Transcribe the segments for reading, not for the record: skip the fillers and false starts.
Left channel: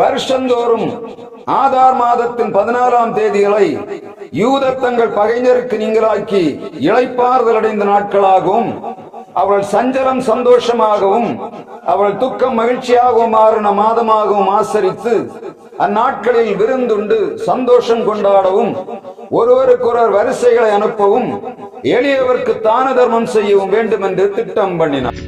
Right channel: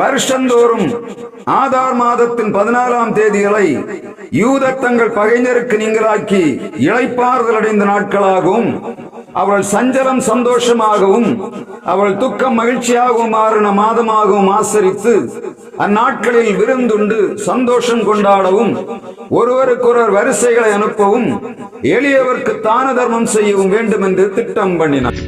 வருஷந்தோறும் ஆதார் மாதத்தின் 14ஆம் தேதிகளை யூதர் தங்கள் பகைஞருக்கு நீங்களாக்கி இளைப்பாறுதல் அடைந்த நாட்களாகவும் அவள் சஞ்சலம் சந்தோஷமாகவும் அவள் துக்கம் மகிழ்ச்சியாகவும் மாறின மாதமாகவும் ஆசரித்து அந்நாட்களில் விருந்துண்டு சந்தோஷம் கொண்டாடவும் ஒருவருக்கொருவர் வரிசைகளை அனுப்பவும் எளியவர்க்கு தான தர்மம் செய்யவும் வேண்டும் என்று திட்டம் பண்ணினார்.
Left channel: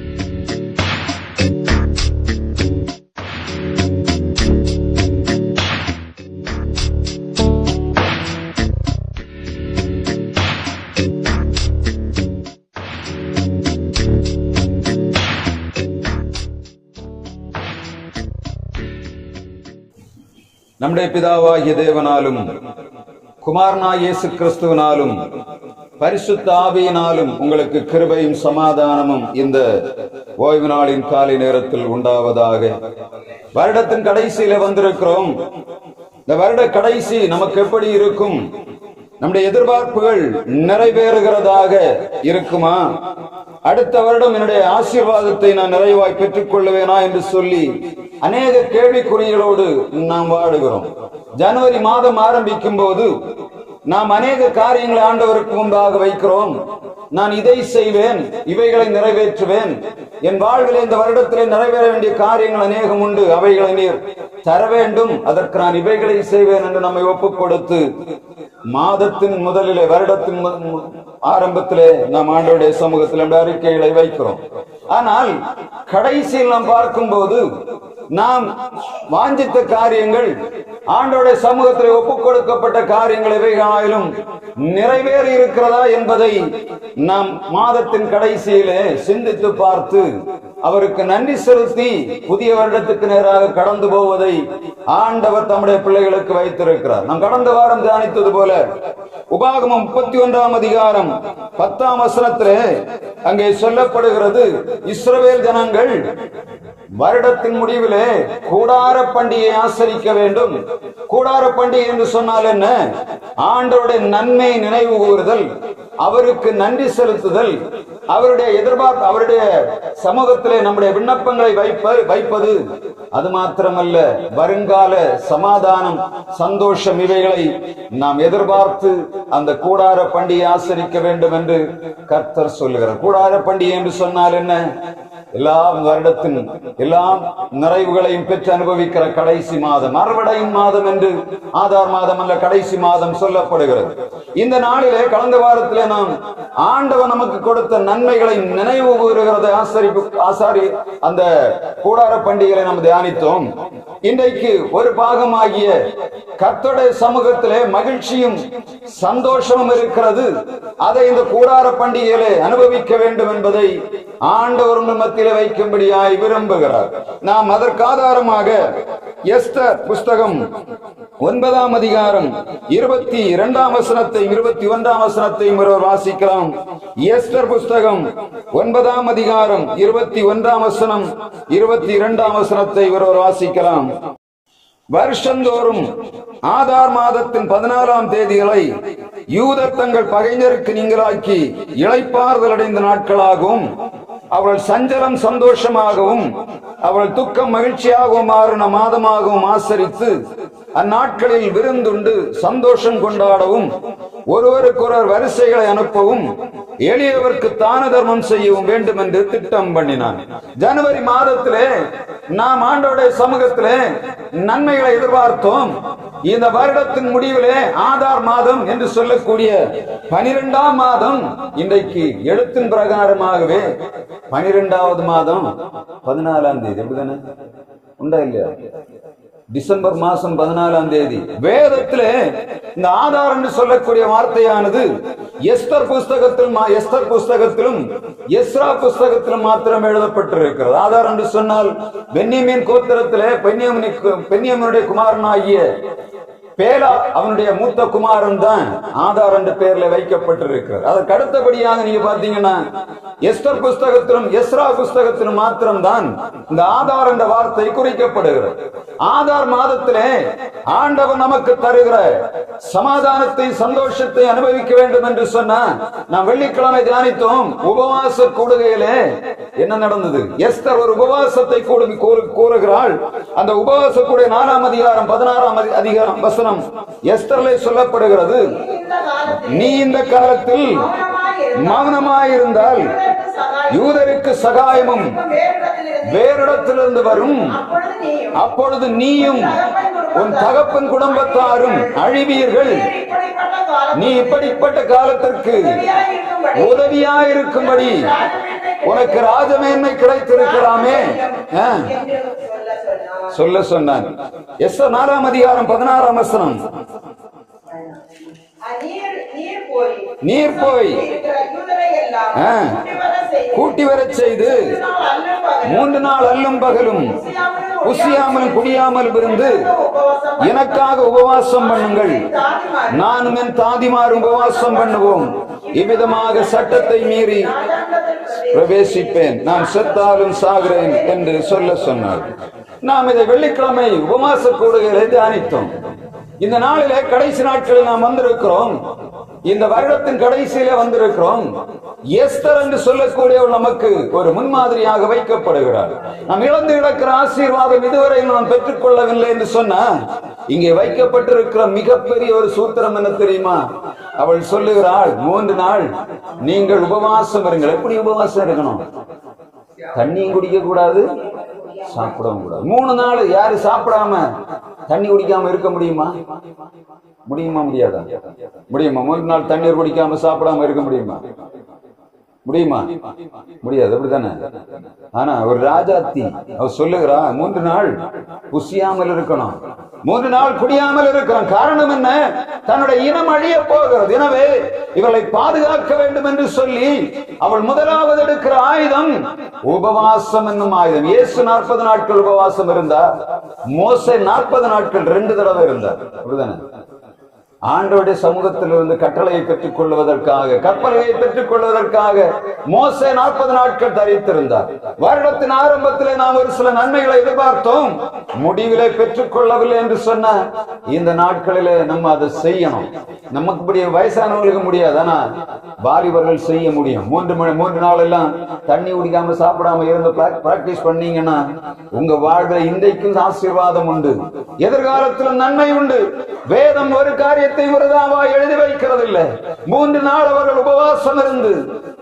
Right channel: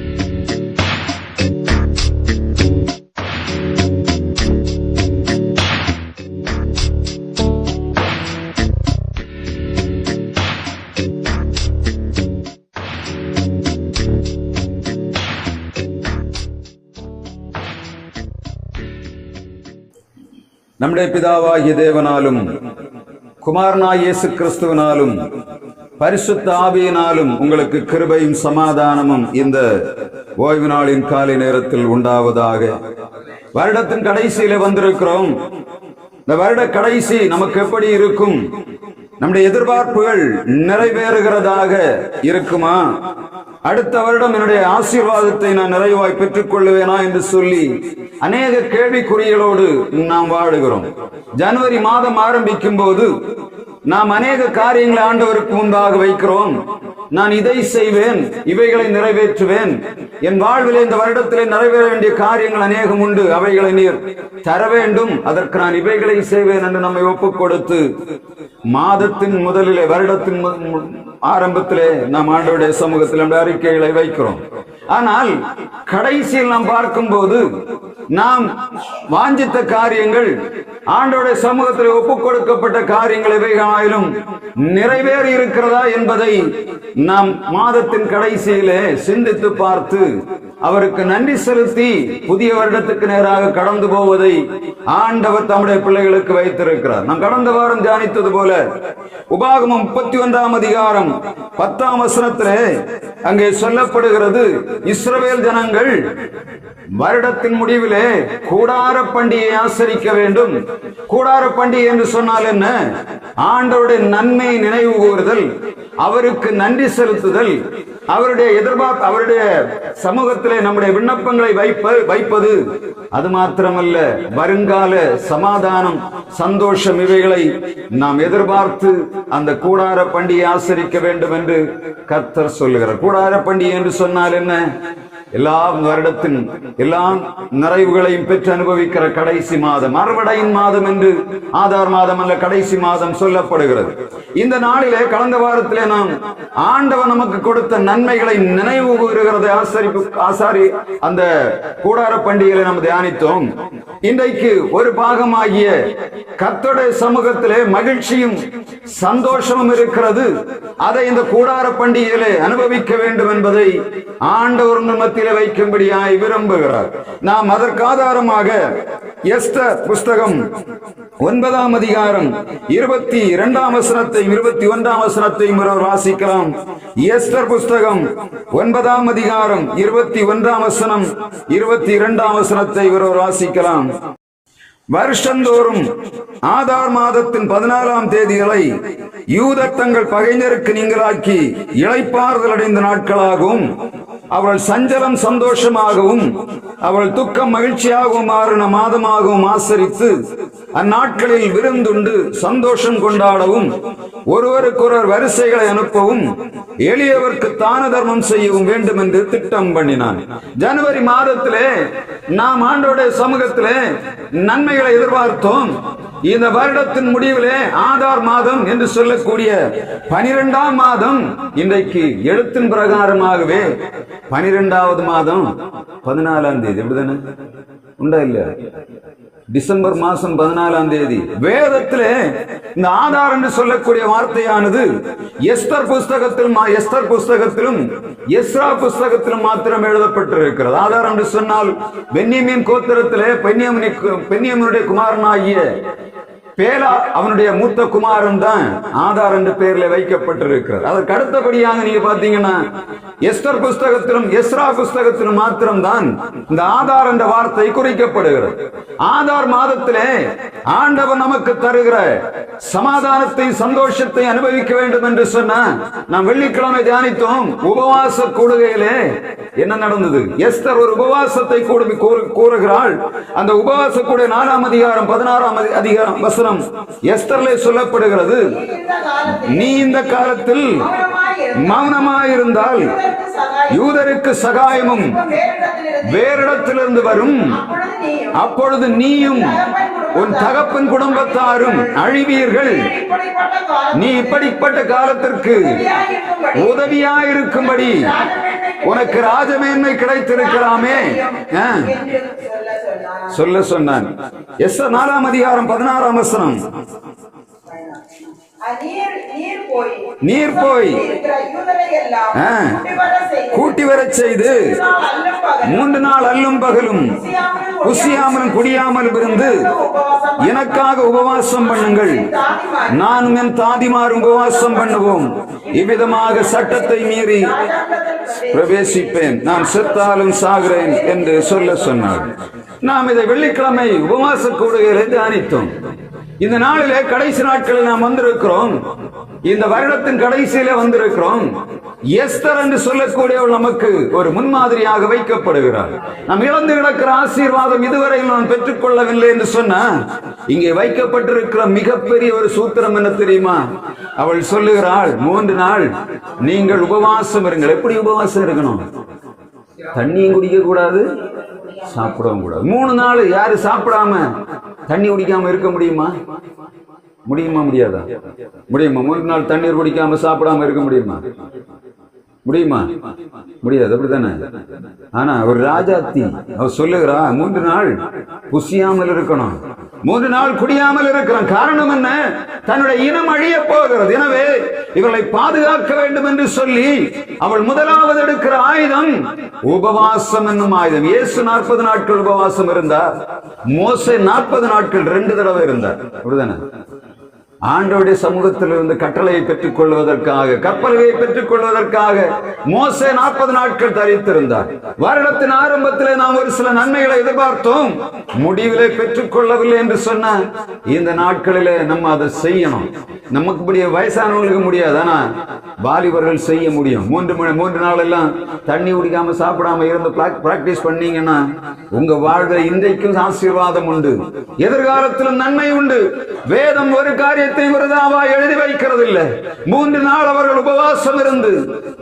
நம்முடைய பிதாவாகிய தேவனாலும் குமாரனாகிய இயேசு கிறிஸ்துவினாலும் பரிசுத்த ஆவியினாலும் உங்களுக்கு கிருபையும் சமாதானமும் இந்த ஓய்வு நாளின் காலை நேரத்தில் உண்டாவதாக. வருடத்தின் கடைசியில வந்திருக்கிறோம். இந்த வருட கடைசி நமக்கு எப்படி இருக்கும்? நம்முடைய எதிர்பார்ப்புகள் நிறைவேறுகிறதாக இருக்குமா? அடுத்த வருடம் என்னுடைய ஆசீர்வாதத்தை நான் நிறைவாய் பெற்றுக் கொள்ளுவேனா என்று சொல்லி அநேக கேள்விக்குறிகளோடு நாம் வாழுகிறோம். ஜனவரி மாதம் ஆரம்பிக்கும் போது நாம் அநேக காரியங்களை ஆண்டவருக்கு முன்பாக வைக்கிறோம். நான் இதை செய்வேன், இவைகளை நிறைவேற்றுவேன், என் வாழ்வில் இந்த வருடத்திலே நிறைவேற வேண்டிய காரியங்கள் அநேகம் உண்டு, அவைகளை நீர் தர வேண்டும், அதற்கு நான் இவைகளை செய்வேன் என்று நம்மை ஒப்புக் கொடுத்து மாதத்தின் முதலிலே வருடத்தின் ஆரம்பத்திலே நாம் ஆண்டவருடைய சமூகத்தில் நம்முடைய அறிக்கைகளை வைக்கிறோம். ஆனால் கடைசியில் நாம் பார்க்கும்போது நாம் வாஞ்சித்த காரியங்கள் ஆண்டவருடைய சமூகத்தில் ஒப்புக் கொடுக்கப்பட்ட காரியங்கள் எவைகளாயிலும் நிறைவேறி இருக்கிறதா என்பதை நாம் மாதத்தின் கடைசியிலே சிந்தித்து பார்த்து அவருக்கு நன்றி செலுத்தி புதிய வருடத்துக்கு நேராக கடந்து போவதை ஆண்டவர் தம்முடைய பிள்ளைகளுக்கு வைத்திருக்கிறார். நாம் கடந்த வாரம் தியானித்தது போல உபாகமம் 31ஆம் அதிகாரம் 10ஆம் வசனத்திலே அங்கே சொல்லப்படுகிறது, இஸ்ரவேல் ஜனங்கள் வருடத்தின் முடிவிலே கூடார பண்டிகையை ஆசரிக்க வேண்டும். கூடார பண்டிகை என்று சொன்னால் என்ன? ஆண்டவருடைய நன்மை நினைவு கூறுதல், அவருக்கு நன்றி செலுத்துதல், அவருடைய எதிர்பார்ப்பு, அவருடைய சமூகத்திலே நம்முடைய விண்ணப்பங்களை வைப்பது. அது மாத்திரமல்ல, வருங்கால சமாதானம், சந்தோஷம், இவைகளை நாம் எதிர்பார்த்து அந்த கூடார பண்டிகை ஆசரிக்க வேண்டும் என்று கர்த்தர் சொல்லுகிறார். கூடார பண்டிகை என்று சொன்னால் என்ன? எல்லா வருடத்தின் எல்லா நிறைவுகளையும் பெற்று அனுபவிக்கிற கடைசி மாதம், அறுவடையின் மாதம் என்று ஆதார் மாதம் அல்ல, கடைசி மாதம் சொல்லப்படுகிறது. இந்த நாளிலே கடந்த வாரத்திலே நாம் ஆண்டவர் நமக்கு கொடுத்த நன்மைகளை நினைவு கூறுகிறதை அந்த கூடார பண்டிகைகளை நாம் தியானித்தோம். இன்றைக்கு ஒரு பாகமாகிய கர்த்தருடைய சமூகத்திலே மகிழ்ச்சியும் சந்தோஷமும் இருக்கிறது. அதை இந்த கூடார பண்டிகையிலே அனுபவிக்க வேண்டும் என்பதை ஆண்டவர் உங்கள் மத்தியிலே வைக்கும்படியாய் விரும்புகிறார். நாம் அதற்கு ஆதாரமாக எஸ்தர் புஸ்தகம் 9ஆம் அதிகாரம் 22ஆம் வசனத்தையும் 21ஆம் வசனத்தையும் வாசிக்கலாம். எஸ்தர் புஸ்தகம் 9ஆம் அதிகாரம் 21ஆம் வசனம் 22ஆம் வசனத்தை வாசிக்கலாம். வருஷந்தோறும் ஆதார் மாதத்தின் 14ஆம் தேதிகளை யூதர் தங்கள் பகைஞருக்கு நீங்களாக்கி இளைப்பாறுதல் அடைந்த நாட்களாகவும் அவள் சஞ்சலம் சந்தோஷமாகவும் அவள் துக்கம் மகிழ்ச்சியாகவும் மாறின மாதமாகவும் ஆசரித்து அந்நாட்களில் விருந்துண்டு சந்தோஷம் கொண்டாடவும் ஒருவருக்கொருவர் வரிசைகளை அனுப்பவும் எளியவர்க்கு தான தர்மம் செய்யவும் வேண்டும் என்று திட்டம் பண்ணினான். ஜனவரி மாதத்திலே நாம் ஆண்டவருடைய சமூகத்திலே நன்மைகளை எதிர்பார்த்தோம். இந்த வருடத்தின் முடிவிலே ஆதார் மாதம் என்று சொல்லக்கூடிய 12ஆம் மாதம் இன்றைக்கு எழுத்தின் பிரகாரமாகவே 12வது மாதம் 14ஆம் தேதி. எப்படிதானே உண்டா இல்லையா? டிசம்பர் மாசம் 14ஆம் தேதி வேதத்திலே இந்த ஆதார் என்று சொல்லக்கூடிய வார்த்தையானது எஸ்தர் புஸ்தகத்திலும் எஸ்ரா புஸ்தகத்திலும் மாத்திரம் எழுதப்பட்டிருக்கிறது. ஆதார் என்று சொன்னால் பென்யமீன் கோத்திரத்திலே பென்யமீனுடைய குமாரனாகிய பேலா அவனுடைய மூத்த குமாரன் தான் ஆதார் என்ற பெயர்ல வைக்கப்பட்டிருக்கிறது. அதற்கு அடுத்தபடியாக நீங்க பாத்தீங்கன்னா எஸ்தர் புஸ்தகத்திலும் எஸ்ரா புஸ்தகத்திலும் மாத்திரம்தான் இந்த ஆதார் என்ற வார்த்தை குறிக்கப்படுகிறது. ஆதார் மாதத்திலே ஆண்டவர் நமக்கு தருகிற சமாதானத்தை சந்தோஷத்தை அனுபவிக்க வேண்டும் என்று சொன்ன நாம் வெள்ளிக்கிழமை தியானித்தோம். உபவாச கூடுகையிலே என்ன நடந்தது? எஸ்தர் ஒரு உபவாசத்தை கூறுகிறாள். அந்த உபவாச கூடிய 4ஆம் அதிகாரம் 16ஆம் அதிகாரம் வசனம் எஸ்தர்லே சொல்லப்படுகிறது, நீ இந்த காலத்தில் மௌனமாயிருந்தால் யூதருக்கு சகாயமும் வேறிடத்திலிருந்து வரும், அப்பொழுது நீயும் உன் தகப்பன் குடும்பத்தாரும் அழிவீர்கள். நீ இப்படிப்பட்ட காலத்திற்கு உதவியாயிருக்கும்படி உனக்கு ராஜமேன்மை கிடைத்திருக்கலாமே சொல்ல சொன்னான். எஸ்தர் 4ஆம் அதிகாரம் 16ஆம் வசனம், நீர் போய் கூட்டி வரச் செய்து 3 நாள் அல்லும் பகலும் குசியாமலும் குடியாமலும் இருந்து எனக்காக உபவாசம் பண்ணுங்கள், நானும் என் தாதிமாரும் உபவாசம் பண்ணுவோம், இவ்விதமாக சட்டத்தை மீறி பிரவேசிப்பேன், நான் செத்தாலும் சாகிறேன் என்று சொல்ல சொன்னார். நாம் இதை வெள்ளிக்கிழமை உபவாச கூடுகையிலே தியானித்தோம். இந்த நாளிலே கடைசி நாட்களில் நாம் வந்திருக்கிறோம். இந்த வருடத்தின் கடைசியிலே வந்திருக்கிறோம். எஸ்தர் என்று சொல்லக்கூடியவர் நமக்கு ஒரு முன்மாதிரியாக வைக்கப்படுகிறார். நாம் இழந்து கிடக்கிற ஆசீர்வாதம் இதுவரையில் நாம் பெற்றுக் கொள்ளவில்லை என்று சொன்ன இங்கே வைக்கப்பட்டிருக்கிற மிகப்பெரிய ஒரு சூத்திரம் என்ன தெரியுமா? அவள் சொல்லுகிறாள், 3 நாள் நீங்கள் உபவாசம் இருங்கள். எப்படி உபவாசம் இருக்கணும்? தண்ணியும் குடிக்க கூடாது, சாப்பிடவும் கூடாது. 3 நாள் யாரு சாப்பிடாம தண்ணி குடிக்காம இருக்க முடியுமா? முடியுமா? முடியாதா? முடியுமா? 3 நாள் தண்ணீர் குடிக்காம சாப்பிடாம இருக்க முடியுமா? முடியுமா? முடியாது. அப்படித்தானே? ஆனா ஒரு ராஜாத்தி அவர் சொல்லுகிறா, 3 நாள் புசியாமல் இருக்கணும், 3 நாள் குடியாமல் இருக்கிறான். காரணம் என்ன? தன்னுடைய இனம் அழிய போகிறது. எனவே இவளை பாதுகாக்க வேண்டும் என்று சொல்லி அவள் முதலாவது எடுக்கிற ஆயுதம் உபவாசம் என்னும் ஆயுதம். இயேசு 40 நாட்கள் உபவாசம் இருந்தார். மோசே 40 நாட்கள் 2 தடவை இருந்தார். அப்படிதானே? ஆண்டவருடைய சமூகத்தில் இருந்து கட்டளையை பெற்றுக் கொள்வதற்காக, கற்பனையை பெற்றுக் கொள்வதற்காக மோசே 40 நாட்கள் தரித்திருந்தார். வருடத்தின் ஆரம்பத்திலே நாம் ஒரு சில நன்மைகளை எதிர்பார்த்தோம், முடிவிலே பெற்றுக் கொள்ளவில்லை என்று சொன்ன இந்த நாட்களிலே நம்ம அதை செய்யணும். நமக்கு வயசானவங்களுக்கு முடியாது, ஆனா வாலிபர்கள் செய்ய முடியும். 3 நாள் எல்லாம் தண்ணி குடிக்காம சாப்பிடாம இருந்து பிராக்டிஸ் பண்ணீங்கன்னா உங்க வாழ்வை இன்றைக்கும் ஆசீர்வாதம் உண்டு, எதிர்காலத்திலும் நன்மை உண்டு. வேதம் ஒரு காரியத்தை விரதாவா எழுதி வைக்கிறது இல்லை. 3 நாள் அவர்கள் உபவாசம் இருந்து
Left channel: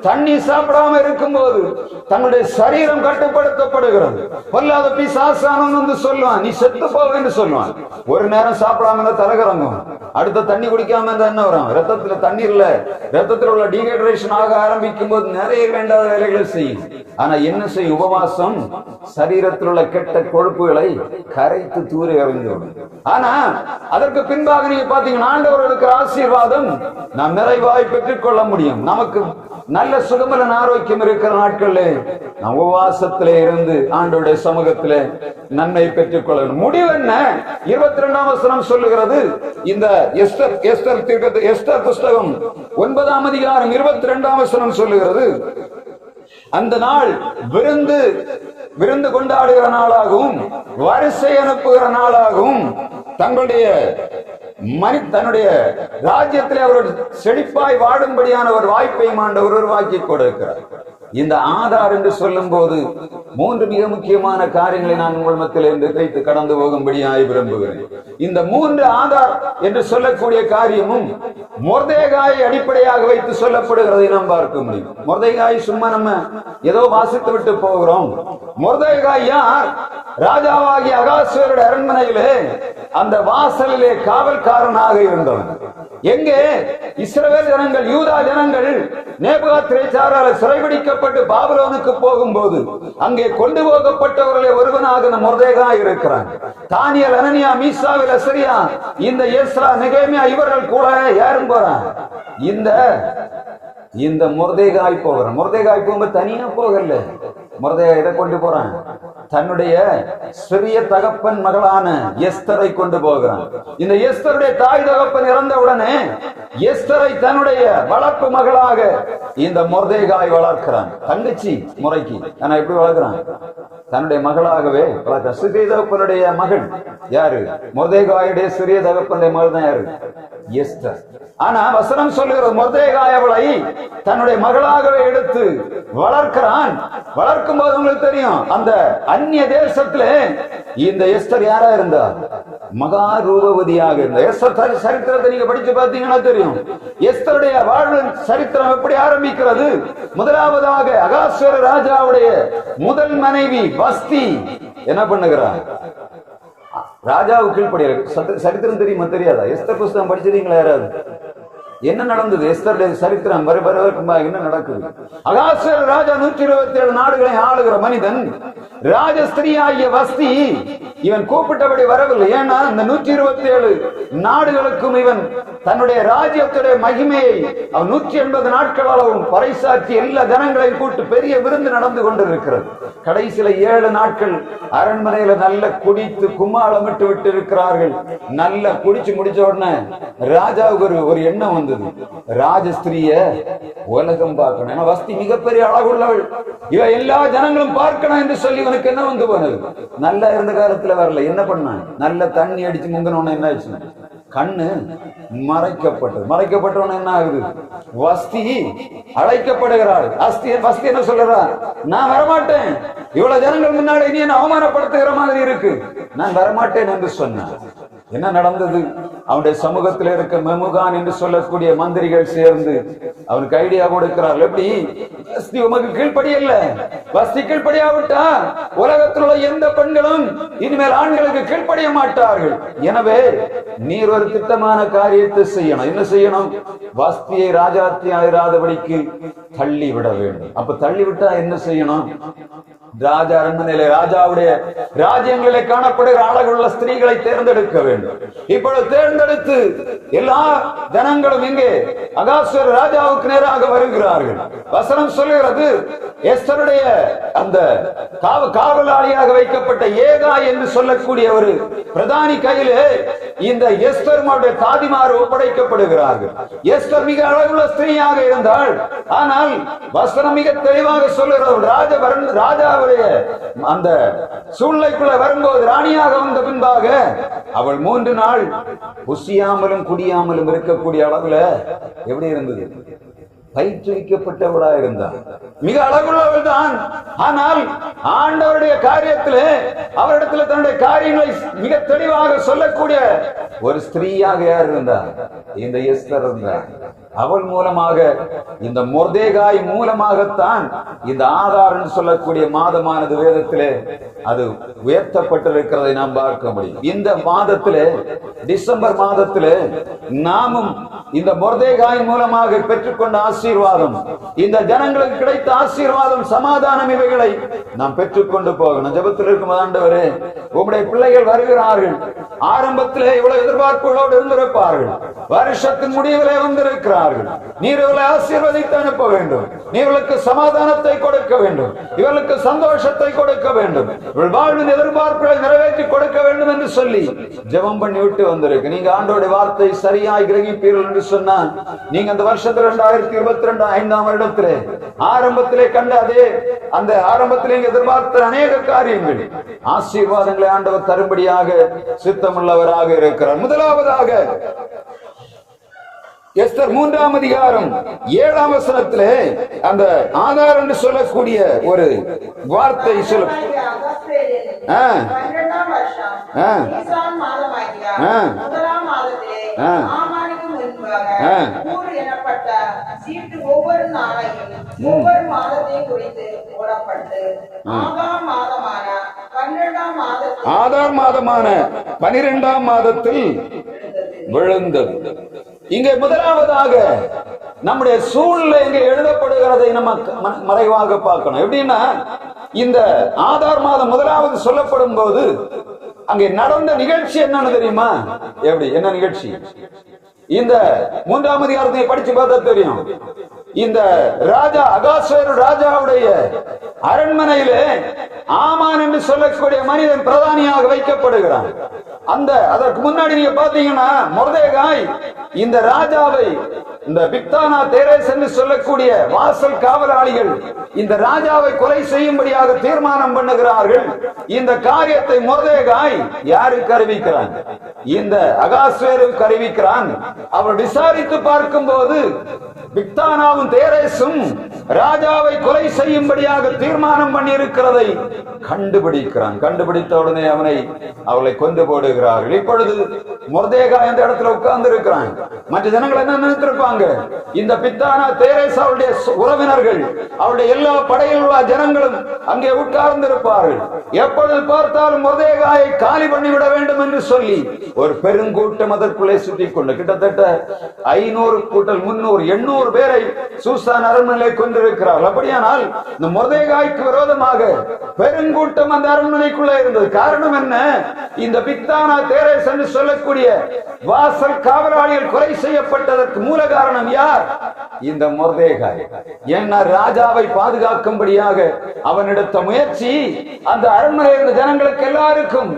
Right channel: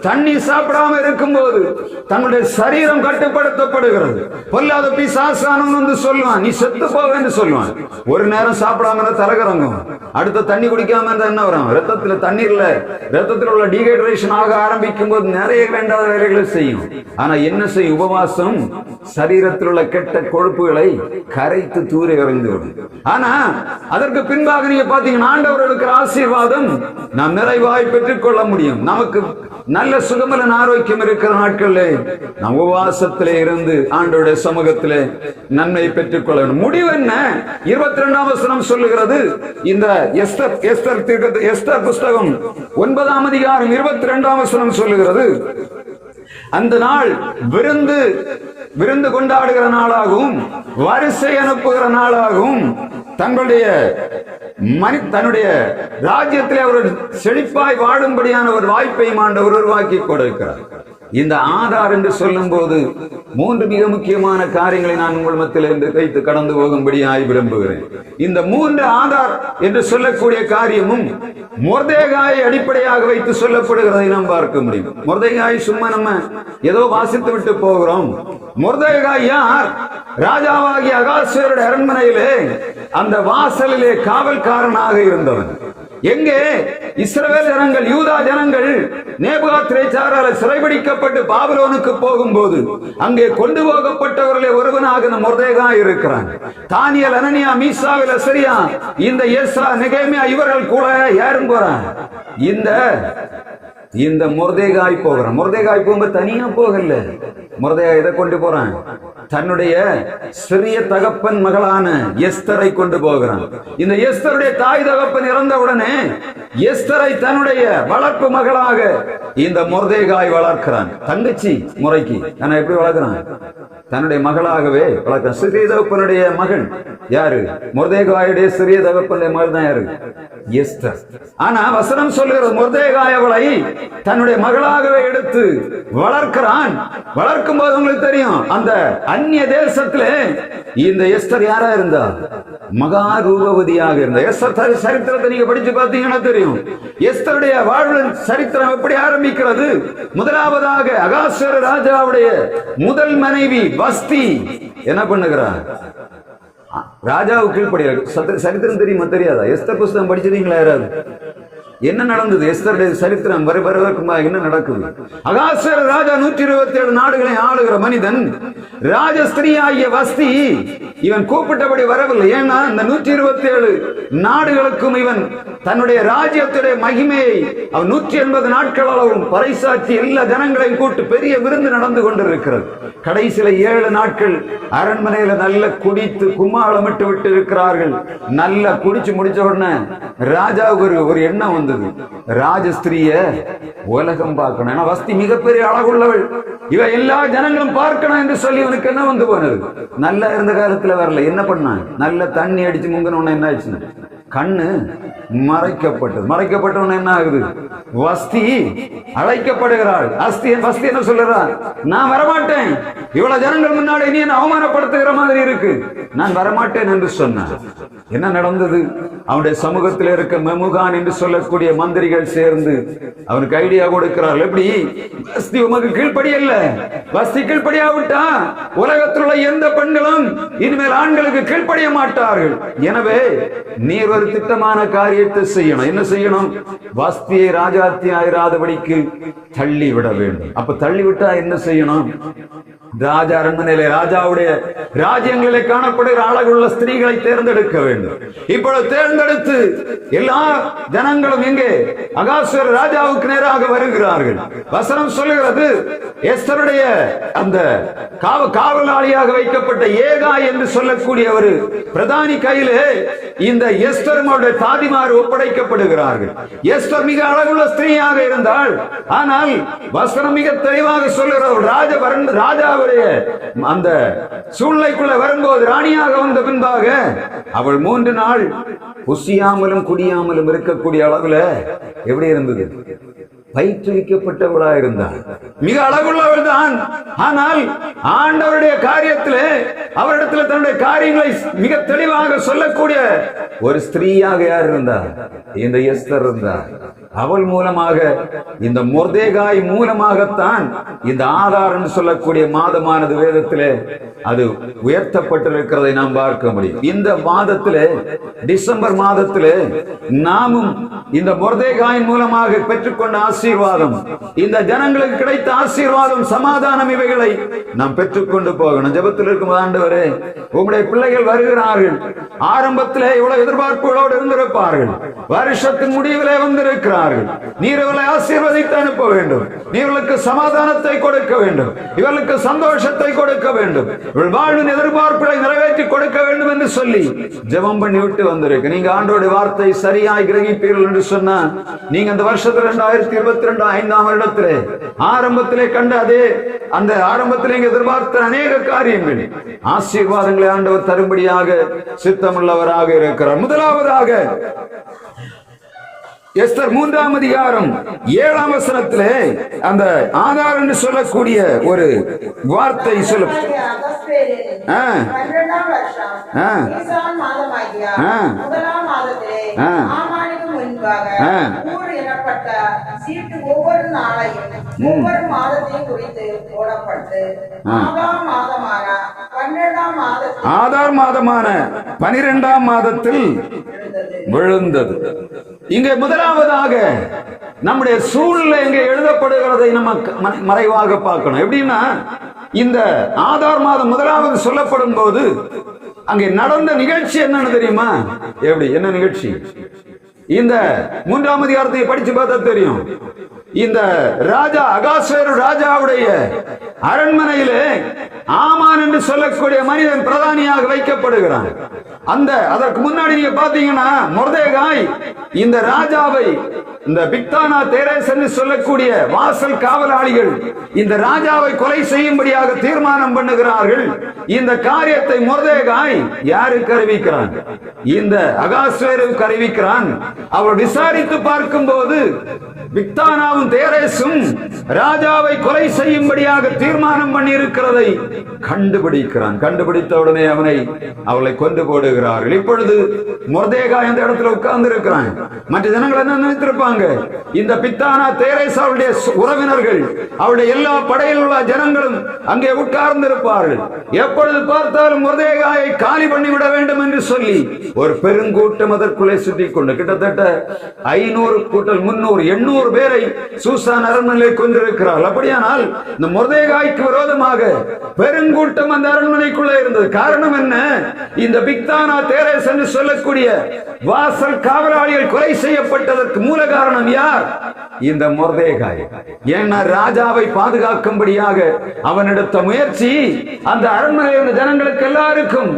தண்ணி சாப்பிடாம இருக்கும் போது தங்களுடைய சரீரம் கட்டுப்படுத்தப்படுகிறது. பொல்லாத பிசாசானவன் வந்து சொல்லுவான், நீ செத்து போக என்று சொல்லுவான். ஒரு நேரம் சாப்பிடாம தலகரங்கும், அடுத்த தண்ணி குடிக்காம என்ன வரும்? ரத்தத்துல தண்ணீர்ல ரத்தத்தில் உள்ள டீஹைட்ரேஷன் ஆக ஆரம்பிக்கும் போது நிறைய வேண்டாத வேலைகளை செய்யும். ஆனா என்ன செய்யும்? உபவாசம் சரீரத்தில் உள்ள கெட்ட கொழுப்புகளை கரைத்து தூர எறிந்து விடும். ஆனா அதற்கு பின்பாக நீங்க பாத்தீங்கன்னா ஆண்டவர் இருக்கிற ஆசீர்வாதம் நாம் நிறைவாய் பெற்றுக் கொள்ள முடியும். நமக்கு நல்ல சுகமலன் ஆரோக்கியம் இருக்கிற நாட்களிலே நாம் உபவாசத்திலே இருந்து ஆண்டவருடைய சமூகத்திலே நன்மை பெற்றுக் கொள்ள வேண்டும். முடிவு என்ன? 22ஆம் வசனம் சொல்லுகிறது. இந்த எஸ்தர் புஸ்தகம் 9ஆம் அதிகாரம் 22ஆம் வசனம் சொல்லுகிறது, அந்த நாள் விருந்து கொண்டாடுகிற நாளாகவும் வரிசை அனுப்புகிற நாளாகவும் தன்னுடைய ராஜ்யத்திலே அவர் செழிப்பாய் வாழும்படியான ஒரு வாய்ப்பை ஆண்டவர் உருவாக்கி கொடுக்கிறார். இந்த ஆதார் என்று சொல்லும் போது 3 மிக முக்கியமான காரியங்களை நான் உங்கள் மத்தியிலிருந்து வைத்து கடந்து போகும்படியாய் விரும்புகிறேன். இந்த 3 ஆதார் என்று சொல்லக்கூடிய காரியமும் மொர்தெகாயை அடிப்படையாக வைத்து சொல்லப்படுகிறதை நாம் பார்க்க முடியும். மொர்தெகாய் சும்மா நம்ம ஏதோ வாசித்து விட்டு போகிறோம். மொர்தெகாய் யார்? ராஜாவாகிய அகாஸ்வேருடைய அரண்மனையிலே அந்த வாசலிலே காவல்காரனாக இருந்தவன். எங்கே இஸ்ரவேல் ஜனங்கள், யூதா ஜனங்கள் நேபுகாத்நேச்சாரால் சிறைபிடிக்கப்பட்டு பாபிலோனுக்கு போகும்போது அங்கே கொண்டு போகப்பட்டவர்களே ஒருவனாக மொர்தெகாய் இருக்கிறான். தானியேல், அனனியா, மீசாவேல், அசரியா, இந்த எஸ்ரா, நெகேமியா இவர்கள் கூட யாரும் போறான்? இந்த மொர்தெகாய் போகிறான். மொர்தெகாய் போகும்போது தனியா போகல, மொர்தெகாய் எதை கொண்டு போறான்? தன்னுடைய சிறிய தகப்பன் மகளான எஸ்தரை கொண்டு போகிறான். இந்த எஸ்தருடைய தாய் தகப்பன் இறந்தவுடனே எஸ்தரை தன்னுடைய வளர்ப்பு மகளாக இந்த மொர்தெகாய் வளர்க்கிறான். தங்கச்சி முறைக்கு ஆனா எப்படி வளர்க்கிறான்? தன்னுடைய மகளாகவே வளர்க்கிறான். சிறிய தகப்பனுடைய மகன் யாரு? மொர்தெகாயுடைய சிறிய தகப்பனுடைய மகள் தான் யாரு? எஸ்தர். ஆனா வசனம் சொல்லுகிறது மொர்தெகாய் அவளை தன்னுடைய மகளாகவே எடுத்து வளர்க்கிறான். வளர்க்கும் போது உங்களுக்கு தெரியும், அந்த அந்நிய தேசத்துல இந்த எஸ்தர் யாரா இருந்தா? மகா ரூபவதியாக இருந்த எஸ்தர் சரித்திரத்தை நீங்க படிச்சு பார்த்தீங்கன்னா தெரியும். எஸ்தருடைய வாழ்வு சரித்திரம் எப்படி ஆரம்பிக்கிறது? முதலாவதாக அகாஸ்வேரு ராஜாவுடைய முதல் மனைவி வஸ்தி என்ன பண்ணுகிறார்? ராஜாவுக்கு கீழ்ப்படியார். சரித்திரம் தெரியுமா தெரியாதா? எஸ்தர் புஸ்தகம் படிச்சிருக்கீங்களா யாராவது? என்ன நடந்தது? எஸ்தருடைய சரித்திரம் என்ன நடக்குது? அகாஸ்வேரு ராஜா 127 நாடுகளை ஆளுகிற மனிதன். ராஜஸ்திரியாகிய வஸ்தி இவன் கூப்பிட்டபடி வரவில்லை. ஏன்னா இந்த 127 நாடுகளுக்கும் இவன் தன்னுடைய ராஜ்யத்துடைய மகிமையை அவன் 180 நாட்கள் அளவும் பறைசாற்றி எல்லா ஜனங்களையும் கூட்டு பெரிய விருந்து நடந்து கொண்டிருக்கிறது. கடைசியில 7 நாட்கள் அரண்மனையில நல்ல குடித்து கும்மாளமிட்டு விட்டு இருக்கிறார்கள். நல்ல குடிச்சு முடிச்ச உடனே ராஜாவுக்கு ஒரு எண்ணம் வந்தது, ராஜஸ்திரிய உலகம் பார்க்கணும். ஏன்னா வஸ்தி மிகப்பெரிய அழகுள்ளவள், இவ எல்லா ஜனங்களும் பார்க்கணும் என்று சொல்லி இவனுக்கு என்ன வந்து போனது? நல்லா இருந்த காலத்துல வரல. என்ன பண்ணான்? நல்ல தண்ணி அடிச்சு முங்கின என்ன ஆச்சு? கண்ணு மறைக்கப்பட்டது. மறைக்கப்பட்டவன என்ன ஆகுது? வஸ்தி அழைக்கப்படுகிறாள். வஸ்தி என்ன சொல்லுறா? நான் வரமாட்டேன், இவ்வளவு ஜனங்கள் முன்னாடி நீ என்ன அவமானப்படுத்துகிற மாதிரி இருக்கு, நான் வரமாட்டேன் என்று சொன்னான். என்ன நடந்தது? அவனுடைய சமூகத்தில் இருக்க மெமுகான் என்று சொல்லக்கூடிய மந்திரிகள் சேர்ந்து அவனுக்கு ஐடியா கொடுக்கிறார்கள். எப்படி? வஸ்தி உமக்கு கீழ்ப்படியல்ல, வஸ்தி கீழ்ப்படியாவிட்டா உலகத்தில் உள்ள எந்த பெண்களும் இனிமேல் ஆண்களுக்கு கீழ்ப்படிய மாட்டார்கள். எனவே நீர் ஒரு திட்டமான காரியத்தை செய்யணும். என்ன செய்யணும்? வஸ்தியை ராஜாத்தி ஆயிராதபடிக்கு தள்ளி விட வேண்டும். அப்ப தள்ளி விட்டா என்ன செய்யணும்? ராஜா அரண்மனையிலே ராஜாவுடைய ராஜ்யங்களிலே காணப்படுகிற அழகுள்ள ஸ்திரீகளை தேர்ந்தெடுக்க வேண்டும். இப்பொழுது தேர்ந்தெடுத்து எல்லா ஜனங்களும் எங்கே? அகாஸ்வேரு ராஜாவுக்கு நேராக வருகிறார்கள். வசனம் சொல்லுகிறது, எஸ்தருடைய அந்த காவலாளியாக வைக்கப்பட்ட ஏகாய் என்று சொல்லக்கூடிய ஒரு பிரதானி கையிலே இந்த எஸ்தருடைய தாதிமார் ஒப்படைக்கப்படுகிறார்கள். எஸ்தர் மிக அழகுள்ள ஸ்திரீயாக இருந்தாள். ஆனால் வசனம் மிக தெளிவாக சொல்லுகிறது, ராஜாவுடைய அந்த சூழ்நிலைக்குள்ள வரும்போது ராணியாக வந்த பின்பாக அவள் 3 நாள் புசியாமலும் குடியாமலும் இருக்கக்கூடிய அளவுல எப்படி இருந்தது? பயிற்றுவிக்கப்பட்டவராக இருந்தார். மிக அழகுள்ளவள் தான். ஆனால் ஆண்டவருடைய காரியத்திலே அவரிடத்தில் தன்னுடைய காரியங்களை மிக தெளிவாக சொல்லக்கூடிய ஒரு ஸ்திரீயாக யார் இருந்தார்? இந்த எஸ்தர் இருந்தார். அவள் மூலமாக, இந்த மொர்தெகாய் மூலமாகத்தான் இந்த ஆகார் என்று சொல்லக்கூடிய மாதமானது வேதத்திலே அது உயர்த்தப்பட்டிருக்கிறதை நாம் பார்க்க முடியும். இந்த மாதத்திலே, டிசம்பர் மாதத்திலே நாமும் இந்த மொர்தெகாயின் மூலமாக பெற்றுக்கொண்ட ஆசீர்வாதம், இந்த ஜனங்களுக்கு கிடைத்த ஆசீர்வாதம், சமாதானம், இவைகளை நாம் பெற்றுக்கொண்டு போகணும். ஜெபத்தில் இருக்கும் ஆண்டவரே, உங்களுடைய பிள்ளைகள் வருகிறார்கள். ஆரம்பத்திலே இவ்வளவு எதிர்பார்ப்புகளோடு இருந்திருப்பார்கள். வருஷத்தின் முடிவிலே வந்திருக்கிறார்கள். நீர் இவர்களை ஆசீர்வதித்து அனுப்ப வேண்டும். இவர்களுக்கு சமாதானத்தை கொடுக்க வேண்டும். இவர்களுக்கு சந்தோஷத்தை கொடுக்க வேண்டும். இவர்கள் வாழ்வின் எதிர்பார்ப்புகளை நிறைவேற்றி கொடுக்க வேண்டும் என்று சொல்லி ஜெபம் பண்ணி விட்டு வந்திருக்கு. நீங்க ஆண்டோட வார்த்தை சரியாய் கிரகிப்பீர்கள் என்று சொன்னா, நீங்க அந்த வருஷத்துல 2022 5ஆம் வருடத்திலே ஆரம்பத்திலே கண்ட அதே அந்த ஆரம்பத்திலே எதிர்பார்த்த அநேக காரியங்கள், ஆசீர்வாதங்களை ஆண்டவர் தரும்படியாக சித்தமுள்ளவராக இருக்கிறார். முதலாவதாக எஸ்தர் 3ஆம் அதிகாரம் 7ஆம் வசனத்திலே அந்த ஆகார் என்று சொல்லக்கூடிய ஒரு வார்த்தை சொல்லும். ஒவ்வொரு மாதத்தையும் குறித்து போடப்பட்டு ஆதார் மாதமான 12ஆம் மாதத்தில் விழுந்தது. இங்கே முதலாவதாக நம்முடைய சூழ்நிலை இங்கே எழுதப்படுகிறதை நம்ம மறைவாக பார்க்கணும். எப்படின்னா, இந்த ஆதார் மாதம் முதலாவது சொல்லப்படும் போது அங்கே நடந்த நிகழ்ச்சி என்னன்னு தெரியுமா? எப்படி? என்ன நிகழ்ச்சி? இந்த 3ஆம் அதிகாரத்தை படிச்சு பார்த்தா தெரியும். இந்த ராஜா அகாஸ்வேரு ராஜாவுடைய அரண்மனையிலே ஆமான் என்று சொல்லக்கூடிய மனிதன் பிரதானியாக வைக்கப்படுகிறான். அதற்கு முன்னாடி நீங்க பாத்தீங்கன்னா மொர்தெகாய் இந்த ராஜாவை, இந்த பிக்தானா தேரேஸ் என்று சொல்லக்கூடிய வாசல் காவலாளிகள் இந்த ராஜாவை கொலை செய்யும்படியாக தீர்மானம் பண்ணுகிறார்கள். இந்த காரியத்தை மொர்தெகாய் யாருக்கு அறிவிக்கிறான்? இந்த அகாஸ்வேருக்கு அறிவிக்கிறான். அவர் விசாரித்து பார்க்கும் போது பிக்தானாவும் தேரேசும் ராஜாவை கொலை செய்யும்படியாக தீர்மானம் பண்ணி இருக்கிறதை கண்டுபிடிக்கிறான். கண்டுபிடித்த உடனே அவளை கொண்டு போடுகிறார்கள். இப்பொழுது மொர்தெகாய் அந்த இடத்துல உட்கார்ந்து இருக்கிறான். மற்ற ஜனங்கள் என்ன நினைத்திருப்பாங்க? இந்த பிக்தானா தேரேஸ் அவருடைய உறவினர்கள், அவருடைய எல்லா படையில் உள்ள ஜனங்களும் அங்கே உட்கார்ந்து இருப்பார்கள். எப்பொழுது பார்த்தாலும் மொர்தெகாயை காலி பண்ணிவிட வேண்டும் என்று சொல்லி ஒரு பெருங்கூட்டம் அதற்குள்ளே சுத்திக் கொண்டு கிட்டத்தட்ட 500 கூட்டல் 300 800 பேரை சூசான் அரண்மனையை கொண்டிருக்கிறார்கள். அப்படியானால் இந்த மொர்தெகாய்க்கு விரோதமாக பெருங்கூட்டம் அந்த அரண்மனைக்குள்ளே இருந்தது. காரணம் என்ன? இந்த பிக்தானா தேரேஸ் என்று சொல்லக்கூடிய வாசல் காவலாளிகள் கொலை செய்யப்பட்டதற்கு மூல காரணம் யார்? இந்த மொர்தெகாய். ஏன்னா ராஜாவை பாதுகாக்கும்படியாக அவன் எடுத்த முயற்சி அந்த அரண்மனையில் இருந்த ஜனங்களுக்கு எல்லாருக்கும்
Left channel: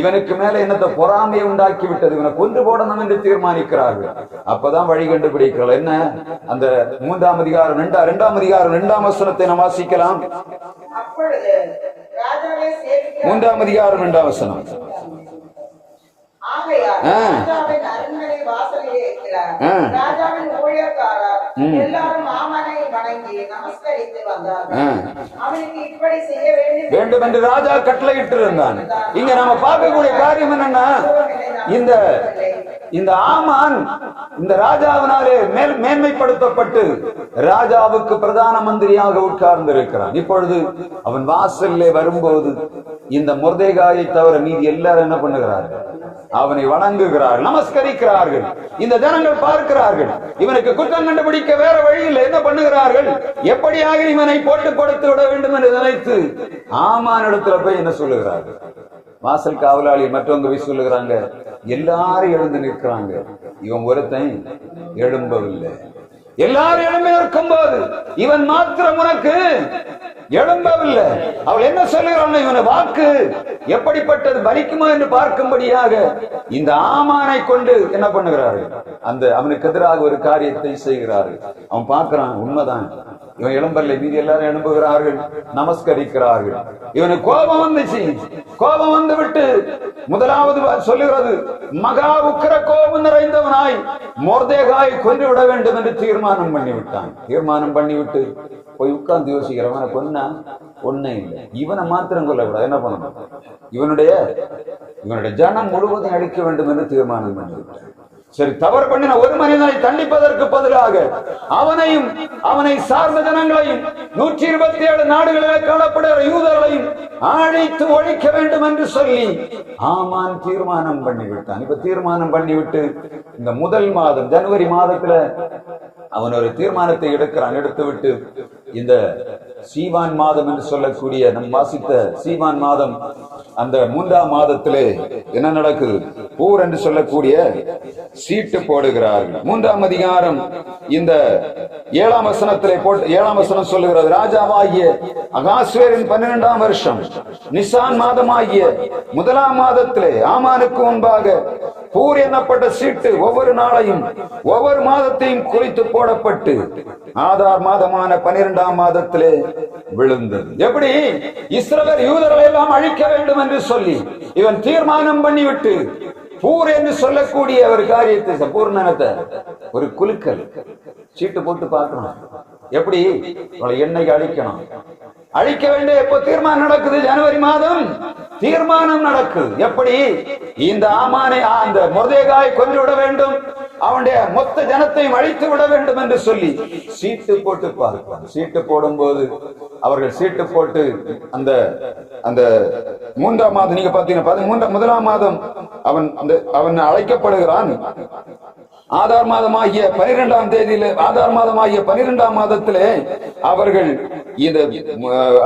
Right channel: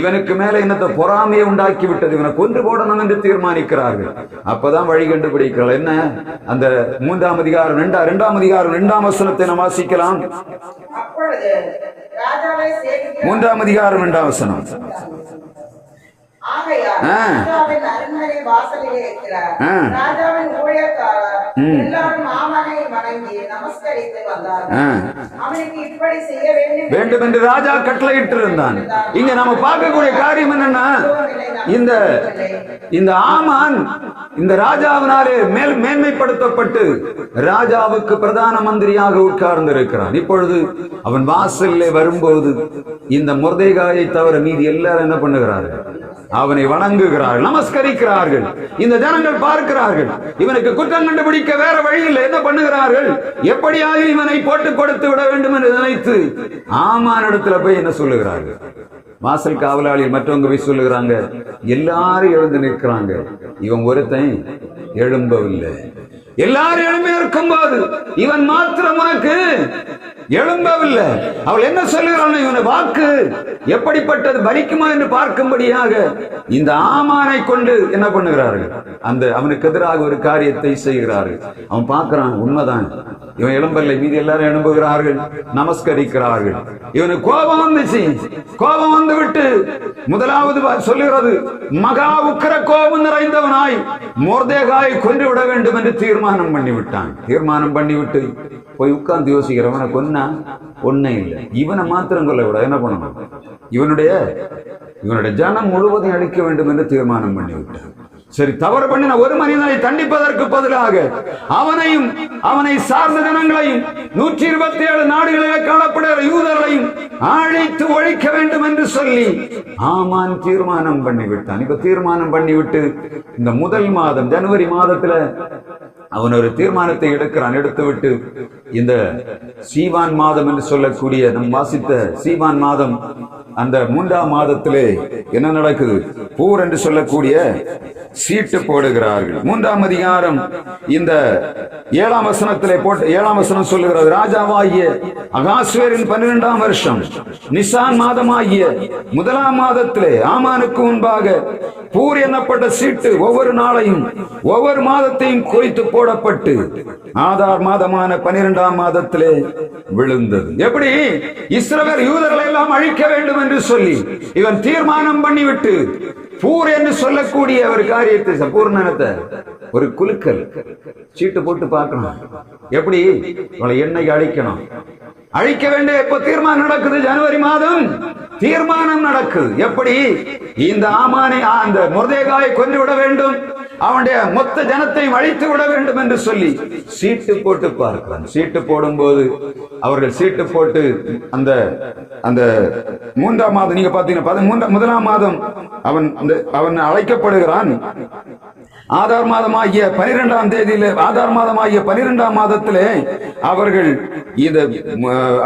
இவனுக்கு மேல என்னத்தை பொறாமையை உண்டாக்கி விட்டது. இவனை கொண்டு போடணும் என்று தீர்மானிக்கிறார்கள். அப்பதான் வழி கண்டுபிடிக்கிறார்கள். என்ன? அந்த 3ஆம் அதிகாரம் 2ஆம் வசனத்தை நாம் வாசிக்கலாம். 3ஆம் அதிகாரம் 2ஆம் வசனம். ராஜாவின் அரண்மனை வாசலிலே இருக்கிறார். ராஜாவின் ஊழியக்காரர் எல்லாரும் ஆமனை வணங்கி நமஸ்கரித்து வந்தார்கள். அவனுக்கு இப்படி செய்ய வேண்டும் என்று ராஜா கட்டளையிட்டு இருந்தான். இங்க நம்ம பார்க்கக்கூடிய காரியம் என்னன்னா, இந்த ஆமான் இந்த ராஜாவினாலே மேன்மைப்படுத்தப்பட்டு ராஜாவுக்கு பிரதான மந்திரியாக உட்கார்ந்து இருக்கிறான். இப்பொழுது அவன் வாசல்லே வரும்போது இந்த மொர்தெகாயை தவிர மீதி எல்லாரும் என்ன பண்ணுகிறார்கள்? அவனை வணங்குகிறார்கள், நமஸ்கரிக்கிறார்கள். இந்த ஜனங்கள் பார்க்கிறார்கள், இவனுக்கு குற்றம் கண்டுபிடிக்க வேற வழி இல்லை. என்ன பண்ணுகிறார்கள்? எப்படியாக இவனை போட்டு கொடுத்து விட வேண்டும் என்று நினைத்து ஆமான் இடத்துல போய் என்ன சொல்லுகிறார்கள்? வாசல் காவலாளி மற்றவங்க போய் சொல்லுகிறாங்க, எல்லாரும் எழுந்து நிற்கிறாங்க, இவன் ஒருத்தன் எழும்பவில்லை. எல்லாரும் எழும்பி இருக்கும் போது இவன் மாத்திரம் உனக்கு எழும்பவில்லை. அவள் என்ன சொல்லுகிறான்? இவனை வாக்கு எப்படிப்பட்டது பலிக்குமா என்று பார்க்கும்படியாக இந்த ஆமானை கொண்டு என்ன பண்ணுகிறார்கள்? அவனுக்கு எதிராக ஒரு காரியத்தை செய்கிறார்கள். அவன் பார்க்கிறான், உண்மைதான், இவன் எழும்பவில்லை. மீதி எல்லாரும் எழும்புகிறார்கள், நமஸ்கரிக்கிறார்கள். இவனுக்கு கோபம் வந்துச்சு. கோபம் வந்து விட்டு முதலாவது சொல்லுகிறது, மகா உக்கிர கோபம் நிறைந்தவனாய் மொர்தெகாயை கொன்று விட வேண்டும் என்று தீர்மானம் பண்ணிவிட்டான். தீர்மானம் பண்ணிவிட்டு போய் உட்கார்ந்து யோசிக்கிறவனை கொன்னா ஒன்னே இல்லை, இவனை மாத்திரம் கொள்ள விட என்ன பண்ணணும்? இவனுடைய ஜனம் முழுவதும் அழிக்க வேண்டும் என்று தீர்மானம் பண்ணிவிட்டான். சரி, தவறு பண்ணின ஒரு மனிதனை தண்டிப்பதற்கு பதிலாக அவனையும் அவனை சார்ந்த ஜனங்களையும் 127 நாடுகளில் காணப்படுகிற யூதர்களையும் அழித்து ஒழிக்க வேண்டும் என்று சொல்லி ஆமான் தீர்மானம் பண்ணிவிட்டான். இப்ப தீர்மானம் பண்ணிவிட்டு இந்த முதல் மாதம் ஜனவரி மாதத்துல அவன் ஒரு தீர்மானத்தை எடுக்கிறான். எடுத்துவிட்டு இந்த சீவான் மாதம் என்று சொல்லக்கூடிய நம் வாசித்த சீவான் மாதம், அந்த 3ஆம் மாதத்திலே என்ன நடக்குது? பூர் என்று சொல்லக்கூடிய சீட்டு போடுகிறார்கள். 3ஆம் அதிகாரம் இந்த 7ஆம் வசனத்திலே போட்டு 7ஆம் வசனம் சொல்லுகிறது, ராஜாவாகிய அகாஸ்வேரின் 12ஆம் வருஷம் நிசான் மாதமாகிய 1ஆம் மாதத்திலே ஆமானுக்கு முன்பாக பூர் எண்ணப்பட்ட சீட்டு ஒவ்வொரு நாளையும் ஒவ்வொரு மாதத்தையும் குறித்து போடப்பட்டு ஆதார் மாதமான 12ஆம் மாதத்திலே விழுந்தது. எப்படி? இஸ்ரவேல் யூதர்களை எல்லாம் அழிக்க வேண்டும் என்று சொல்லி இவன் தீர்மானம் பண்ணிவிட்டு பூர் என்று சொல்லக்கூடிய ஒரு காரியத்தை பூர்ணத்தை ஒரு குலுக்கல் சீட்டு போட்டு பார்க்கணும். எப்படி எண்ணெய் அழிக்கணும், அழிக்க வேண்டிய எப்ப தீர்மானம் நடக்குது? ஜனவரி மாதம் தீர்மானம் நடக்குது. எப்படி? இந்த ஆமானை அந்த மொர்தெகாயை கொன்று விட வேண்டும், அவனுடைய மொத்த ஜனத்தையும் அழித்து விட வேண்டும் என்று சொல்லி சீட்டு போட்டு பார்க்கிறான். சீட்டு போடும் போது அவர்கள் சீட்டு போட்டு அந்த 3ஆம் மாதம் நீங்க பாத்தீங்கன்னா 1ஆம் மாதம் அவன் அழைக்கப்படுகிறான். ஆதார் மாதமாகிய 12ஆம் தேதியில ஆதார் மாதமாகிய 12ஆம் மாதத்திலே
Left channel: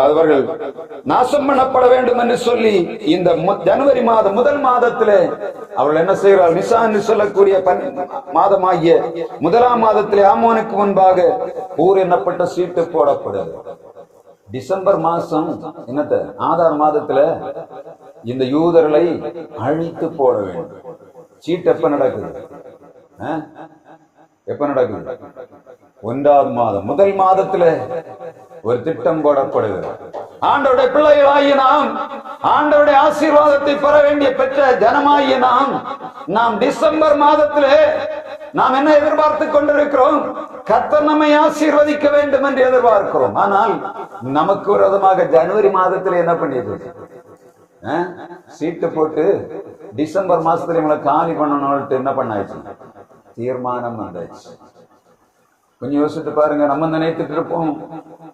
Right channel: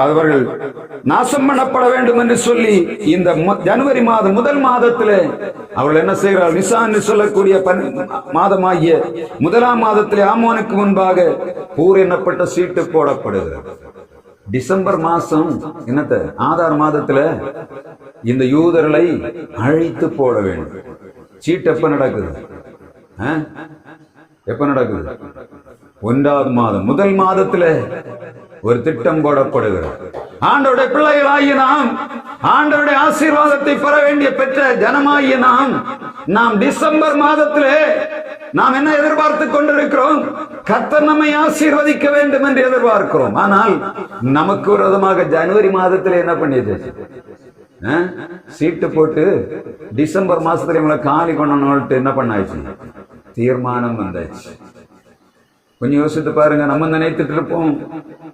அவர்கள் நாசம் பண்ணப்பட வேண்டும் என்று சொல்லி இந்த ஜனவரி மாதம் முதல் மாதத்திலே அவர்கள் என்ன செய்கிறார்கள்? நிசான் என்று சொல்லக்கூடிய மாதமாகிய 1ஆம் மாதத்திலே ஆமானுக்கு முன்பாக பூர் எண்ணப்பட்ட சீட்டு போடப்படுகிறது. டிசம்பர் மாசம் என்னத்த ஆதார் மாதத்துல இந்த யூதர்களை அழித்து போட வேண்டும். சீட் எப்ப நடக்குது? எப்ப நடக்குது? 1வது மாதம் முதல் மாதத்துல ஒரு திட்டம் போடப்படுகிறார். ஆண்டவருடைய பிள்ளைகளாகிய நாம், ஆண்டவருடைய ஆசீர்வாதத்தை பெற வேண்டிய பெற்ற ஜனமாகிய நாம் டிசம்பர் மாதத்திலே நாம் என்ன எதிர்பார்த்து கொண்டிருக்கிறோம்? கர்த்தர் நம்மை ஆசீர்வதிக்க வேண்டும் என்று எதிர்பார்க்கிறோம். ஆனால் நமக்கு விரோதமாக ஜனவரி மாதத்தில் என்ன பண்ணியது? சீட்டு போட்டு டிசம்பர் மாசத்துல இவங்களை காலி பண்ணணும்னு என்ன பண்ணாச்சு? தீர்மானம் வந்தாச்சு. கொஞ்சம் யோசித்து பாருங்க. நம்ம நினைத்துட்டு இருப்போம்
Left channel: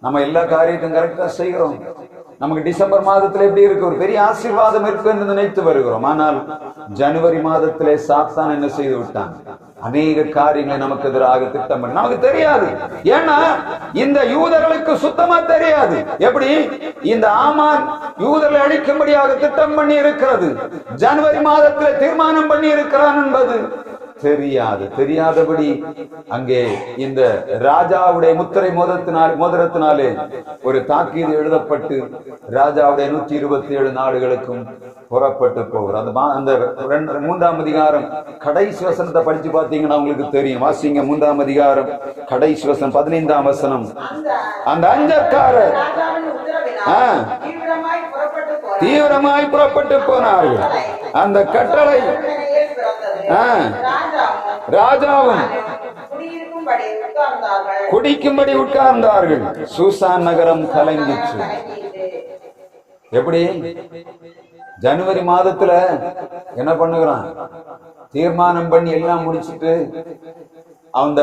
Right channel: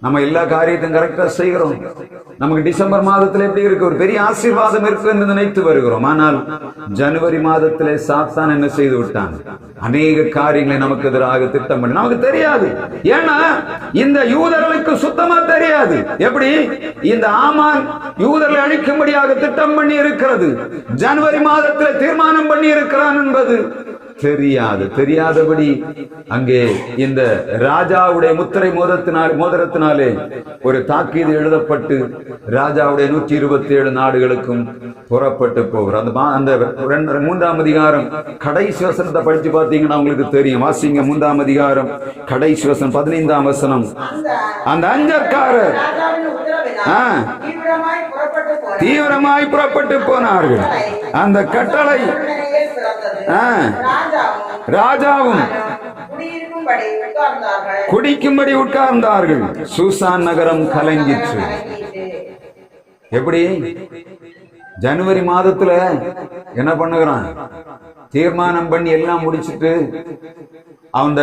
நம்ம எல்லா காரியத்தையும் கரெக்டா செய்கிறோம், நமக்கு டிசம்பர் மாதத்துல எப்படி இருக்கு? ஒரு பெரிய ஆசீர்வாதம் இருக்கு என்று நினைத்து வருகிறோம். ஆனால் ஜனவரி மாதத்திலே சாத்தான் என்ன செய்து விட்டான்? அநேக காரியங்களை நமக்கு எதிராக திட்டம் பண்ணி, நமக்கு தெரியாது. ஏன்னா இந்த யூதர்களுக்கு சுத்தமா தெரியாது. எப்படி இந்த ஆமான் யூதர்களை அழிக்கும்படியாக திட்டம் பண்ணி இருக்கிறது, ஜனவரி மாதத்தில் தீர்மானம் பண்ணி இருக்கிறான் என்பது தெரியாதபடி அங்கே இந்த ராஜாவுடைய முத்திரை மோதிரத்தினாலே ஒரு தாக்கீது எழுதப்பட்டு ராஜாவுடைய 127 நாடுகளுக்கும் புறப்பட்டு போகிறார். அந்த 3ஆம் அதிகாரம் கடைசி வசனத்தை படிச்சு பார்த்தீங்கன்னா உங்களுக்கு தெரியும். வாசிங்க 3ஆம் அதிகாரம் கடைசி வசனம் 15ஆம் வசனம். அந்த அஞ்சக்காரர் தீவிரமாய் புறப்பட்டு போனார்கள். அந்த கட்டளை ராஜாவும் குடிக்கும்படி உட்கார்ந்தார்கள். சூசான் நகரம் கலங்கிற்று. எப்படி ஜனவரி மாதத்துல என்ன பண்ணுகிறான்? தீர்மானம் பண்ணி எல்லாம் முடிச்சுட்டு அந்த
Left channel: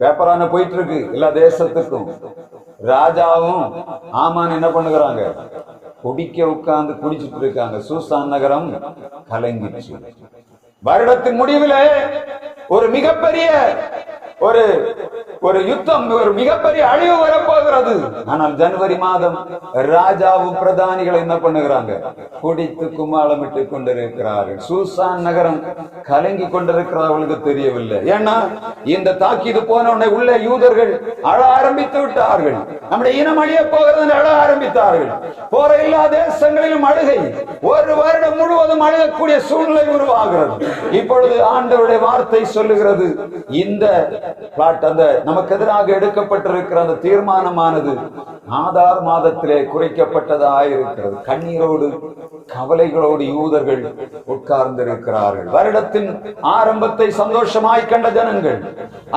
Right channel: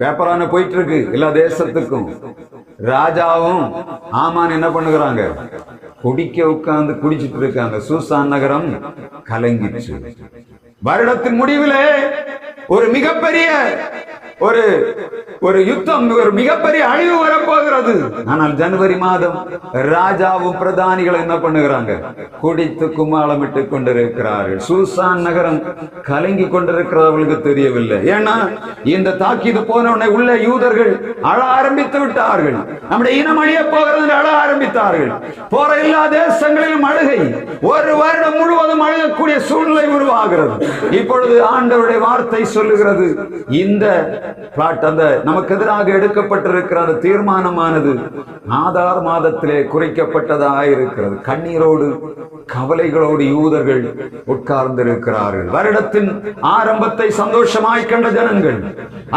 பேப்பரான போயிட்டு இருக்கு எல்லா தேசத்துக்கும். ராஜாவும் ஆமான் என்ன பண்ணுகிறாங்க? குடிக்க உட்கார்ந்து குடிச்சிட்டு இருக்காங்க. சூசான் நகரம் கலங்கிச்சு. வருடத்தின் முடிவிலே ஒரு மிகப்பெரிய ஒரு யுத்தம், ஒரு மிகப்பெரிய அழிவு வரப்போகிறது. ஆனால் ஜனவரி மாதம் ராஜாவும் பிரதானிகள் என்ன பண்ணுகிறாங்க? குடித்து கும்மாளமிட்டு கொண்டிருக்கிறார்கள். சூசான் நகரம் கலங்கி கொண்டிருக்கிறது அவர்களுக்கு தெரியவில்லை. ஏன்னா இந்த தாக்கீது போன உடனே உள்ள யூதர்கள் அழ ஆரம்பித்து விட்டார்கள். நம்முடைய இனம் அழிய போகிறது அழ ஆரம்பித்தார்கள். போற எல்லா தேசங்களிலும் அழுகை, ஒரு வருடம் முழுவதும் அழகக்கூடிய சூழ்நிலை உருவாகிறது. இப்பொழுது ஆண்டவருடைய வார்த்தை சொல்லுகிறது, இந்த பிளாட் அந்த நமக்கு எதிராக எடுக்கப்பட்டிருக்கிற அந்த தீர்மானமானது ஆதார் மாதத்திலே குறைக்கப்பட்டதாயிருக்கிறது. கண்ணீரோடு கவலைகளோடு யூதர்கள் உட்கார்ந்திருக்கிறார்கள். வருடத்தின் ஆரம்பத்தை சந்தோஷமாய் கண்ட ஜனங்கள்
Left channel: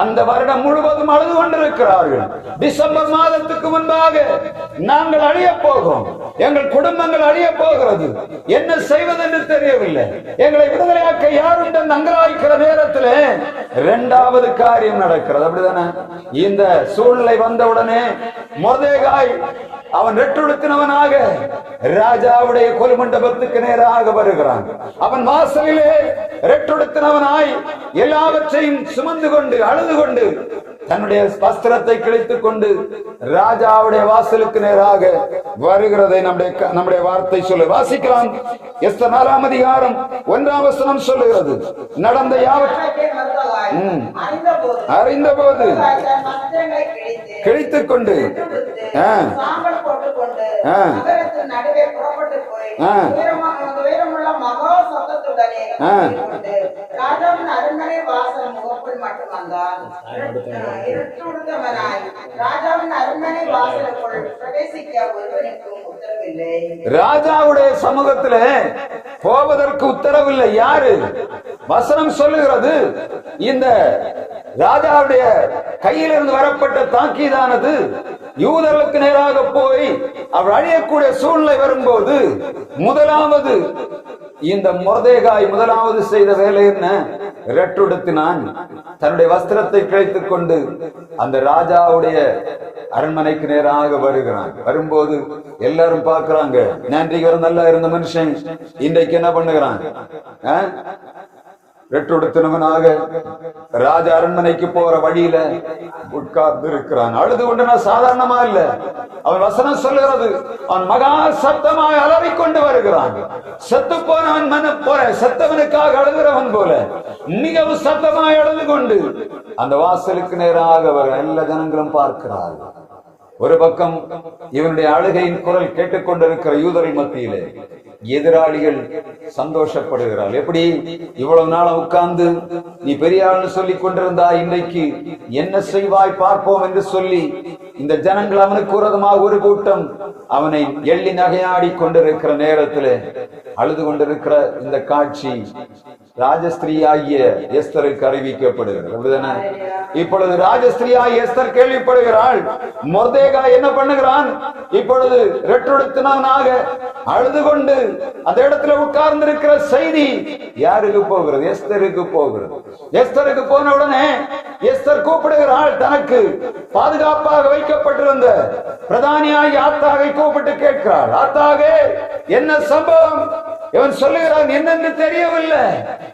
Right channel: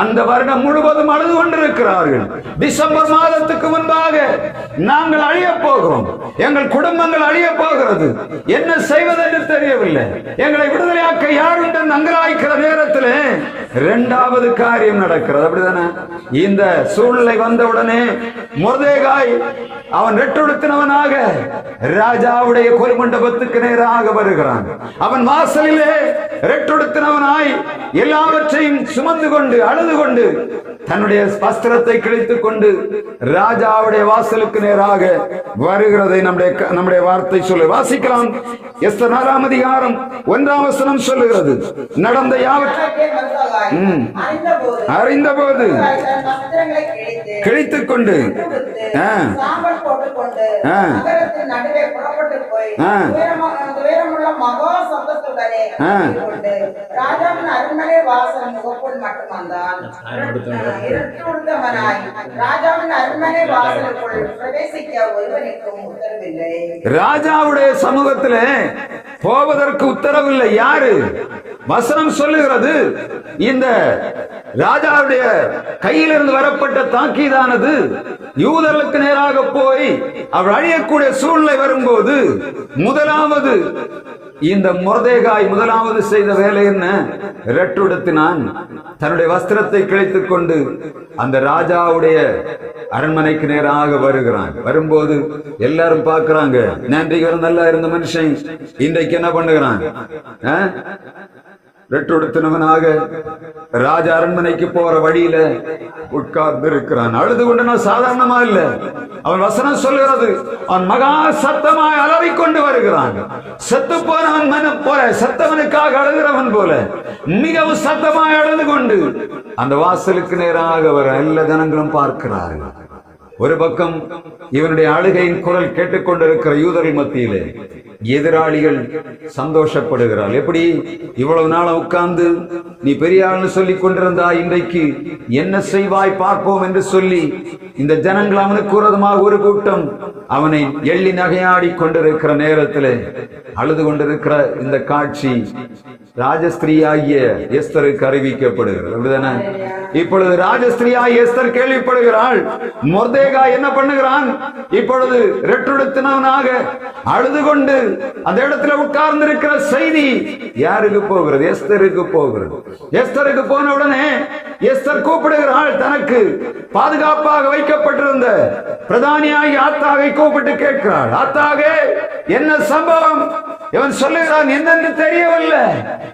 அந்த வருடம் முழுவதும் அழுது கொண்டிருக்கிறார்கள். டிசம்பர் மாதத்துக்கு முன்பாக நாங்கள் அழிய போகிறோம், எங்கள் குடும்பங்கள் அழிய போகிறது, என்ன செய்வதென்று தெரியவில்லை, எங்களை விடுதலையாக்க யாருண்டு அங்கலாய்க்கிற நேரத்தில் 2வது காரியம் நடக்கிறது. அப்படிதானே? இந்த சூழ்நிலை வந்தவுடனே மொர்தெகாய் அவன் ரெட்டுடுத்தினவனாக ராஜாவுடைய கொலை மண்டபத்துக்கு நேராக வருகிறான். அவன் வாசலிலே ரெட்டுடுத்தினவனாய் எல்லாவற்றையும் சுமந்து கொண்டு அழுது கொண்டு தன்னுடைய வஸ்திரத்தை கிழித்துக் கொண்டு ராஜாவுடைய வாசலுக்கு நேராக வருகிறதை நம்முடைய வார்த்தை சொல்ல வாசிக்கலாம். எஸ்தர் 4ஆம் அதிகாரம் 1ஆம் வசனம் சொல்லுகிறது, நடந்த அறிந்தபோது கிழித்துக் கொண்டு ராஜாவுடைய சமூகத்திலே போவதற்கு உத்தரவில்லை. யாரு? வசனம் சொல்லுகிறது, இந்த ராஜாவுடைய கையிலிருந்து வரப்பட்ட தாக்கீதானது யூதர்களுக்கு நேராக போய் அவர் அழியக்கூடிய சூழ்நிலை வரும்போது முதலாவது இந்த மொர்தெகாய் முதலாவது செய்த வேலை என்ன? ரெட்டுடுத்தினான், தன்னுடைய வஸ்திரத்தை கிழித்துக் கொண்டு அந்த ராஜாவுடைய அரண்மனைக்கு நேராக வருகிறான். வரும்போது எல்லாரும் பார்க்கிறாங்க, நேற்றைக்கு நல்லா இருந்த மனுஷன் இன்றைக்கு என்ன பண்ணுகிறான்? ரெட்டுடுத்தினவனாக ராஜ அரண்மனைக்கு போற வழியில உட்கார்ந்து இருக்கிறான். அழுது கொண்டு சாதாரணமா இல்ல, அவன் வசனம் சொல்லுகிறது, அவன் மகா சத்தமாய் அலறிக்கொண்டு வருகிறான். செத்து போனவன் செத்தவனுக்காக அழுகிறவன் போல மிகவும் சத்தமாய் அழுது கொண்டு அந்த வாசலுக்கு நேராக வர எல்லா ஜனங்களும் பார்க்கிறார்கள். ஒரு பக்கம் இவனுடைய அழுகையின் குரல் கேட்டுக்கொண்டிருக்கிற யூதர்கள் மத்தியிலே எதிராளிகள் சந்தோஷப்படுகிறாள். எப்படி இவ்வளவு நாள் உட்கார்ந்து நீ பெரிய ஆள்னு சொல்லிக் கொண்டிருந்தா, இன்றைக்கு என்ன செய்வாய் பார்ப்போம் என்று சொல்லி இந்த ஜனங்கள் அவனுக்கு விரோதமாக ஒரு கூட்டம் அவனை எள்ளி நகையாடி கொண்டிருக்கிற நேரத்தில் அழுது கொண்டிருக்கிற இந்த காட்சி ராஜஸ்திரியாகிய எஸ்தருக்கு அறிவிக்கப்படுகிறது. அப்படிதானே? இப்பொழுது ராஜஸ்திரியாகிய எஸ்தர் கேள்விப்படுகிறாள். மொர்தேகாய் என்ன பண்ணுகிறான்? இப்பொழுது ரெட்டுடுத்தினவனாக அழுது கொண்டு அந்த இடத்துல உட்கார்ந்து இருக்கிற செய்தி யாருக்கு போகிறது? எஸ்தருக்கு போகிறது. எஸ்தருக்கு போன உடனே எஸ்தர் கூப்பிடுகிறாள். தனக்கு பாதுகாப்பாக வைக்கப்பட்டிருந்த பிரதானியாகி ஆத்தாகை கூப்பிட்டு கேட்கிறாள், ஆத்தாகே என்ன சம்பவம்? இவன் சொல்லுகிறான், என்னென்று தெரியவில்லை.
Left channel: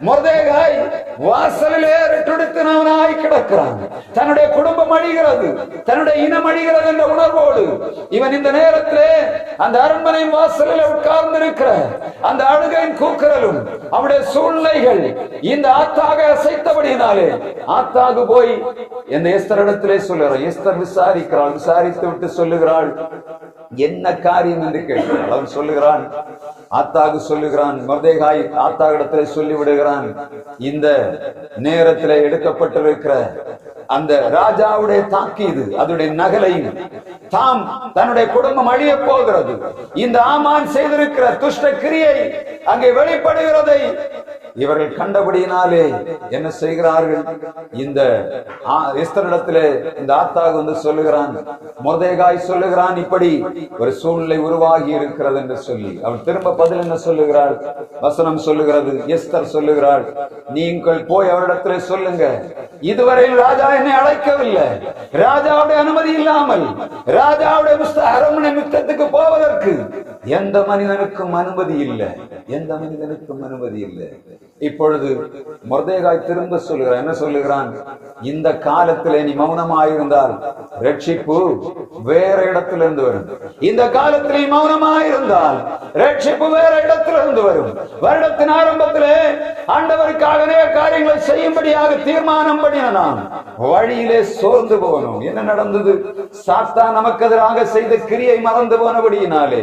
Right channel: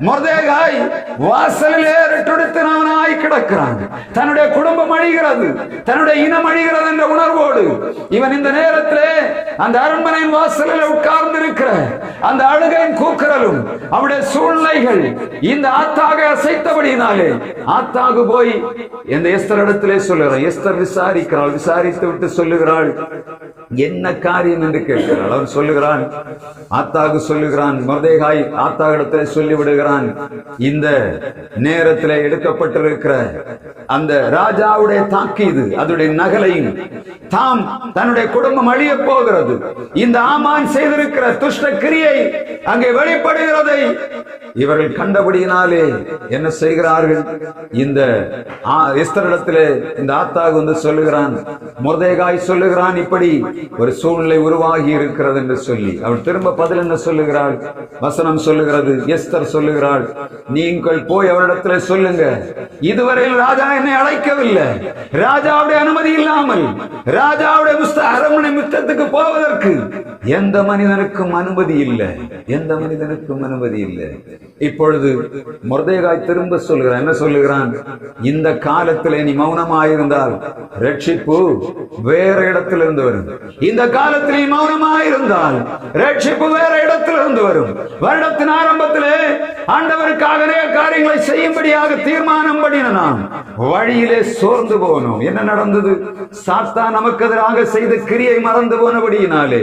மொர்தேகாய் வாசலிலே ரெட்டுடுத்தினவனாய் கிடக்கிறான். தன்னுடைய குடும்பம் அழிகிறது, தன்னுடைய இனம் அழிகிறது என்ற உணர்வோடு இவன் இந்த நேரத்திலே அந்த அரண்மனையின் வாசலில் உட்கார்ந்து இருக்கிற அந்த அழுகையின் கூக்குரலும் அவனுடைய சூழ்நிலைகள் இந்த ஆத்தாக அசைத்தபடியினாலே ஆத்தாக போய் இந்த எஸ்தர் இடத்திலே சொல்லுகிறான். எஸ்தர் விசாரிக்கிறாள். விசாரித்து விட்டு சொல்லுகிறாள், என்ன காரியம் என்று கேட்கிறாள். அவன் சொல்லுகிறான், ஆத்தாக சொல்லுகிறான், மொர்தேகாய் ஆத்தாகிடத்திலே சொல்லிவிடுகிறான், இந்த நேரத்தில் எடுக்கப்பட்டிருக்கிற அந்த ராஜாவுடைய தாக்கீது அதனுடைய நகலையும் தாம் தன்னுடைய குடும்பம் அழிய போகிறது, இந்த ஆமான் செய்திருக்கிற துஷ்ட கிரியை அங்கே வெளிப்படுகிறதை இவர்கள் கண்டபடியினாலே என்ன செய்கிறார்கள்? இந்த எஸ்தரிடத்திலே இந்த ஆத்தாக வந்து சொல்லுகிறான், மொர்தேகாய் சொல்லுகிறான், இப்படி ஒரு சூழ்நிலை உருவாகி இருக்கிறது என்று சொல்லி அவள் திரும்ப பதில் என்ன சொல்லுகிறாள்? வசனம் சொல்லுகிறது, எஸ்தர் சொல்லுகிறாள், நீங்கள் போய் அவரிடத்திலே சொல்லுங்க, இதுவரையில் ராஜா என்னை அழைக்கவில்லை, ராஜாவுடைய அனுமதி இல்லாமல் ராஜாவுடைய அரண்மனை முற்றத்துக்கு போவதற்கு எந்த மனிதனுக்கும் அனுமதி இல்லை, எந்த மனிதனுக்கும் அனுமதி இல்லை. இப்பொழுது மொர்தேகாய் திரும்ப சொல்லுகிறான். என்ன சொல்லுகிறான்? இந்த காலத்திலே நீ மௌனமாயிருந்தால் ரட்சிப்பு வேற இடத்திலிருந்து வரும். இந்த காலத்தில் நீ மௌனமாயிருந்தால் ரட்சிப்பு வேற இடத்திலிருந்து வரும். வருடத்தின் ஆரம்பத்திலே ஆண்டவருக்காக அநேக காரியங்களை செய்யும்படியாக தீர்மானம் பண்ணினான். வழியிலே சோர்ந்து போனோம். என்ன நடந்தது? சாத்தான் நமக்கு எதிராக செய்த கிரியை மறந்து போனபடியினாலே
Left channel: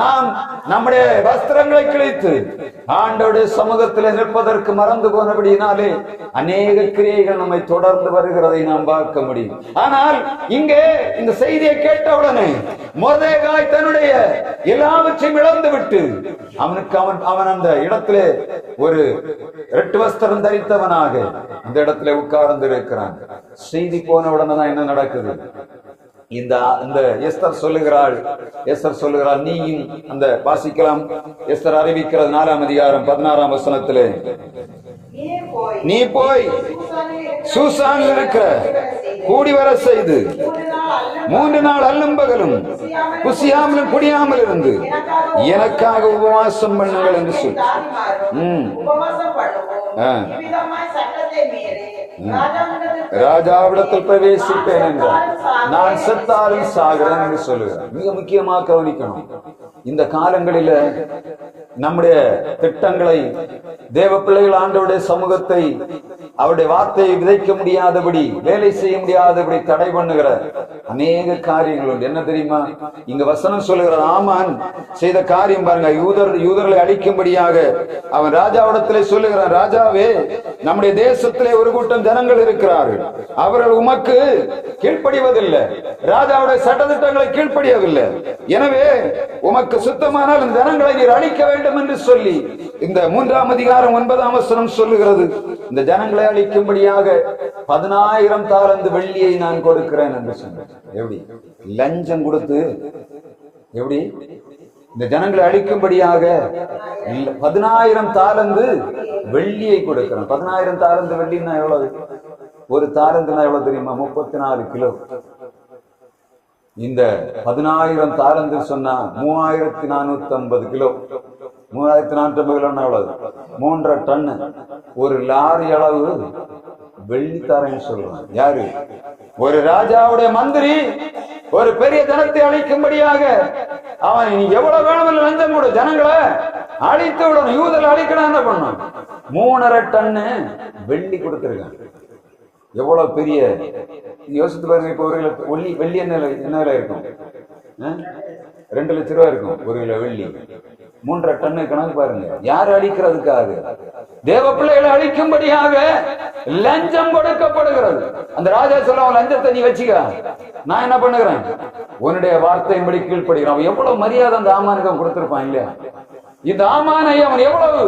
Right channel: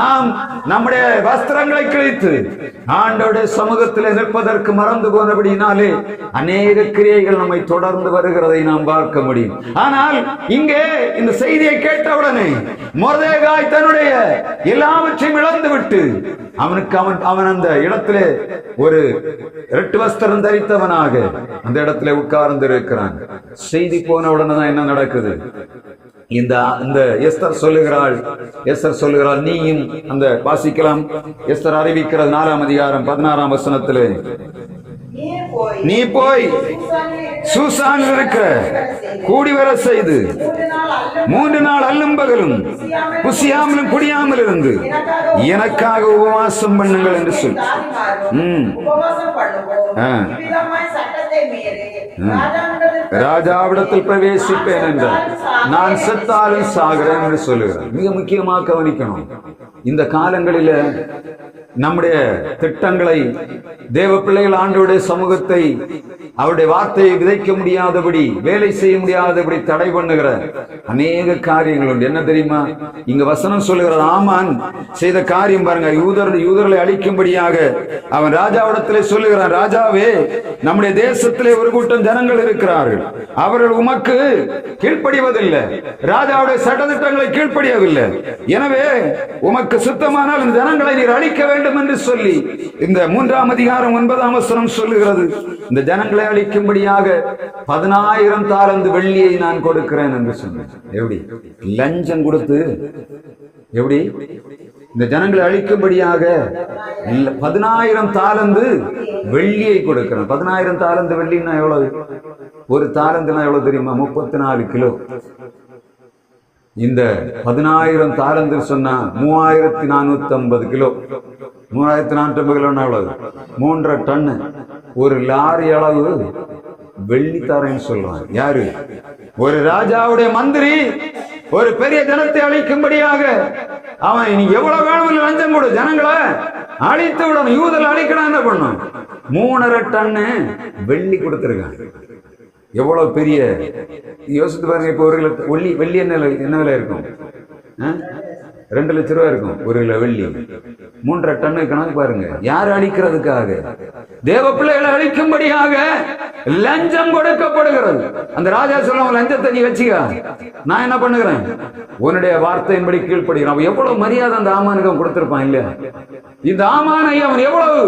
நாம் நம்முடைய வஸ்திரங்களை கிழித்து ஆண்டவருடைய சமூகத்தில் நிற்பதற்கு மறந்து போனபடியினாலே அநேக கிரியைகள் நம்மை தொடர்ந்து வருகிறதை நாம் பார்க்க முடியும். ஆனால் இங்கே இந்த செய்தியை கேட்டவுடனே மொர்தேகாய் தன்னுடைய எல்லாவற்றையும் இழந்து விட்டு அவன் அந்த இடத்திலே ஒரு ரெட்டு வஸ்திரம் தரித்தவனாக அந்த இடத்துல உட்கார்ந்து இருக்கிறான். செய்தி போன உடனே தான் என்ன நடக்குது? இந்த எஸ்தர் சொல்லுகிறாள், நீயும் அந்த வாசிக்கலாம். எஸ்தர் அறிவிக்கிறது 4ஆம் அதிகாரம் 16ஆம் வசனத்திலே, நீ போய் சூசானில் இருக்கிற கூடி வர செய்து 3 நாள் அல்லும் பகலும் புசியாமலும் குடியாமல் இருந்து எனக்காக உபவாசம் பண்ணுங்கள் என்று சொல். ராஜாவிடத்தில் பிரவேசிப்பேன் என்றார், நான் செத்தாலும் சாகிறேன் என்று சொல்லுகிறார். மிக முக்கியமாக கவனிக்கணும், இந்த காலங்களில நம்முடைய திட்டங்களை, தேவ பிள்ளைகள் ஆண்டவருடைய சமூகத்தை, அவருடைய வார்த்தையை விதைக்க முடியாதபடி, வேலை செய்ய முடியாதபடி தடை பண்ணுகிற அநேக காரியங்கள் உண்டு. என்ன தெரியுமா? இங்க வசனம் சொல்லுகிற ஆமான் செய்த காரியம் பாருங்க. யூதர்களை அழிக்கும்படியாக அவன் ராஜாவிடத்திலே சொல்லுகிறான், ராஜாவே, நம்முடைய தேசத்திலே ஒரு கூட்டம் ஜனங்கள் இருக்கிறார்கள், அவர்கள் உமக்கு கீழ்ப்படிவதில்லை, ராஜாவுடைய சட்டத்திட்டங்களை கீழ்ப்படியவில்லை, எனவே உமக்கு சுத்தமானால் இந்த ஜனங்களை நீர் அழிக்க வேண்டும் என்று சொல்லி இந்த 3ஆம் அதிகாரம் 9ஆம் வசனம் சொல்லுகிறது. இந்த ஜனங்களை அழிக்கும்படியாக 10,000 தாலந்து வெள்ளியை நான் கொடுக்கிறேன் என்று சொன்னேன். எப்படி லஞ்சம் கொடுத்து, எப்படி இந்த ஜனங்களை அழிக்கும்படியாக 10,000 தாலந்து வெள்ளியை கொடுக்கிறேன். 10,000 தாலந்து வெள்ளின்னா எவ்வளவு? ஒரு தாலந்துனா எவ்வளவு தெரியுமா? 34 கிலோ. இந்த 10,000 தாலந்து சொன்னா 3,450 கிலோ. 3,450 கிலோன்னா எவ்வளவு? 3.5 டன். ஒரு லாரி அளவு வெள்ளி தரேன்னு சொல்றான். யாரு? ஒரு ராஜாவுடைய மந்திரி ஒரு பெரிய ஜனத்தை அழிக்கும்படியாக அவன் நீ எவ்வளவு வேணும் லஞ்சம் கொடு, ஜனங்களை அழித்து விடணும், யூதர்கள் அழிக்கணும். என்ன பண்ணும்? 3.5 டன் வெள்ளி கொடுத்திருக்கான். எவ்வளவு பெரிய யோசித்து பாருங்க. இப்போ 1 கிலோ வெள்ளி என்ன விலை இருக்கும்? 2 லட்சம் ரூபாய் இருக்கும் 1 கிலோ வெள்ளி. 3.5 டன் கணக்கு பாருங்க. யார் அழிக்கிறதுக்காக? தேவ பிள்ளைகளை அழிக்கும்படியாக லஞ்சம் கொடுக்கப்படுகிறது. அந்த ராஜா சொல்லுவாங்க, லஞ்சத்தை நீ வச்சுக்க, நான் என்ன பண்ணுகிறேன், உன்னுடைய வார்த்தையின்படி கீழ்ப்படுகிறான். எவ்வளவு மரியாதை அந்த ஆமானுக்கு கொடுத்திருப்பான் இல்லையா? இந்த ஆமானை அவன் எவ்வளவு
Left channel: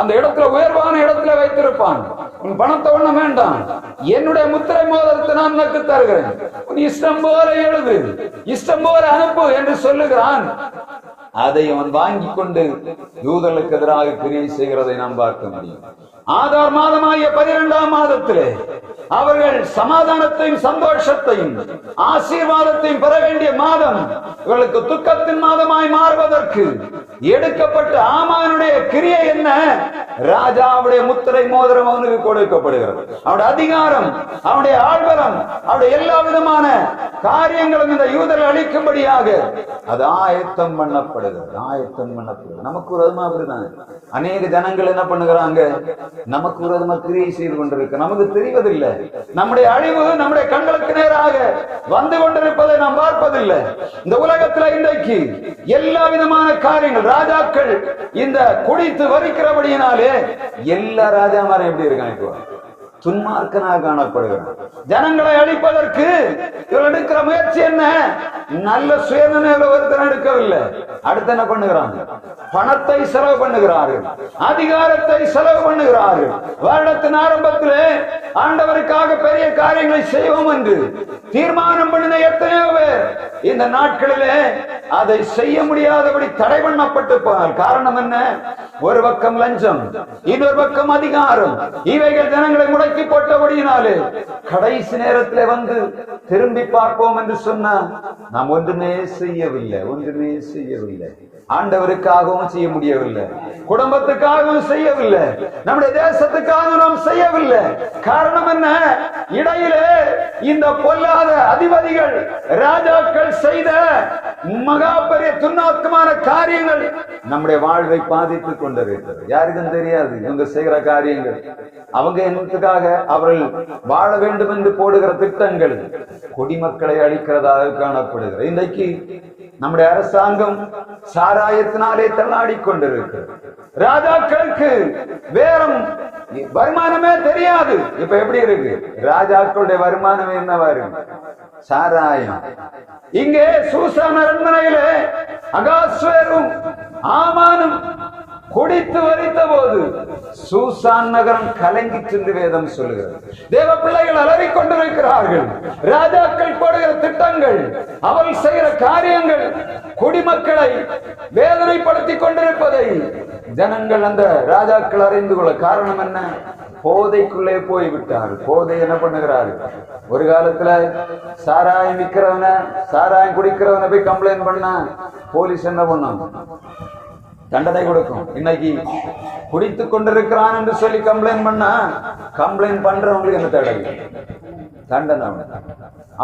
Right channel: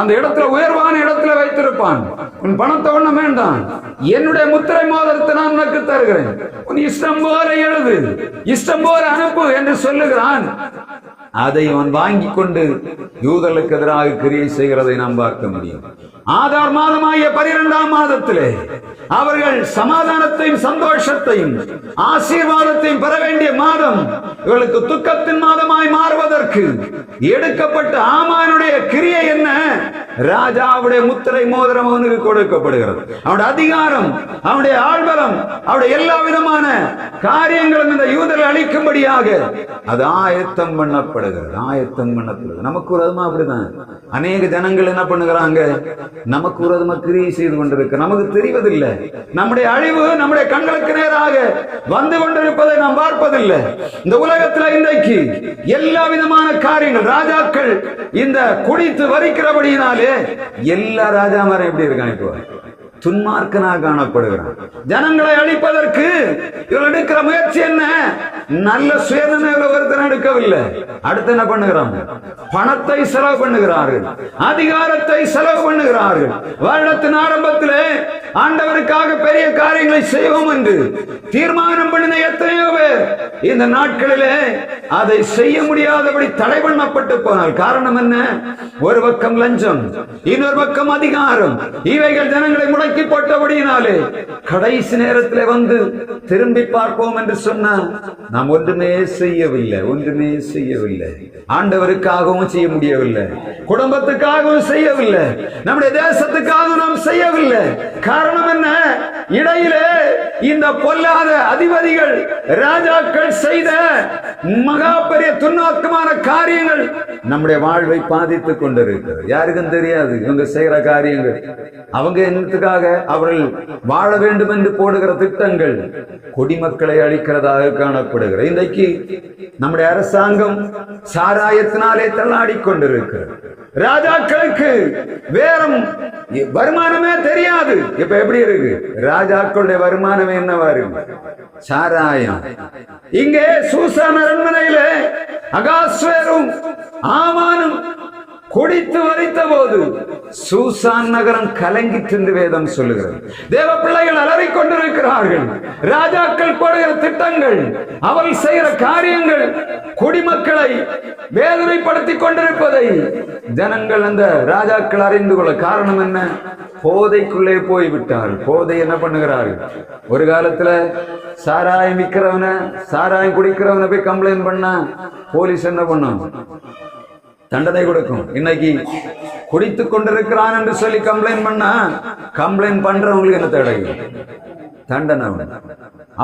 அந்த இடத்துல உயர்வான இடத்துல வைத்திருப்பான். உன் பணத்தை ஒண்ணும் வேண்டாம், என்னுடைய முத்திரை மோதிரத்தை நான் உனக்கு தருகிறேன், உன் இஷ்டம் போல எழுது, இஷ்டம் போல அனுப்பு என்று சொல்லுகிறான். அதை அவன் வாங்கி கொண்டு யூதர்களுக்கு எதிராக கிரியை செய்கிறதை நாம் பார்க்க முடியும். ஆதார் மாதமாகிய 12ஆம் மாதத்திலே அவர்கள் சமாதானத்தையும் சந்தோஷத்தையும் ஆசீர்வாதத்தையும் பெற வேண்டிய மாதம் இவர்களுக்கு துக்கத்தின் மாதமாய் மாறுவதற்கு எடுக்கப்பட்ட ஆமானுடைய கிரியை என்ன? ராஜாவுடைய முத்திரை மோதிரம் அவனுக்கு கொடுக்கப்படுகிறது. அவனுடைய அதிகாரம், அவனுடைய ஆள்பலம், அவனுடைய எல்லா விதமான காரியங்களும் இந்த யூதர்கள் அளிக்கும்படியாக அது ஆயத்தம் பண்ணப்படுகிறது. நமக்கு விரோதமா அப்படிதான் அநேக ஜனங்கள் என்ன பண்ணுகிறாங்க? நமக்கு விரோதமா கிரியை செய்து கொண்டிருக்க நமக்கு தெரிவதில்லை. நம்முடைய அழிவு நம்முடைய கண்களுக்கு நேராக வந்து கொண்டிருப்பதை நாம் பார்ப்பதில்லை. இந்த உலகத்தில் இன்றைக்கு எல்லா விதமான காரியங்கள், ராஜாக்கள் இந்த குடித்து வரிக்கிறபடியினாலே எல்லா ராஜாமாரும் எப்படி இருக்காங்க? இப்போ துன்மார்க்கனாக காணப்படுகிறான். ஜனங்களை அழிப்பதற்கு இவள் எடுக்கிற முயற்சி என்ன? நல்ல சுயநினைவுல ஒருத்தர் எடுக்கவில்லை. அடுத்து என்ன பண்ணுகிறாங்க? பணத்தை செலவு பண்ணுகிறார்கள், அதிகாரத்தை செலவு பண்ணுகிறார்கள். வருடத்தின் ஆரம்பத்திலே ஆண்டவருக்காக பெரிய காரியங்களை செய்வோம் என்று தீர்மானம் பண்ணின எத்தனையோ பேர் இந்த நாட்களிலே அதை செய்ய முடியாதபடி தடை பண்ணப்பட்டு போனால் காரணம் என்ன? ஒரு பக்கம் லஞ்சம், இன்னொரு பக்கம் அதிகாரம். இவைகள் ஜனங்களை முடக்கி போட்டபடியினாலே கடைசி நேரத்தில் வந்து திரும்பி பார்ப்போம் என்று சொன்னால் நாம் ஒன்றுமே செய்யவில்லை. ஆண்டவருக்காகவும் செய்ய முடியவில்லை, குடும்பத்துக்காகவும் செய்யவில்லை, நம்முடைய தேசத்துக்காகவும் நாம் செய்யவில்லை. காரணம் என்ன? இடையிலே இந்த பொல்லாத அதிபதிகள், ராஜாக்கள் செய்த மகா பெரிய துன்மார்க்கமான காரியங்கள் நம்முடைய வாழ்வை பாதித்துக் கொண்டிருக்கிறது. யாருக்கும் தெரியாது இவங்க செய்கிற காரியங்கள். அவங்க என்னத்துக்காக அவர்கள் வாழ வேண்டும் என்று போடுகிற திட்டங்கள் குடிமக்களை அழிக்கிறதாக காணப்படுகிறது. இன்றைக்கு நம்முடைய அரசாங்கம் சாராயத்தினாலே தள்ளாடி கொண்டிருக்கிறது. ராஜாக்களுக்கு வேறும் வருமானமே தெரியாது. இப்ப எப்படி இருக்கு? ராஜாக்களுடைய வருமானமே என்னவா இருக்கு? சாராயம். இங்கே சூசான் அரண்மனையிலே அகாஸ்வேரும் ஆமானும் குடித்து வரித்த போது சூசான் நகரம் கலங்கிற்று என்று வேதம் சொல்லுகிறது. தேவ பிள்ளைகள் அலறிக் கொண்டிருக்கிறார்கள். ராஜாக்கள் போடுகிற திட்டங்கள், அவர்கள் செய்கிற காரியங்கள் குடிமக்களை வேதனைப்படுத்திக் கொண்டிருப்பதை ஜனங்கள், அந்த ராஜாக்கள் அறிந்து கொள்ள காரணம் என்ன? போதைக்குள்ளே போய்விட்டார்கள். போதை என்ன பண்ணுகிறார்கள்? ஒரு காலத்துல சாராயம் விற்கிறவன, சாராயம் குடிக்கிறவன போய் கம்ப்ளைண்ட் பண்ண போலீஸ் என்ன பண்ணும்? தண்டனை கொடுக்கும். இன்னைக்கு குடித்துக் கொண்டிருக்கிறான் என்று சொல்லி கம்ப்ளைண்ட் பண்ணா, கம்ப்ளைண்ட் பண்றவங்களுக்கு என்ன தண்டனை?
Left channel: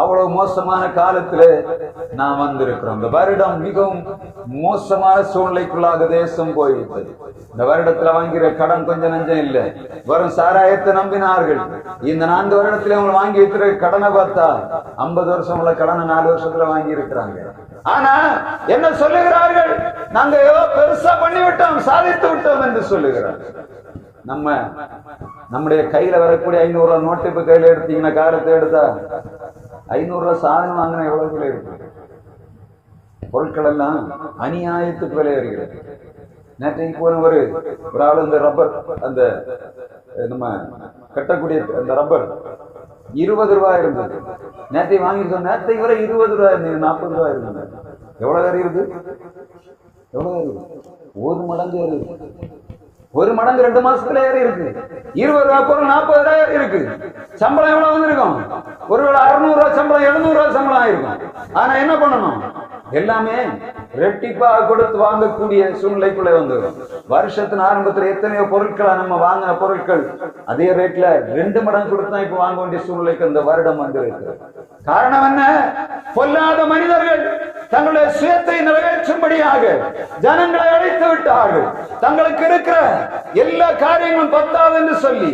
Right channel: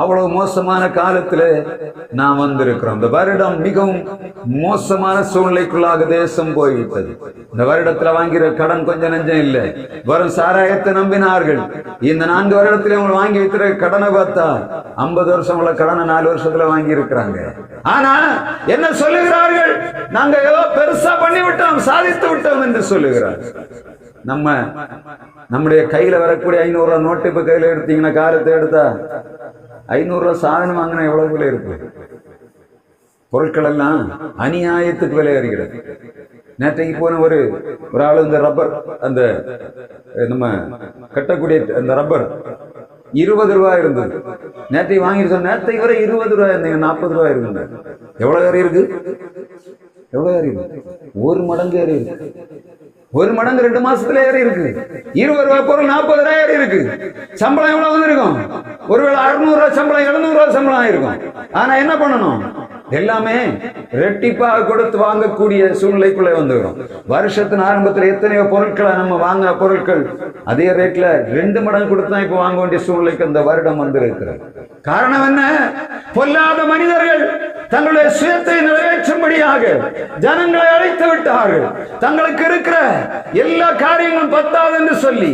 அவ்வளவு மோசமான காலத்துல நாம் வந்திருக்கிறோம். இந்த வருடம் மிகவும் மோசமான சூழ்நிலைக்குள்ளாக தேசம் போய்விட்டது. இந்த வருடத்துல வாங்கிற கடன் கொஞ்சம் நஞ்சம் இல்லை. வரும் சாராயத்தை நம்பினார்கள். இந்த 4 வருடத்துல அவங்க வாங்கி வைக்கிற கடனை பார்த்தா 50 வருஷம் உள்ள கடனை 4 வருஷத்துல வாங்கி இருக்கிறாங்க. ஆனா என்ன சொல்லுகிறார்கள்? நாங்க ஏதோ பெருசா பண்ணிவிட்டோம், சாதித்து விட்டோம் என்று சொல்லுகிறார்கள். நம்முடைய கையில வரக்கூடிய 500 ரூபாய் நோட்டு இப்ப கையில எடுத்தீங்கன்னா, காரத்தை எடுத்தா 500 ரூபாய் சாதனம் வாங்கினா எவ்வளவு விலை இருக்கு? பொருட்கள் எல்லாம் அநியாயத்துக்கு விலை வருகிறது. நேற்றைக்கு போன ஒரு ஆளு இந்த ரப்பர், அந்த நம்ம கட்டக்கூடிய அந்த ரப்பர் 20 ரூபாய் இருந்தது. நேற்றைக்கு வாங்கிட்டு சொன்ன, நேற்றைக்கு வரை 20 ரூபாய் இருந்தீங்க, 40 ரூபாய் இருக்குங்க. எவ்வளவு ஏறி இருக்கு? ஒரு மடங்கு ஏறி இருக்கு. 1 மடங்கு 2 மாசத்துல ஏறி இருக்கு. 20 ரூபாய் பொருள் 40 ரூபாய் ஏறி இருக்கு. சம்பளம் எவ்வளவு வந்திருக்கும்? ஒருவேளை 600 ரூபாய் சம்பளம், 700 ரூபாய் சம்பளம் ஆயிருக்கும். ஆனா என்ன பண்ணணும்? எல்லாமே ரெட்டிப்பாக கொடுத்து வாங்கக்கூடிய சூழ்நிலைக்குள்ள வந்துடும். வருஷத்தின் ஆரம்பத்தில் எத்தனையோ பொருட்களை நம்ம வாங்கின பொருட்கள் அதே ரேட்ல 2 மடங்கு கொடுத்து தான் இப்ப வாங்க வேண்டிய சூழ்நிலைக்கு அந்த வருடம் வந்திருக்கிறது. காரணம் என்ன? பொல்லாத மனிதர்கள் தங்களுடைய சுயத்தை நிறைவேற்றும்படியாக ஜனங்களை அழைத்து விட்டார்கள். தங்களுக்கு இருக்கிற எல்லா காரியங்களும் பத்தாது என்று சொல்லி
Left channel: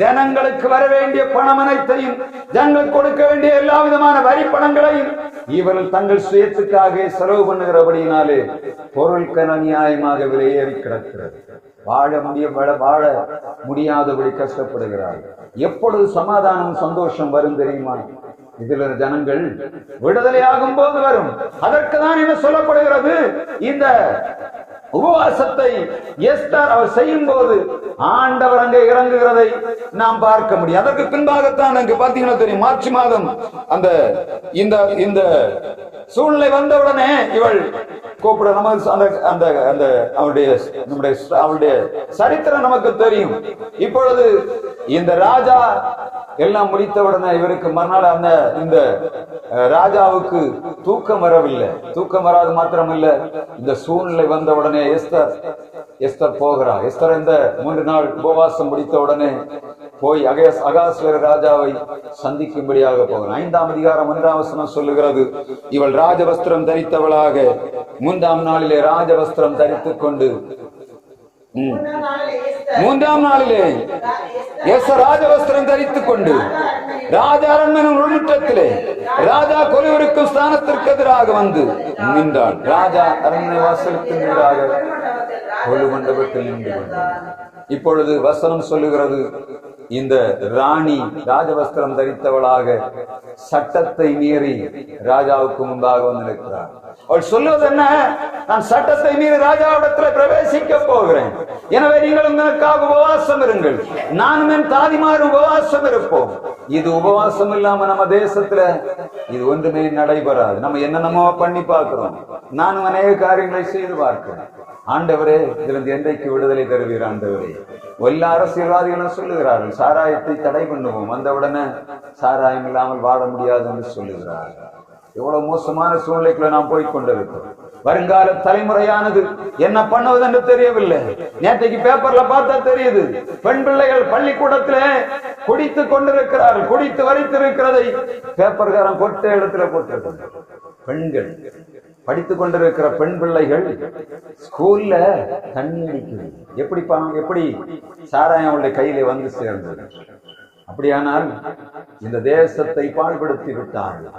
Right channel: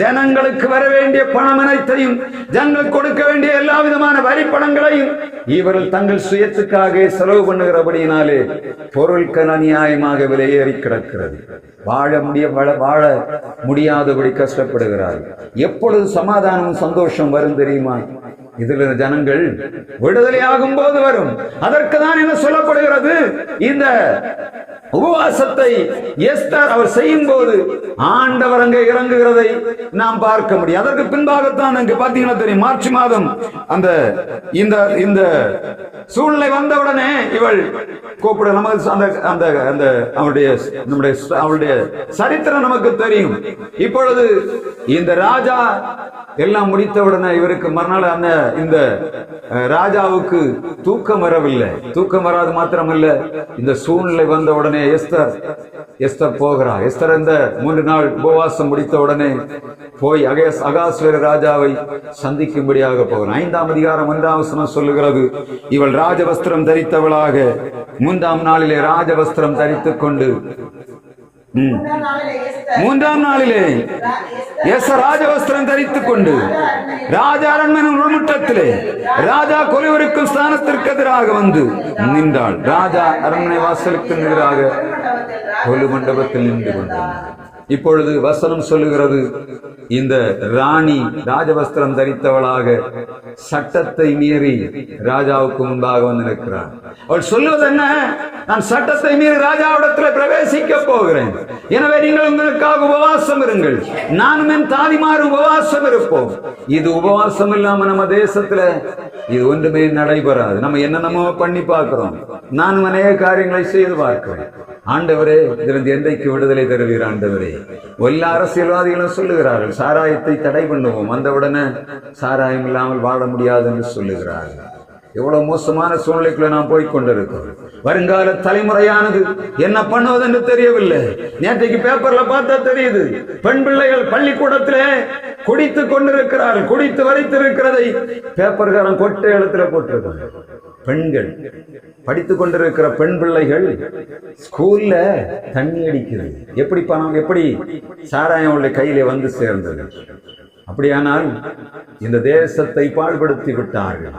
ஜனங்களுக்கு வர வேண்டிய பணம் அனைத்தையும், ஜனங்களுக்கு கொடுக்க வேண்டிய எல்லா விதமான வரி பணங்களையும் இவர்கள் தங்கள் சுயத்துக்காக செலவு பண்ணுகிறபடியினாலே பொருட்கள் அநியாயமாக விலையேறி கிடக்கிறது. வாழ முடியாதபடி கஷ்டப்படுகிறார்கள். எப்பொழுது சமாதானம் சந்தோஷம் வரும் தெரியுமா? இதுல ஜனங்கள் விடுதலையாகும் போது வரும். அதற்கு தான் என்ன சொல்லப்படுகிறது? இந்த உபவாசத்தை எஸ்தர் அவர் செய்யும் போது ஆண்டவர் அங்கே இறங்குகிறதை நாம் பார்க்க முடியும். அதற்கு பின்பாகத்தான் அங்கு பாத்தீங்கன்னா தெரியும், மார்ச் மாதம் அந்த இந்த சூழ்நிலை வந்தவுடனே இவள் கூப்பிட அவளுடைய சரித்திரம் நமக்கு தெரியும். இப்பொழுது இந்த ராஜா எல்லாம் முடித்தவுடனே இவருக்கு மறுநாள் இந்த ராஜாவுக்கு தூக்கம் வரவில்லை. தூக்கம் வராது மாத்திரமல்ல, இந்த சூழ்நிலை வந்தவுடனே எஸ்தர் போகிறார். எஸ்தர் இந்த 3 நாள் உபவாசம் முடித்த உடனே போய் அகாஸ்வேர ராஜாவை சந்திக்கும்படியாக போகிறார். 5ஆம் அதிகாரம் 1ஆம் வசனம் சொல்லுகிறது, இவள் ராஜவஸ்திரம் தரித்தவளாக 3ஆம் நாளிலே ராஜவஸ்திரம் தரித்துக் கொண்டு 3ஆம் நாளிலே எஸ்தர் ராஜவஸ்திரம் தரித்துக் கொண்டு ராஜா அரண்மனை முற்றத்திலே ராஜா கொலுவிருக்கும் ஸ்தானத்திற்கு எதிராக வந்து நின்றாள். ராஜா அரண்மனை வாசலுக்கு எதிராக கொலு மண்டபத்தில் நின்று கொண்டார். இப்பொழுது வசனம் சொல்லுகிறது, இந்த ராணி ராஜவஸ்திரம் தரித்தவளாக சட்டத்தை மீறி ராஜாவுக்கு முன்பாக வந்து நிற்கிறார். அவள் சொல்லுவது என்ன? நான் சட்டத்தை மீறி ராஜாவிடத்தில் பிரவேசிக்க போகிறேன். எனவே நீங்கள் உங்களுக்காக உபவாசம் இருங்கள், நானும் என் தாதிமாரும் உபவாசம் இருப்போம். இது உபவாசம் இல்லாம நம்ம தேசத்துல இது ஒன்றுமே நடைபெறாது. நம்ம என்னென்னமோ பண்ணி பார்க்கிறோம். நானும் அநேக காரியங்களை செய்து பார்க்கிறேன். ஆண்டவரே, இதிலிருந்து என்றைக்கு விடுதலை தருவீர் ஆண்டவரே? எல்லா அரசியல்வாதிகளும் சொல்லுகிறார்கள், சாராயத்தை தடை பண்ணுவோம், வந்தவுடனே சாராயம் இல்லாமல் வாழ முடியாது என்று சொல்லுகிறார்கள். எவ்வளவு மோசமான சூழ்நிலைக்குள்ள நாம் போய்கொண்டிருக்கிறோம். வருங்கால தலைமுறையானது என்ன பண்ணுவது என்று தெரியவில்லை. நேற்றைக்கு பேப்பர்ல பார்த்தா தெரியுது, பெண் பிள்ளைகள் பள்ளிக்கூடத்திலே குடித்து கொண்டிருக்கிறார்கள். குடித்து வரைத்திருக்கிறதை பேப்பர்காரன் கொட்டை எழுத்துல போட்டிருக்கிறார். பெண்கள் படித்துக் கொண்டிருக்கிற பெண் பிள்ளைகள் ஸ்கூல்ல தண்ணி அடிக்குது. எப்படி சாராயம் அவளுடைய கையிலே வந்து சேர்ந்தது? அப்படியானால் இந்த தேசத்தை பாழ்படுத்தி விட்டார்கள்.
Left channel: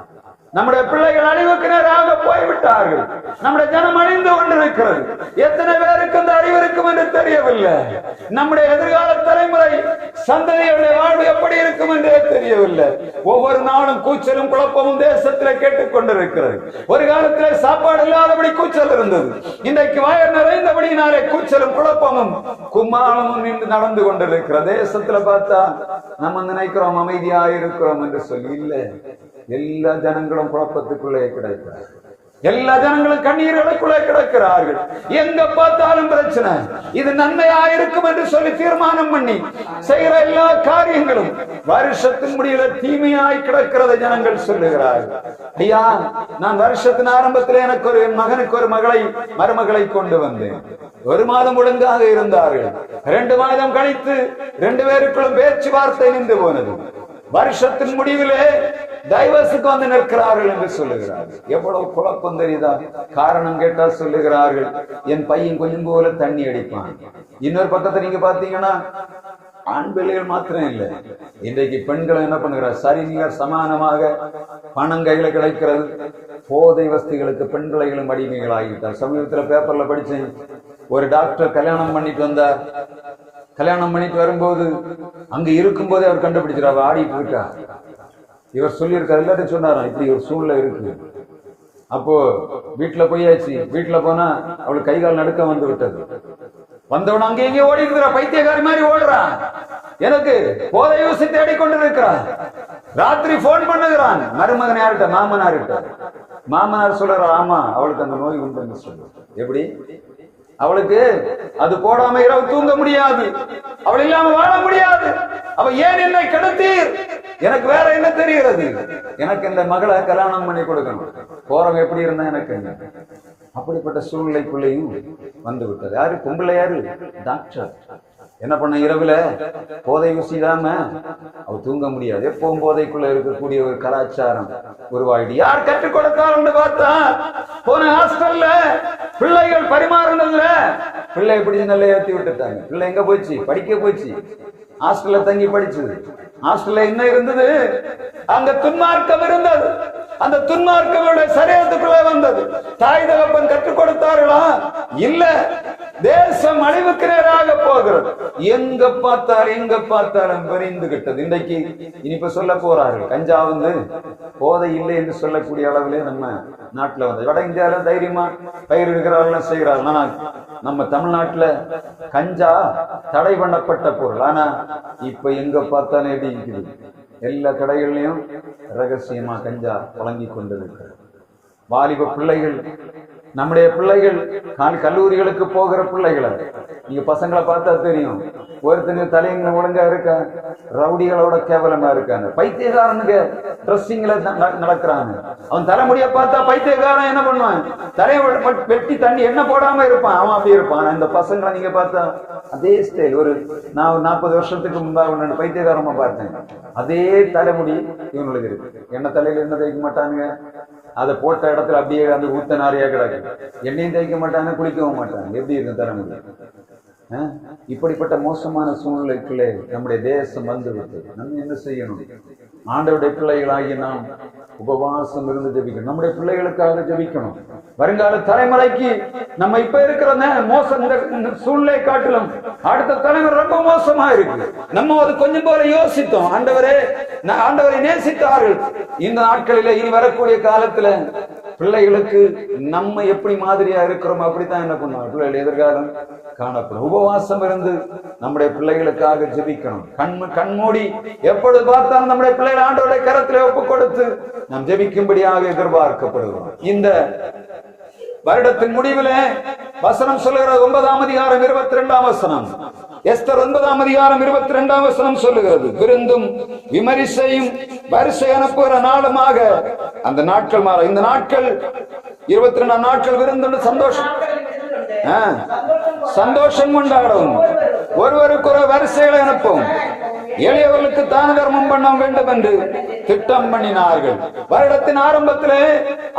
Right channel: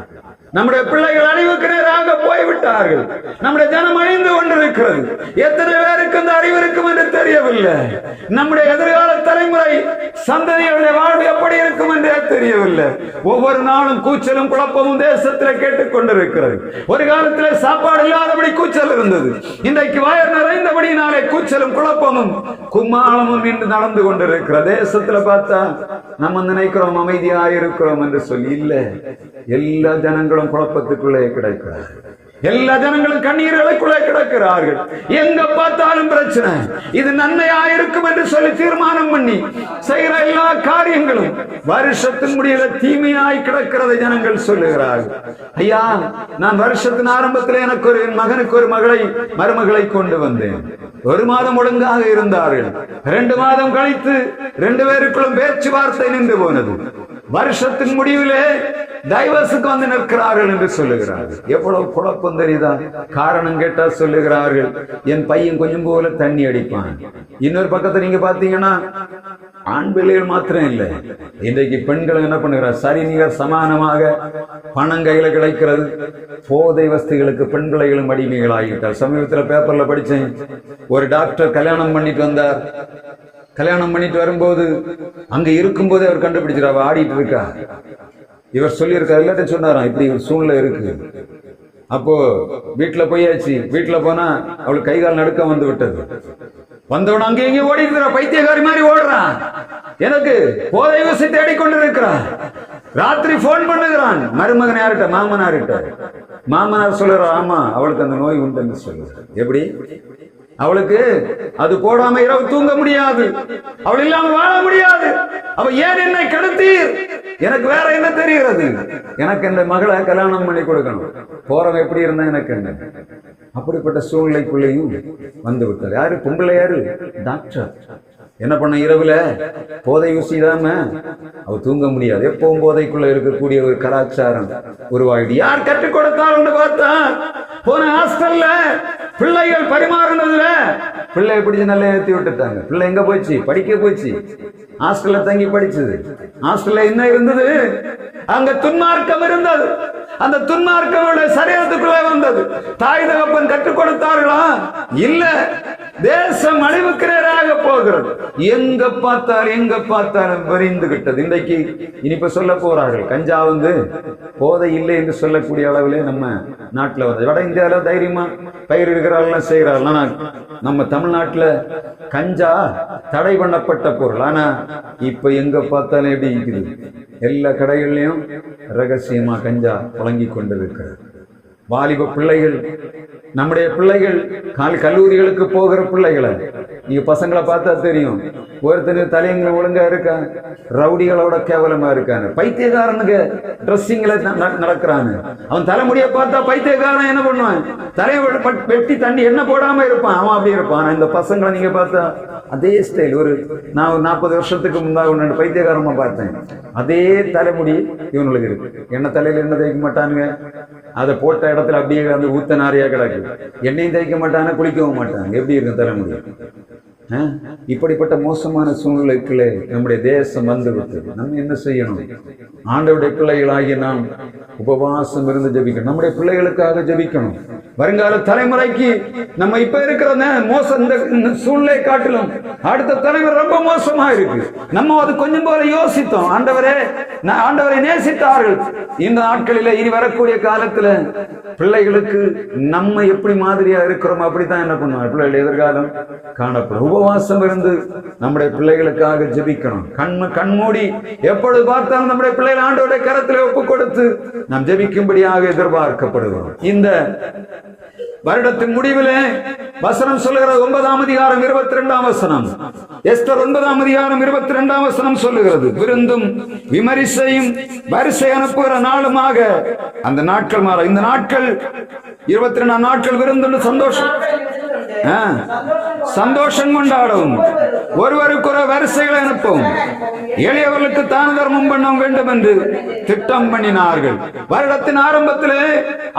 நம்முடைய பிள்ளைகள் அழிவுக்கு நேராக போய்விட்டார்கள். நம்முடைய ஜனம் அழிந்து கொண்டிருக்கிறது. எத்தனை பேருக்கு அந்த அறிவு இருக்கும் என்று தெரியவில்லை. நம்முடைய எதிர்கால தலைமுறை சந்ததிகளுடைய வாழ்வு எப்படி இருக்கும் என்றே தெரியவில்லை. ஒவ்வொரு நாளும் கூச்சலும் குழப்பமும் தேசத்தில் கேட்டுக் கொண்டிருக்கிறது. ஒரு காலத்தில் சாப்பாடு இல்லாதபடி கூச்சல் இருந்தது. இன்றைக்கு வயர் நிறைந்தபடினாலே கூச்சலும் குழப்பமும் கும்மாளமும் இன்று நடந்து கொண்டிருக்கிற தேசத்துல பார்த்தா நம்ம நினைக்கிறோம் அமைதியாக இருக்கிறோம் என்று சொல்லி இல்லை. எல்லா ஜனங்களும் குழப்பத்துக்குள்ளே கிடக்கிறார்கள். எல்லா ஜனங்களும் கண்ணீர்களுக்குள்ளே கிடக்கிறார்கள். எங்க பார்த்தாலும் பிரச்சனை. இது நன்மையா இருக்கும் என்று சொல்லி தீர்மானம் பண்ணி செய்கிற எல்லா காரியங்களும் வருஷத்தின் முடியல தீமையாய் கிடக்கிறதை ஜனங்கள் சொல்லுகிறார்கள். ஐயா, நான் வருஷத்தின் ஆரம்பத்தில் எனக்கு என் மகனுக்கு ஒரு மருமகளை கொண்டு வந்தேன். 1 மாதம் ஒழுங்காக இருந்தார்கள். 2 மாதம் கழித்து 2 பேருக்குள்ளும் பேச்சுவார்த்தை நின்று போனது. வருஷத்தின் முடிவிலே டைவர்ஸுக்கு வந்து நிற்கிறார்கள் என்று சொல்லுகிறார்கள். எவ்வளவு குழப்பம் தெரியுதா? காரணம் கேட்டா சொல்லுகிறார்கள், என் பையன் கொஞ்சம் போல தண்ணி அடிப்பான். இன்னொரு பக்கத்தை நீங்க பாத்தீங்கன்னா ஆண் பிள்ளைகள் மாத்திரம் இல்லை, இன்றைக்கு பெண்கள் என்ன பண்ணுகிறார்? சரிநிகர் சமானமாக பணம் கையில கிடைக்கிறது. போதை வஸ்துகளுக்கு பெண் பிள்ளைகளும் அடிமைகள் ஆகிவிட்டார். சமீபத்தில் பேப்பர்ல படிச்சேன், ஒரு டாக்டர் கல்யாணம் பண்ணிட்டு வந்தார். கல்யாணம் பண்ணிட்டு வரும்போது அங்க இருக்கும் போதே அவர் கண்டுபிடிச்சிருக்காரு, ஆடிட்டு இருக்கா. இவர் சொல்லியிருக்காரு, எல்லாத்தையும் சொன்னாராம், இப்படி ஒரு சூழ்நிலை இருக்கு. அப்போ வீட்டுல போயாச்சு. வீட்டுல போனா அவளுக்கு கை கால் நடுக்கம் வந்து விட்டது. வந்தவன அங்கே இங்கே ஓடி இருக்கிறா, பைத்தியக்காரி மாதிரி ஓடுறான். எனக்கு போதை ஊசி தேடிக்கொண்டு இருக்கிறான். ராத்திரி போன் பண்ணுகிறான். மருமகன் யார்கிட்ட? மாமனார்கிட்ட. மாமனார் சொல்லுறா, ஆமா அவளுக்கு அந்த நோய் உண்டு சொல்லுற. எப்படி? அவளுக்கு அது போடாம இரவு தூங்க முடியாது, அவள் இல்லாம வாழ முடியாது. அவ ஏன் என்னை கெடுத்தீர்? எனக்கு வேற என்ன தெரிகிறது? எனக்கு இந்த மகளை கல்யாணம் பண்ணி கொடுக்கணும். போறவங்க எப்படி இருந்தா எனக்கு என்ன? அப்படிப்பட்ட சூழ்நிலைக்குள்ளேயும் வந்து விட்டார். யாரு? பொம்பளை யாரு? டாக்டர். என்ன பண்ண, இரவுல போதை ஊசிடாம அவ தூங்க முடியாது. எப்பவும் போதைக்குள்ள இருக்கக்கூடிய ஒரு கலாச்சாரம் உருவாகிடு. யார் கற்றுக் கொடுத்தாலும் பார்த்தா போன ஹாஸ்டல்ல பிள்ளைகள் பரிமாறினதுல பிள்ளை பிடிச்சு நல்லா ஏற்றி விட்டுட்டாங்க. பிள்ளை எங்க போச்சு? படிக்க போச்சு. ஹாஸ்டல்ல தங்கி படிச்சது. ஹாஸ்டல்ல என்ன இருந்தது? அங்க துன்மார்க்கம் இருந்தது. அந்த துன்மார்க்கம் சரீரத்துக்குள்ள வந்தது. தாய் தகப்பன் கற்றுக் கொடுத்தார்களா? இல்ல. தேசம் அழிவுக்கு நேராக போகிறது. எங்க பார்த்தாலும் விரிந்து விட்டது. இன்றைக்கு இனிப்ப சொல்ல போறார்கள், கஞ்சா போதை இல்லை என்று சொல்லக்கூடிய அளவிலே நம்ம நாட்டுல வட இந்தியாவில தைரியமா பயிரிடுகிறார்கள், செய்கிறார்கள். ஆனா நம்ம தமிழ்நாட்டுல கஞ்சா தடை பண்ணப்பட்ட பொருள். ஆனா இப்ப எங்க பார்த்தாலும் எப்படி இருக்குது? எல்லா கடைகள்லயும் ரகசியமா கஞ்சா வழங்கி கொண்டிருக்கிறது. வாலிப பிள்ளைகள், நம்முடைய பிள்ளைகள் கல்லூரிகளுக்கு போகிற பிள்ளைகளை நீங்க பசங்களை பார்த்தா தெரியும். ஒருத்தனு தலையங்க ஒழுங்கா இருக்க, ரவுடிகளோட கேவலமா இருக்காங்க. பைத்தியக்காரனுக்கு ட்ரெஸ்ஸிங்ல நடக்கிறாங்க. அவன் தலைமுடிய பார்த்தா பைத்தியக்காரன் என்ன பண்ணுவான்? தலையை வெட்டி தண்ணி என்ன போடாம இருப்பான். அவன் அப்படி இருப்பான். இந்த பசங்களை நீங்க பார்த்தா அதே ஸ்டைல். நான் 40 வருஷத்துக்கு முன்பாக ஒன்று பைத்தியக்காரமா பார்த்தேன். அதே தலைமுடி இவங்களுக்கு இருக்கு. என்ன தலையில என்ன தேய்க்க மாட்டானுங்க, அதை போட்ட இடத்துல அப்படியே அந்த ஊத்த நாரியா கிடக்கு. எண்ணெயும் தேய்க்க மாட்டாங்க, குளிக்கவும் மாட்டாங்க. எப்படி இருக்கும் தலைமுடி? இப்படிப்பட்ட மோசமான சூழ்நிலைக்குள்ளே நம்முடைய தேசம் வந்து விட்டது. நம்ம என்ன செய்யணும்? ஆண்டவருடைய பிள்ளைகளாகிய நாம் உபவாசம் இருந்து ஜெபிக்கணும். நம்முடைய பிள்ளைகளுக்காக ஜெபிக்கணும். வருங்கால தலைமுறைக்கு நம்ம இப்ப இருக்கிற மோசம், இந்த சூழ்நிலை காட்டிலும் அடுத்த தலைமுறை ரொம்ப மோசமா இருக்கு. நம்ம அது கொஞ்சம் போல யோசித்தோம். ஆண்டவரை நேசித்தார்கள். இந்த நாட்களில இனி வரக்கூடிய காலத்துல பிள்ளைகளுக்கு நம்ம எப்படி மாதிரியா இருக்கிறோம் அப்படித்தான் என்ன பண்ணுவோம். பிள்ளைகள் எதிர்காலம் காணப்படும். உபவாசம் இருந்து நம்முடைய பிள்ளைகளுக்காக ஜெபிக்கணும். கண்மூடி எப்பொழுது பார்த்தாலும் நம்முடைய பிள்ளைகள் ஆண்டவருடைய கரத்திலே ஒப்பு கொடுத்து நாம் ஜெபிக்கும்படியாக எதிர்பார்க்கப்படுகிறோம். இந்த வருடத்தின் முடிவிலே வசனம் சொல்லுகிறது, 9ஆம் அதிகாரம் 22ஆம் வசனம். எஸ்தர் 9ஆம் அதிகாரம் 22ஆம் வசனம் சொல்லுகிறது, விருந்தும் விமரிசையும் வரிசை அனுப்புகிற நாளுமாக அந்த நாட்கள் மாற. இந்த நாட்கள் 22 நாட்கள் விருந்து சந்தோஷம் கொண்டாடும். ஒருவருக்கு ஒரு வரிசைகளை அனுப்பும். எளியவர்களுக்கு தான தர்மம் பண்ண வேண்டும் என்று திட்டம் பண்ணினார்கள். வருடத்தின் ஆரம்பத்திலே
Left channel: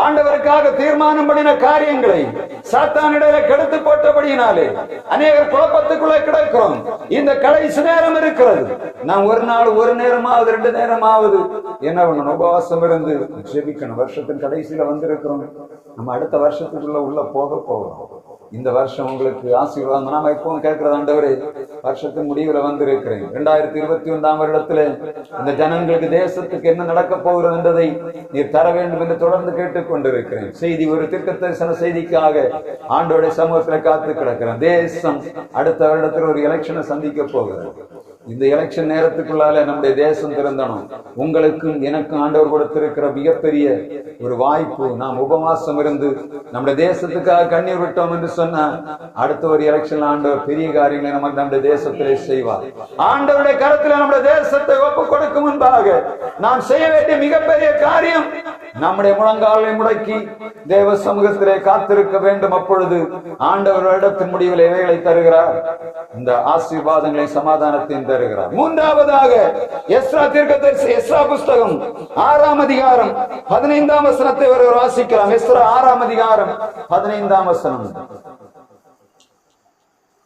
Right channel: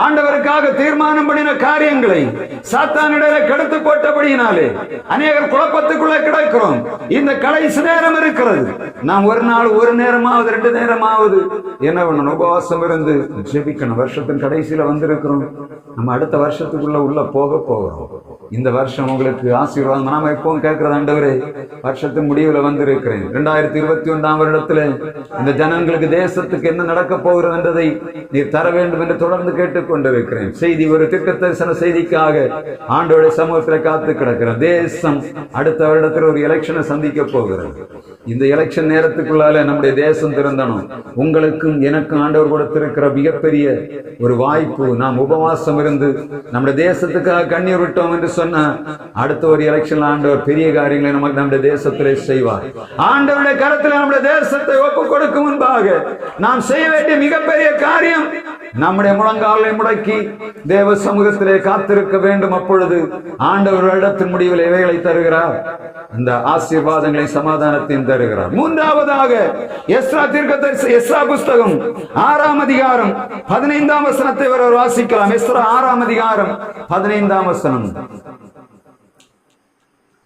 ஆண்டவருக்காக தீர்மானம் பண்ணின காரியங்களை சாத்தானிடையில கெடுத்து போட்டபடியினாலே அநேகர் குழப்பத்துக்குள்ளே கிடைக்கிறோம். இந்த கடைசி நேரம் இருக்கிறது. நாம் ஒரு நாள் ஒரு நேரமாவது 2 நேரமாவது என்ன பண்ணணும்? உபவாசம் இருந்து ஜெபிக்கணும். வருஷத்தின் கடைசியில வந்திருக்கிறோம். நம்ம அடுத்த வருஷத்துக்குள்ள உள்ள போகிறோம். இந்த வருஷம் உங்களுக்கு ஆசீர்வாதம். நாம எப்பவும் கேட்கிறது, ஆண்டவரே வருஷத்தின் முடிவுல வந்திருக்கிறேன். 2021ஆம் வருடத்துல இந்த ஜனங்களுக்கு தேசத்துக்கு என்ன நடக்க போகிறது என்றதை நீர் தர வேண்டும் என்று தொடர்ந்து கேட்டுக்கொண்டிருக்கிறேன். செய்தி ஒரு திட்ட தரிசன செய்திக்காக ஆண்டோட சமூகத்துல காத்து கிடக்கிறேன். தேசம் அடுத்த வருடத்துல ஒரு எலெக்ஷனை சந்திக்க போகிறது. இந்த எலெக்ஷன் நேரத்துக்குள்ளால நம்முடைய தேசம் திறந்தணும். உங்களுக்கும் எனக்கும் ஆண்டவர் கொடுத்திருக்கிற மிகப்பெரிய ஒரு வாய்ப்பு. நாம் உபவாசம் இருந்து நம்முடைய தேசத்துக்காக கண்ணீர் விட்டோம் என்று சொன்னா அடுத்த ஒரு எலெக்ஷன் ஆண்டவர் பெரிய காரியங்களை நமக்கு நம்முடைய தேசத்திலே செய்வார். ஆண்டவருடைய கரத்தில் நம்முடைய தேசத்தை ஒப்பு கொடுக்கும் முன்பாக நாம் செய்ய வேண்டிய மிகப்பெரிய காரியம் நம்முடைய முழங்காலை முடக்கி தேவ சமூகத்திலே காத்திருக்க வேண்டும். அப்பொழுது ஆண்டவர் இடத்தின் முடிவில் இவைகளை தருகிறார். இந்த ஆசீர்வாதங்களை சமாதானத்தையும் தருகிறார். மூன்றாவதாக எஸ்ரா புஸ்தகம் 6ஆம் அதிகாரம் 15ஆம் வசனத்தை ஒருவர் வாசிக்கலாம். எஸ்ரா 6ஆம் அதிகாரம் 15ஆம் வசனம்.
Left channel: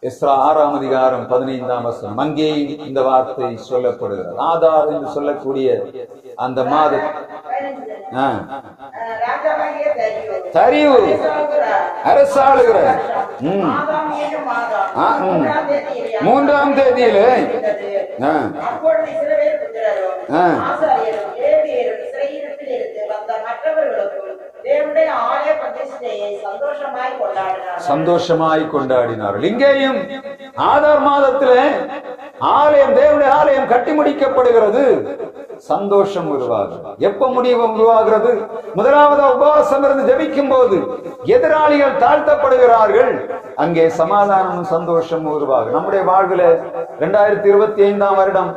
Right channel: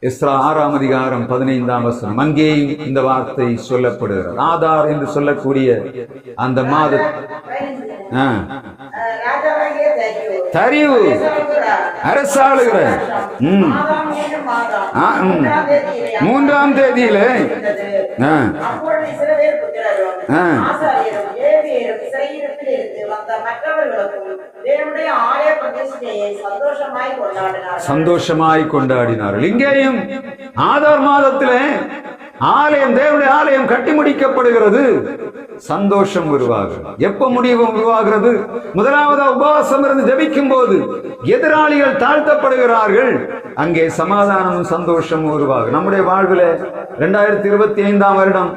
எஸ்ரா 6ஆம் அதிகாரம் 15ஆம் வசனம். அங்கேயும் இந்த வார்த்தை சொல்லப்படுகிறது. ஆதார் என்று சொல்லக்கூடிய அந்த மாத தரிவு அரசாளுகிற 3ஆம் தேதியிலே சந்தோஷமாய் கொண்டாடினார்கள். இங்கேயும் ஆதார் மாதத்திலே ஆலயம், தேவனுடைய ஆலயம் கட்டி முடிக்கப்படுகிறது. சந்தோஷம் உருவாகிறது. எப்ப முடிவும் உருவாகிறது? முதலாவது உபவாசம் இருந்து ஜெபிக்கும் போது எதிராளிகள் தாழ்த்தப்படுகிறார்கள். அங்கே சமாதானமும் சந்தோஷமும் உருவாகும். நம்முடைய வாழ்வில் 2025 வருடம்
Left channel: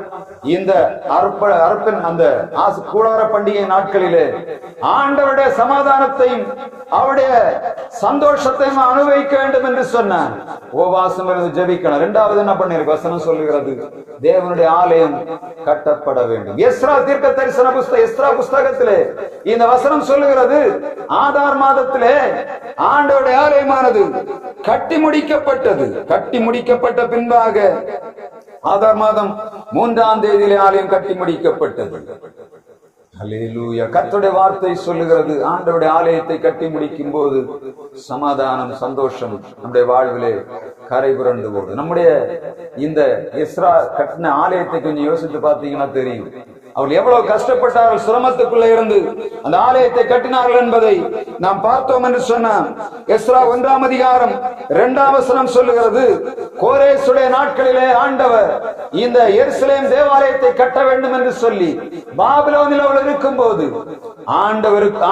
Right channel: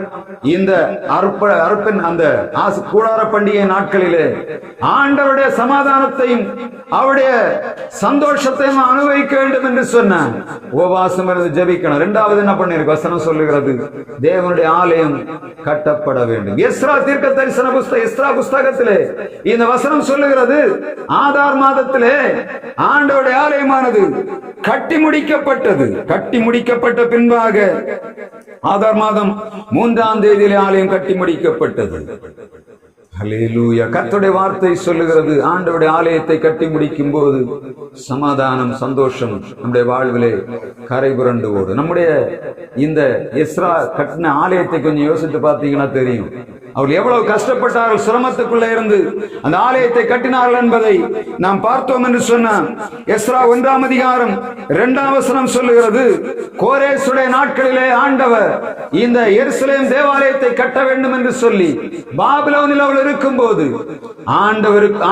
இந்த அர்ப்பன் அந்த கூடார பண்டிகை நாட்களிலே ஆண்டவருடைய சமாதானத்தையும் அவருடைய சந்தோஷத்தையும் அனுபவிக்க வேண்டும் என்று சொன்ன உபவாசம் இருந்து ஜெபிக்கணும். இரண்டாவது என்ன பண்ணிருக்கு வசனம் சொல்லுகிறது, தேவனுடைய ஆலயம் கட்டப்பட வேண்டும். எஸ்ரா தீர்க்க தரிசன எஸ்ரா புஸ்தகத்திலே இந்த வசனம் சொல்லுகிறது, ஆதார் மாதத்திலே ஆண்டவருடைய ஆலயமானது கட்டி முடிக்கப்பட்டது. கட்டி முடிக்கப்பட்ட பின்பாக ஆதார் மாதம் 3ஆம் தேதியிலே ஆலயம் கட்டி முடிக்கப்பட்டது. ஹல்லேலூயா. கர்த்தருடைய வார்த்தை சொல்லுகிறது, ஆண்டவருடைய ஆலயத்தை கட்டி முடிக்கும் போது சமாதானம் சந்தோஷம் நம்முடைய வாழ்விலே கரை புரண்டு ஓடும். நம்முடைய இந்த எஸ்ரா கட்டின ஆலயத்தை கொஞ்சம் யோசித்து பார்த்தீங்கன்னா தெரியும், அவர்கள் எவ்வளவு கஷ்டப்பட்டார்கள், சிரமத்துக்குள்ள இருந்து அந்த ஆலயத்தை கட்டினார்கள் என்பதை நாம் பார்த்தோம் என்று சொன்னா எஸ்ரா 1ஆம் அதிகாரம் 2ஆம் வசனம் சொல்லுகிறது, கோரேசுடைய நாட்களிலே ஆண்டவர் இந்த எருசலேம் தேவாலயத்தை கட்ட வேண்டும் என்று சொல்லி பாபிலோனில் அவள் இருக்கும் போது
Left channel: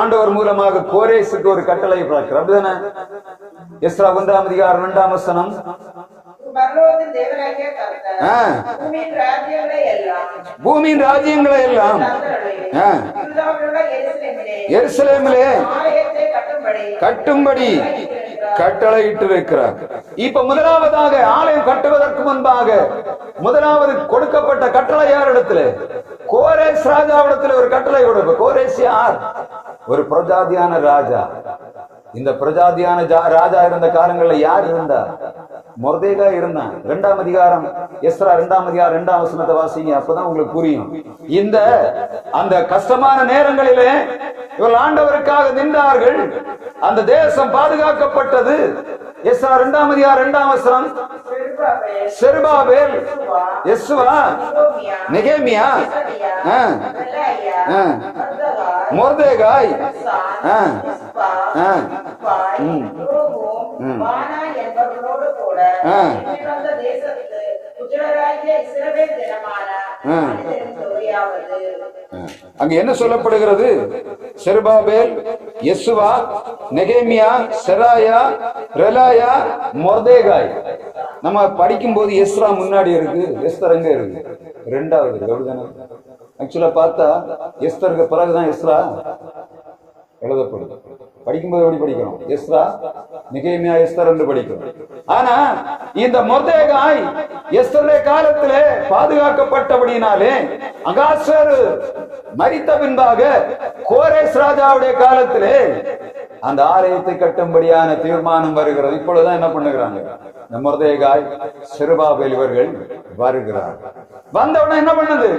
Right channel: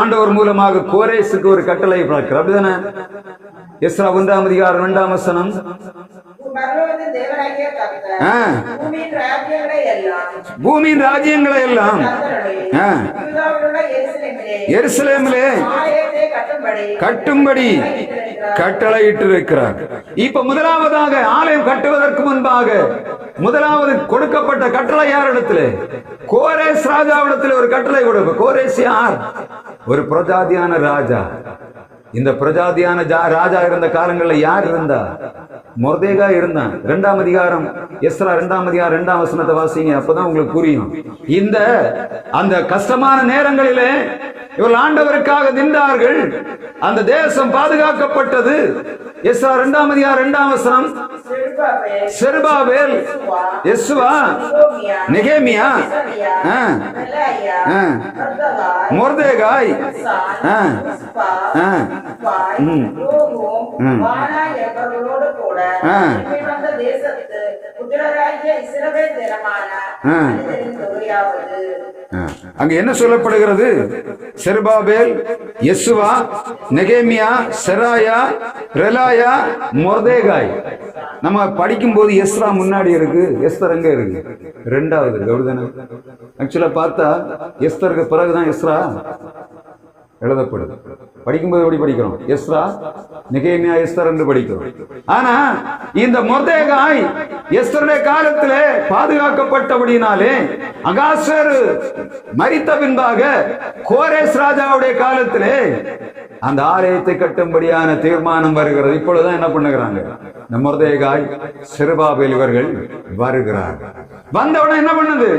ஆண்டவர் மூலமாக கோரேசுக்கு ஒரு கட்டளை பிறக்கிறது. அப்படிதானே? எஸ்ரா 1ஆம் அதிகாரம் 2ஆம் வசனம், பூமியின் ராஜ்யங்களை எல்லாம் எருசலேமிலே கட்டும்படி கட்டளையிட்டிருக்கிறார். இப்ப முதலாவதாக ஆலயம் கட்டுவதற்கு முன்பாக முதலாவது கொடுக்கப்பட்ட கட்டளை யாரிடத்திலே? கோரேஸ் ராஜாவிடத்தில் ஒரு கட்டளை கொடுக்க. கோரேஸ் யார்? ஒரு பிரஜாதியான ராஜா. இந்த பிரஜாதியான ராஜா இருந்த காலங்களில் யார் இருந்தா? மொர்தேகாய் இருந்தான். 2ஆம் அதிகாரம் எஸ்ரா 2ஆம் அதிகாரம் 2ஆம் வசனத்தை வாசிங்க, அப்பதான் உங்களுக்கு புரியும். இந்த அந்த கஷ்டமான நேரங்களிலே இவர்கள் ஆண்டவருக்காக நின்றார்கள். அந்த தேசம் பாதுகாக்கப்பட்டது. எஸ்ரா 2ஆம் அதிகாரம் 2ஆம் வசனம், செருபாபேல், யெசுவா, நெகேமியா, மொர்தேகாய், அங்க என்ன சொல்லப்படுகிறது? செருபாபேல், யெசுவா, நெகேமியா, செராயா, ரெலாயா, மொர்தேகாய். நம்ம படிக்கும் போது எஸ்ரா முன்னாடி இருக்கு, எஸ்தர் எங்க இருக்கு? 2வது இருக்கு. அப்படிதானே? ஆக்சுவலா பார்த்தா எஸ்தருக்கு பிறகுதான் எஸ்ரா எழுதப்படுது. படிக்கும்போது எப்படி படிக்கிறோம்? எஸ்ரா, நெகேமியா, எஸ்தர் என்று படிக்கிறோம். ஆனா இந்த மொர்தேகாய் எஸ்தருடைய காலத்திலே பாதுகாக்கப்பட்டபடினாலே அகாஸ்வேரு மரித்த பின்பாக கோரேஸ் ராஜாவுடைய காலத்திலே அந்த ஆலயத்தை கட்டும்படியான தீர்மானம் வருகிறது. இப்பொழுதுதான் என்ன பண்ணுகிறாங்க? மொர்தேகாய், செருபாபேல் இவர்கள் வருகிறார்கள். வந்தவுடன் என்ன பண்ணது?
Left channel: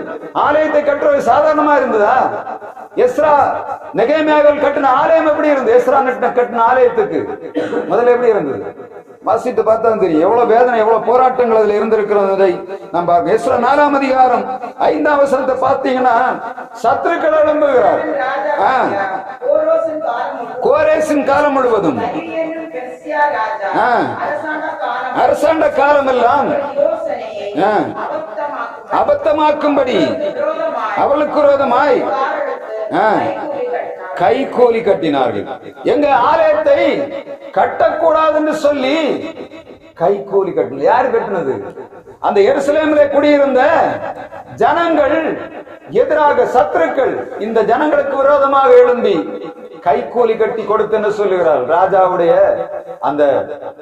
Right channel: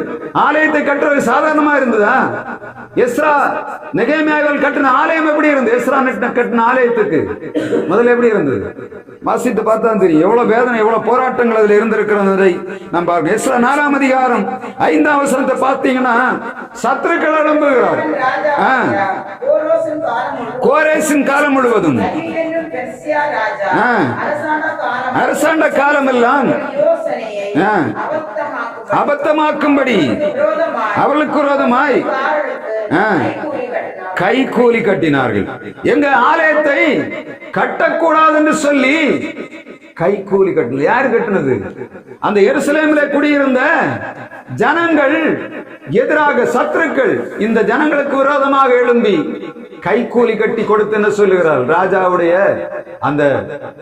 ஆலயத்தை கட்டுறது சாதாரணமா இருந்ததா? எஸ்ரா நெகேமியாவில் கட்டின ஆலயம் எப்படி இருந்தது? எஸ்ரா கட்டின ஆலயத்துக்கு முதல்ல எப்படி இருந்தது? வாசித்து பார்த்தா தெரியும் எவ்வளவு வேதனை, எவ்வளவு போராட்டங்கள் அதுல இருந்திருக்கிறதை நாம் பார்க்கணும். எஸ்ரா 4ஆம் அதிகாரம் 5ஆம் வசனத்தை பார்த்தீங்கன்னா சத்துருக்கள் எழும்புகிறார். கோரேசின் காலம் முழுவதும் அரசாண்ட காலம் எல்லாம் அபத்தமாக்கும்படி அவளுக்கு விரோதமாய் கைகூலி கட்டினார்கள். எங்க ஆலயத்தை கட்டக்கூடாது என்று சொல்லி கைகூலி கட்டினது. யாரு கட்டினது? அந்த எருசலேமிலே குடியிருந்த ஜனங்கள் எதிராக சத்துருக்கள் இந்த ஜனங்களுக்கு விரோதமாக எழும்பி கைகூலி கட்டி கொடுத்து என்ன சொல்லுகிறார்? ராஜாவுடைய அந்த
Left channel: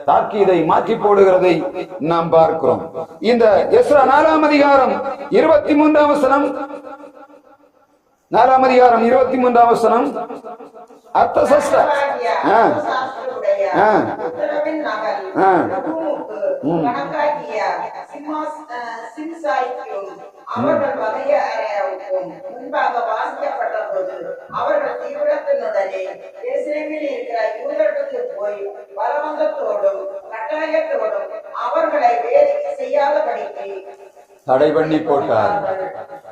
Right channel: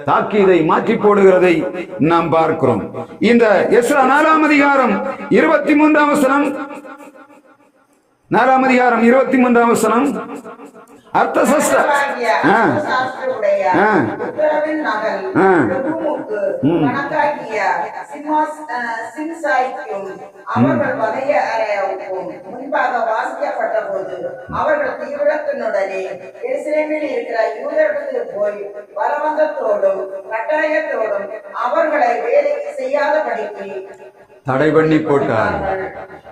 தாக்கீதை மாற்றி போடுகிறதை நாம் பார்க்கிறோம். இந்த எஸ்ரா 4ஆம் அதிகாரம் 23ஆம் வசனம், 4ஆம் அதிகாரம் 23ஆம் வசனம், அர்த்தசஷ்ட அவர்கள் வதைய முன்பாக வாசிக்கப்பட்ட போது அவர்கள் தீவிரத்தினுடனே எருசலேமில் இருக்கிற யூதர்களுக்கு போய் பலவந்தத்தோடும் கட்டாயத்தோடும் அவர்களை வேலை செய்யாதபடிக்கு தடை பண்ணி போட்டார்.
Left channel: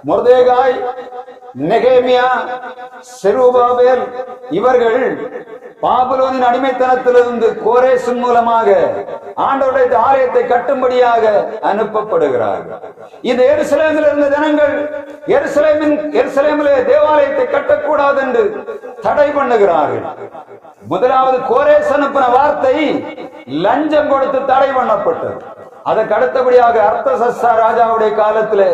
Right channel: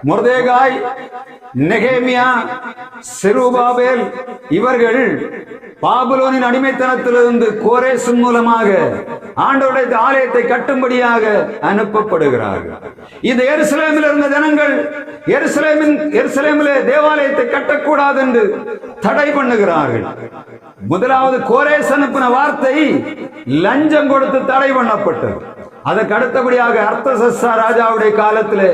மொர்தேகாய், நெகேமியா, செருபாபேல் இவர்கள் பாபிலோனின் அடிமைத்தனத்திலிருந்து கோரேசின் மூலமாக ஆண்டவருடைய ஆலயத்தை கட்டும்படியாக அனுப்பப்படுகிறார்கள். இந்த எருசலேமில் இருந்த ஜனங்கள் எருசலேமிலே தேவாலயத்தை கட்டக்கூடாது என்று தடை பண்ணுகிறார்கள். முதலாவது கோரேஸ் அனுப்பின வார்த்தை லஞ்சம் கொடுத்து தடை பண்ணப்பட்டது. அதற்கு அடுத்தபடியாக அர்த்தசஷ்டா ராஜாவுடைய காலத்திலே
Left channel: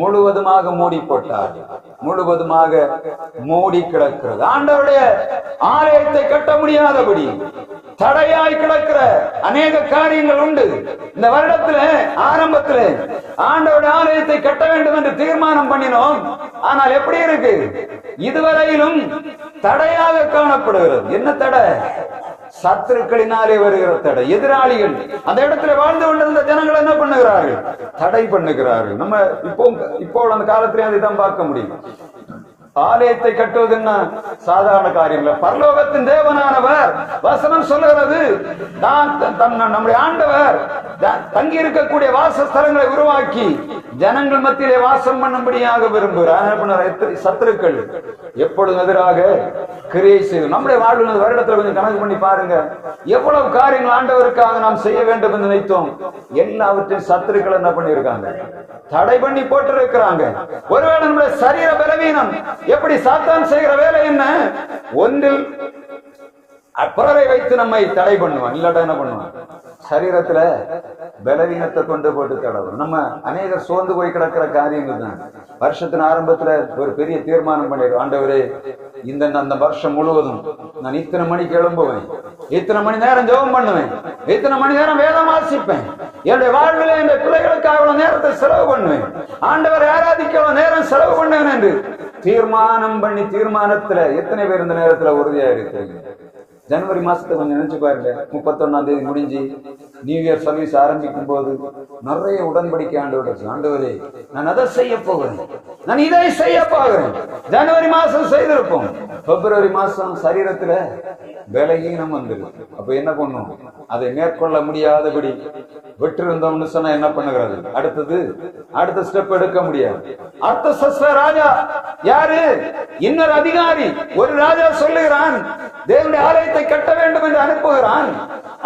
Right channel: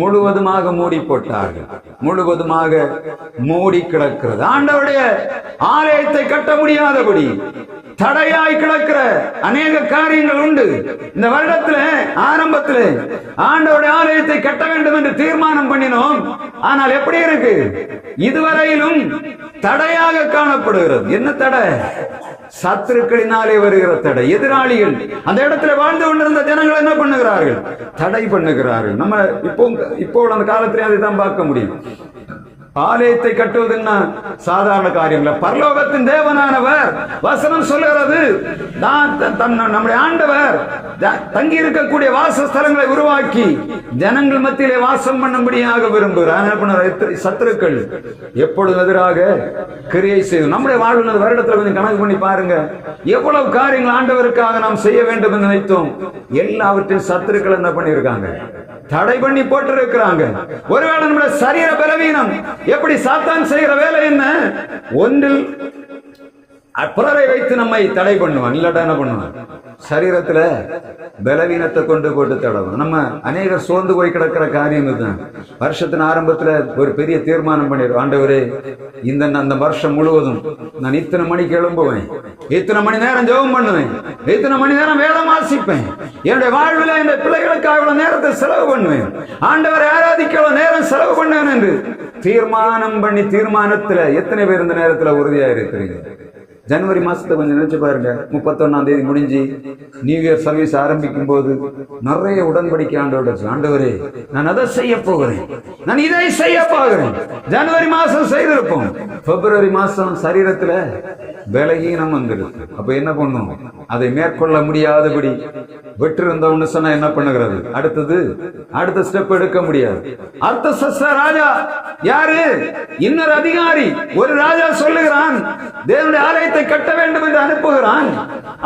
முழுவதுமாக மூடி போட்டார்கள். முழுவதுமாக மூடி கிடக்கிறது. ஆண்டவருடைய ஆலயத்தை கட்ட முடியாதபடி தடையாய் கிடக்கிற அநேக காரியங்கள் உண்டு. இந்த வருடத்துல ஆரம்பத்துல ஆண்டவருடைய ஆலயத்தை கட்ட வேண்டும் என்று தீர்மானம் பண்ணினோம். ஆனால் எப்படி இருக்கு? இதுவரையிலும் தடையாக காணப்படுகிறது. என்ன தடை? சத்துருக்களினாலே வருகிற தடை. எதிராளிகள் அந்த இடத்துல வாழ்ந்து கொண்டிருந்த ஜனங்கள் என்ன பண்ணுகிறார்கள்? தடை பண்ணுகிறார்கள். நம்ம இப்போ அந்த காலத்திலே அதை தான் பார்க்க முடியும். ஆலயத்தை கட்டுவதுன்னா சாதாரண காரியம் இல்ல. பரலோகத்தின் தேவனானவர் வசனம் சொல்லுகிறது, நம்முடைய ஆண்டவர் தங்கி இருக்கக்கூடிய வாசஸ்தலங்களை உருவாக்கி ஜனங்கள் மத்தியிலே வாசம் பண்ணும்படியாக விரும்புகிறார். சத்துருக்கள் எப்பொழுது எதிராக கிரியை செய்து நம்முடைய வாழ்வு வருடத்துல கொஞ்சம் கணக்கு பண்ணி பாருங்க, எவ்வளவு காரியங்கள் ஆண்டவருக்காக நாம் செய்ய வேண்டும் என்று நினைத்தோம். எல்லாவற்றையும் சத்துருக்கள் என்ன பண்ணியிருக்காங்க? தடை பண்ணி போட்டு இருக்கிறாங்க. ஒருவேளை நம்முடைய சரீர பலவீனம், எப்படி சாத்தான் செய்கிற வேலை என்ன? ஒன்றில் பிறரை வைத்து நம்மை தடை பண்ணுவான். இல்லாட்டா என்ன பண்ணுவான்? சரீரத்துல பலவீனத்தை கொண்டு போட்டு தடவும். நம்ம அநேகர் சோர்ந்து போய் கிடக்கிற காரியம் இதுதான். வருஷத்தின் ஆரம்பத்துல ஒரு பெரிய தீர்மானம் பண்ணிடுவோம், ஆண்டவரே அந்த வருஷம் முழுவதும் நான் இத்தனை மணிக்கு எழும்புவேன், இத்தனை மணி நேரம் ஜெபம் பண்ணுவேன், இத்தனை மணி நேரம் வேதம் வாசிப்பேன், என்னுடைய வாழ்வில் இந்த பிள்ளைகளுக்கு அவ்வளவு நேரத்தை செலவு பண்ணுவேன், ஆண்டவரை ஆராதிக்க அவ்வளவு நேரம் செலவு பண்ணுவேன் என்று தீர்மானம் பண்ணி தீர்மானத்துல எத்தனை பேர் இந்த நேரத்துல உறுதியா இருக்கிறீங்க? ஜனவரி மாசத்தை கொஞ்சம் நினைச்சு பாருங்க. 31ஆம் தேதி முடிஞ்சு நியூ இயர் சர்வீஸ் ஆரம்பிக்கும் போது நிறைய உடன்படிக்கை ஆண்டவரே நான் அதை செய்ய போகிறேன், நான் இதை செய்ய போகிறேன். ஜனவரி மாசம் செய்திருப்போம், பிப்ரவரி மாசம் சரீரத்துல பலகீனம் வந்துருக்கு. அப்ப என்ன பண்ணும்? அதை மேற்கொள்ள முடியாதபடி விட்டிருந்தோம்னு சொன்னா என்ன பண்ணுகிறது? அடுத்த ஸ்டெப் எடுக்க முடியாது. அர்த்தசஷ்டா ராஜா யாரு? இன்னொரு அதிகாரி. ஒரு ராஜா சொல்லுகிறான் தேவனுடைய ஆலயத்தை கட்ட வேண்டும் என்று அனுப்புகிறான்.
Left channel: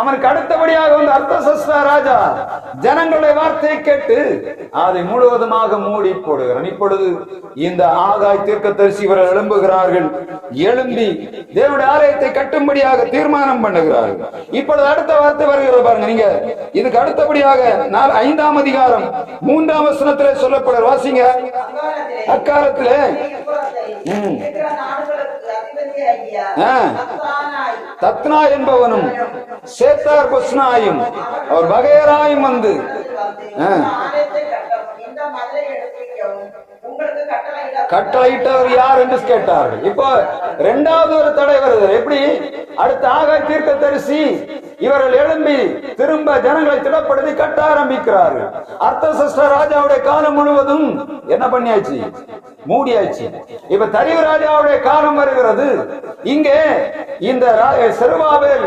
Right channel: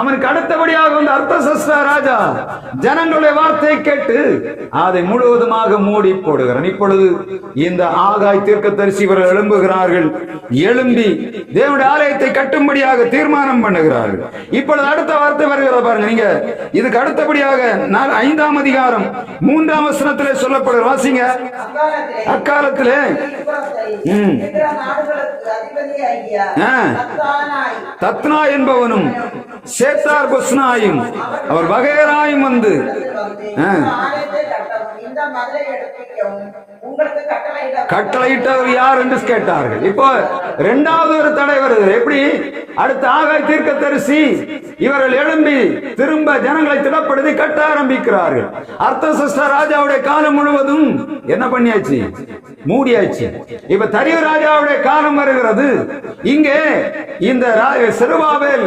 அவனுக்கு அடுத்தபடியாக வந்து அர்த்தசஷ்டா ராஜா ஜனங்களுடைய வார்த்தையை கேட்டு அதை முழுவதுமாக மூடி போடுகிறான். இப்பொழுது இந்த ஆகாய் தீர்க்கதரிசி இவர்கள் எழும்புகிறார்கள். எழும்பி தேவனுடைய ஆலயத்தை கட்டும்படியாக தீர்மானம் பண்ணுகிறார்கள். இப்பொழுது அடுத்த வார்த்தை வருகிறது பாருங்க. நீங்க இதுக்கு அடுத்தபடியாக 5ஆம் அதிகாரம் 3ஆம் வசனத்திலே சொல்லப்படுற வாசிங்க. அக்காலத்திலே தத்னா என்பவனும் சேத்தார் பொஸ்னாயும் அவர் வகையராயும் வந்து கட்டளையிட்டவர் யார் என்று கேட்டார்கள். இப்போ 2வது ஒரு தடை வருது. எப்படி? அடுத்த ஆகாய் தீர்க்கதரிசி இவர்கள் எழும்பி திரும்ப ஜனங்களை திடப்படுத்தி கட்ட ஆரம்பிக்கிறார்கள். அர்த்தசஷ்டா ராஜாவுடைய காலம் முழுவதும் என்ன பண்ணியாச்சு? மூடியாச்சு. இப்ப தரியு ராஜாவுடைய காலம் வருகிறது. இங்கே இந்த செருபாபேல்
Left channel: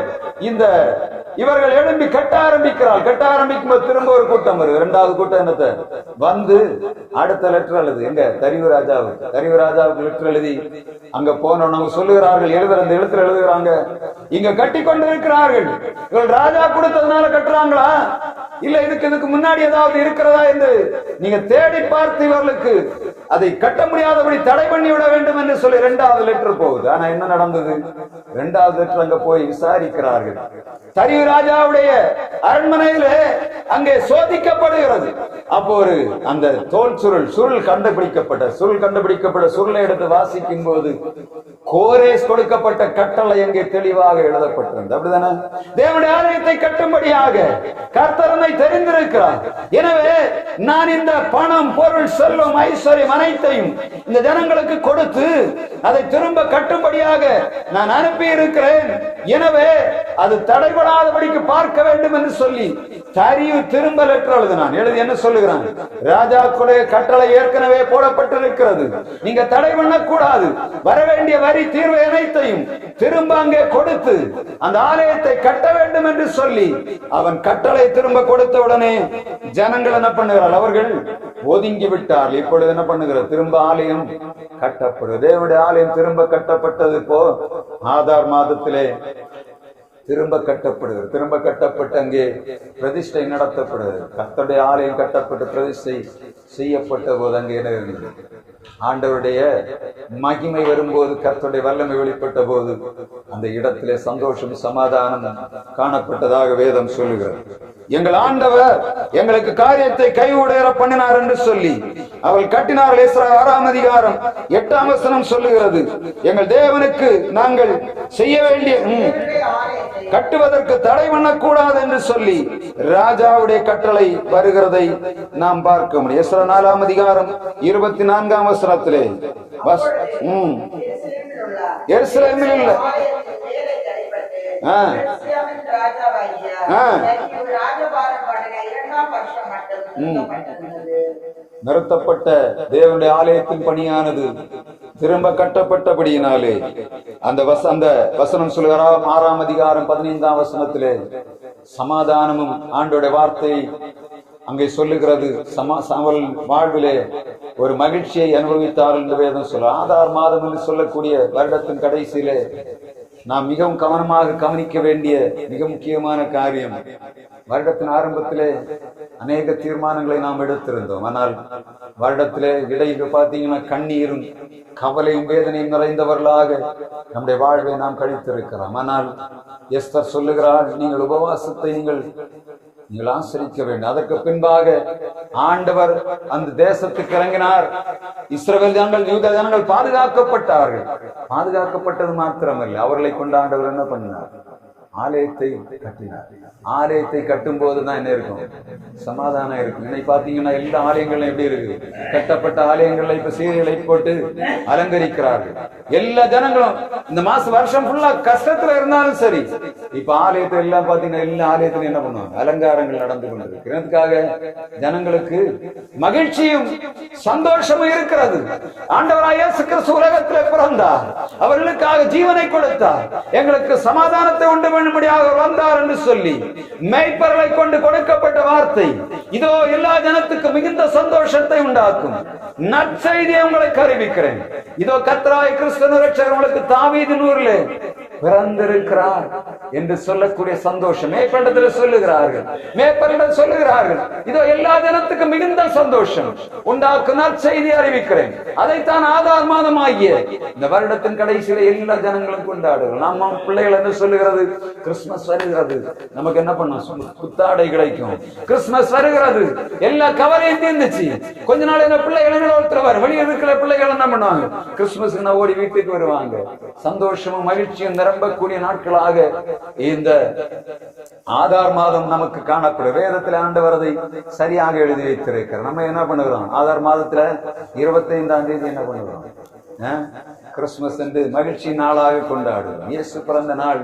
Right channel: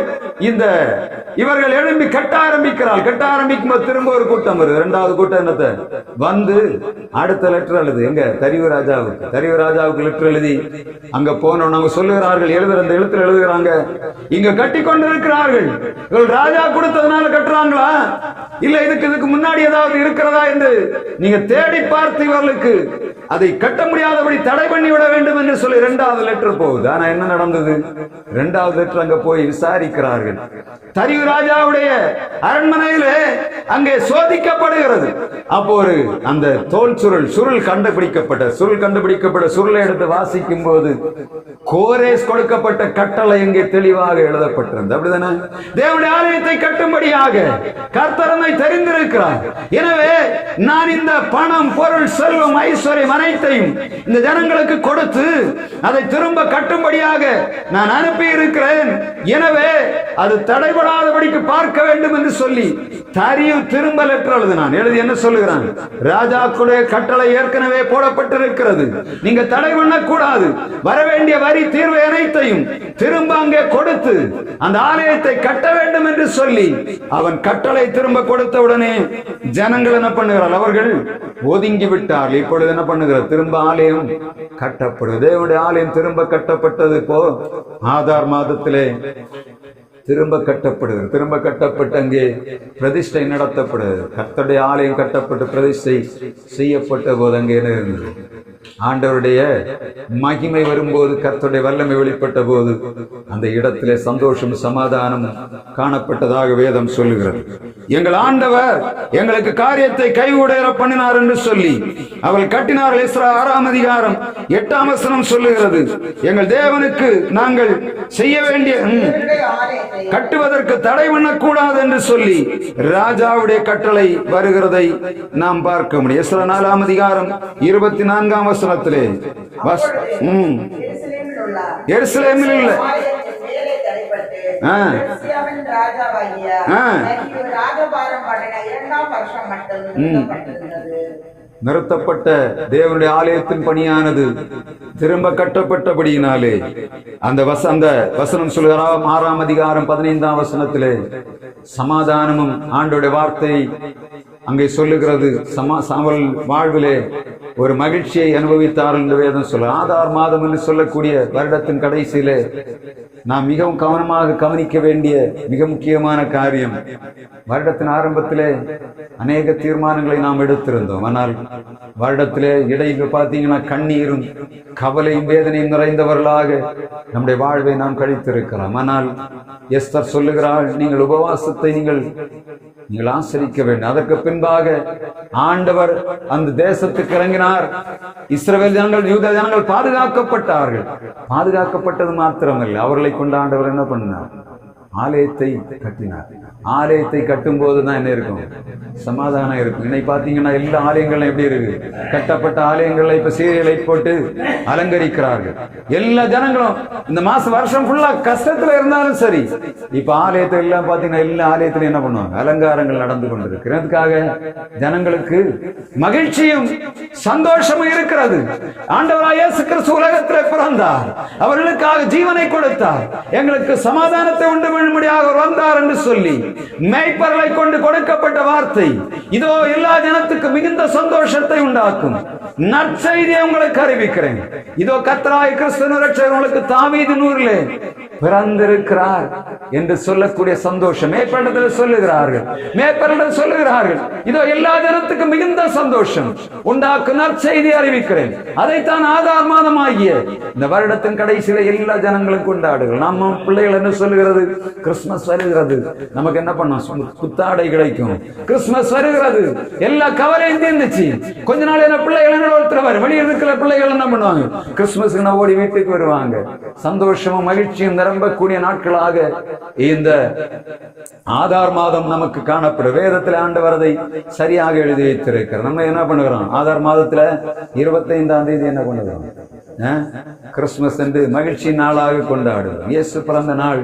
இவர்கள் எழும்பி கட்ட ஆரம்பிக்கிறார். கட்ட ஆரம்பிக்கும் போது திரும்ப ஒரு கூட்டம் வருது. 2வது கூட்டம் என்னத்தை வந்து அடுத்த லெட்டர் எழுது. எங்க? தரியு ராஜாவுக்கு லெட்டர் எழுதி அங்க போனவங்க சொல்லுகிறார்கள், அந்த எழுத்துல எழுதுகிறாங்க, இங்க கட்டி கொண்டு இருக்கிறார்கள். இவர்கள் ராஜா கொடுத்ததுனால கட்டுறாங்களா இல்ல இதுக்கு முன்னாடி ஏதாவது இருக்கிறதா என்று நீங்க தேடி பார்த்து இவர்களுக்கு அதை கட்ட முடியாதபடி தடை பண்ணி விட வேண்டும் என்று சொல்லி 2வது லெட்டர் போகுது. ஆனா என்ன நடந்தது? 2வது லெட்டர் அங்க போய் விசாரிக்கிறார்கள். தரியு ராஜாவுடைய அரண்மனையிலே அங்கே சோதிக்கப்படுகிறது. அப்போ அந்த தோல் சுருள் கண்டுபிடிக்கப்பட்ட சுருளை எடுத்து வாசிக்கும் போது கோரேஸ் கொடுக்கப்பட்ட கட்டளை எங்கே தெளிவாக எழுதப்பட்டிருந்தது. அப்படிதானே? தேவனுடைய ஆலயத்தை கட்டும்படியாக கர்த்தரை தெரிந்திருக்கிறார். எனவே நான் இந்த பணம், பொருள், செல்வம், ஐஸ்வர்யம் அனைத்தையும் இந்த ஜனங்களுக்கு கொடுத்து அதை திரும்ப கட்டும்படியாக நான் அனுப்பி இருக்கிறேன். எனவே அது தடைபடாதபடிக்கு பார்க்க வேண்டும் என்று சொல்லி தரியு திரும்ப லெட்டர் எழுதினான். எழுதி என்ன சொல்லுகிறான்? ராஜாக்குடைய கட்டளை ஏற்கனவே போடப்பட்டிருக்கிறது, நீங்க தடை பண்ணக்கூடாது, வரவேண்டிய வரி தீர்வை அனைத்தையும் திரும்ப அங்கே கொடுத்து அந்த ஆலயத்தை கட்ட வேண்டும் என்று சொல்லி அவன் கட்டளை திரும்ப கொடுத்த உடனே ஜனங்கள் என்ன பண்ணுகிறார்கள்? அவர்கள் ஒதுங்கி விட்டார்கள். இப்பொழுது என்ன பண்ணுகிறார்? திரும்ப ஆலயம் கட்டப்படுது. தேவனுடைய ஆலயம் திரும்ப கட்டப்பட்டது. இப்போ ஆதார் மாதத்திலே திரும்ப கட்டப்படுகிறது. திரும்ப கட்டப்பட்டு அங்கே பிரதிஷ்டை நடத்தப்படுகிறது. கர்த்தருடைய ஆலயம் கட்டப்பட்டு பிரதிஷ்டை செய்யப்பட்ட போது அங்கே என்ன இருந்தது? ஆண்டவருடைய மகிமை வரும்போது, கர்த்தருடைய வல்லமை வெளிப்பட்ட போது அந்த இடத்திலே சந்தோஷம், சமாதானம் காணப்பட்டதாக வேதம் சொல்லுகிறது. எங்கள் ஆண்டவர் எங்களுக்கு காரியத்தை கைவிட பண்ணினார் என்று சொல்லி அவள் கட்டினார்கள். எஸ்ரா 6ஆம் அதிகாரம் 8ஆம் வசனம் சொல்லுகிறது, எங்கள் தேவனுக்கு நாங்கள் செய்ய வேண்டிய கட்டுவதற்கு தடை பண்ணக்கூடாது என்று சொல்லி ராஜாவுடைய கட்டளை வருகிறதை நாம் பார்க்க முடியும். எஸ்ரா 4ஆம் அதிகாரம் 24ஆம் வசனத்திலே எருசலேமில் உள்ள நிறுத்தப்பட்ட தேவனுடைய ஆலயத்தின் பணியானது திரும்ப கட்டப்பட்டபடியினாலே அந்த வசனம் சொல்கிறார் 6ஆம் அதிகாரம் 15ஆம் வசனத்திலே சமாதானமும் ஆண்டோட வார்த்தை அங்கே சொல்லுகிறது. அவள் வாழ்விலே ஒரு மகிழ்ச்சியை அனுபவித்தார்கள் என்று வேதம் சொல்ல. ஆதார் மாதம் என்று சொல்லக்கூடிய வருடத்தின் கடைசியிலே நாம் மிகவும் கவனமாக கவனிக்க வேண்டிய மிக முக்கியமான காரியம், வருடத்தின் ஆரம்பத்திலே அநேக தீர்மானங்களை நாம் எடுத்திருந்தோம். ஆனால் வருடத்திலே இடையில் பார்த்தீங்கன்னா கண்ணீரும் கவலையும் வேதனையும் நிறைந்தவர்களாக நம்முடைய வாழ்வை நாம் கழித்திருக்கலாம். ஆனால் எஸ்தர் சொல்லுகிறாள், நீங்கள் உபவாசத்தை நீங்கள் ஆசரிக்க வேண்டும். அதற்கு பின்பாக ஆண்டவர் அந்த தேசத்துக்கு இறங்கினார். இஸ்ரவேல் ஜனங்கள், யூத ஜனங்கள் பாதுகாக்கப்பட்டார்கள். பாதுகாக்கப்பட்டது மாத்திரமல்ல, அவர்களை கொண்டு ஆண்டவர் என்ன பண்ணார்? ஆலயத்தை கட்டினார். ஆலயத்தை கட்டும் போதுதான் என்ன இருக்கும்? சமாதானம் இருக்கும். இன்னைக்கு பாத்தீங்கன்னா எல்லா ஆலயங்களும் எப்படி இருக்கு? கட்டப்பட்ட ஆலயங்கள்ல இப்ப சீரியலை போட்டு அலங்கரிக்கிறார்கள். எல்லா ஜனங்களும் இந்த வருஷம் ஃபுல்லா கஷ்டத்துல இருந்தாலும் சரி, இப்ப ஆலயத்தை எல்லாம் பாத்தீங்கன்னா எல்லா ஆலயத்திலும் என்ன பண்ணுவாங்க? அலங்காரங்கள் நடந்து கொண்டிருக்கிறதுக்காக ஜனங்களுக்கு மகிழ்ச்சியும் சந்தோஷமும் இருக்கிறது. ஆண்டவராய் இயேசு கிறிஸ்து உலகத்திலே பிறந்தார், அவர்களுக்காக ஜீவனை கொடுத்தார், எங்களுக்கு சமாதானத்தை உண்டு பண்ணும்படியாக வந்தார் என்று சொல்லி மேய்ப்பர்களை கொண்டு கொடுக்கப்பட்ட வார்த்தை இதோ எல்லா ஜனத்துக்கும் மிகுந்த சந்தோஷத்தை உண்டாக்கும். நற்செய்தி உங்களுக்கு அறிவிக்கிறேன். இதோ கர்த்தராகிய கிறிஸ்து இரட்சகர் உங்களுக்கு தாவீதின் ஊரிலே பிறந்திருக்கிறார் என்று சொல்லக்கூடிய சந்தோஷம் மேய்ப்பரிடத்தில் சொல்லுகிறார்கள். இதோ எல்லா ஜனத்துக்கும் மிகுந்த சந்தோஷம் உண்டாக்கும் நற்செய்தி அறிவிக்கிறேன். அதைத்தான் ஆதார் மாதம் ஆகிய இந்த வருடத்தின் கடைசியில எல்லா ஜனங்களும் கொண்டாடுகள். நம்ம பிள்ளைகள் என்ன சொல்லுகிறது? கிறிஸ்துமஸ் வருகிறது, நமக்கு என்ன பண்ணும்? புத்தாடை கிடைக்கும். கிறிஸ்துமஸ் வருகிறது, எல்லா கவலையும் தீர்ந்துச்சு. கொஞ்ச நாள் என்ன பிள்ளைகள் ஒருத்தர் வெளியில் இருக்கிற பிள்ளைகள் என்ன பண்ணுவாங்க? கிறிஸ்துமஸ் ஓடி வீட்டுக்கு வருவாங்க. சந்தோஷமும் மகிழ்ச்சியும் நிரம்பக்கூடிய நாட்களாக இந்த ஆதார் மாதம் நமக்கு காணப்படும். வேதத்தில் ஆண்டவர் அதை சரியாக எழுதி வைத்திருக்கிறார். நம்ம என்ன பண்ணுகிறோம்? ஆதார் மாதத்துல 25ஆம் தேதி என்ன பண்ணுகிறோம்? கிறிஸ்துமஸ் என்று மகிழ்ச்சி நாளாக கொண்டாடுவோம். இயேசு பிறந்த நாள்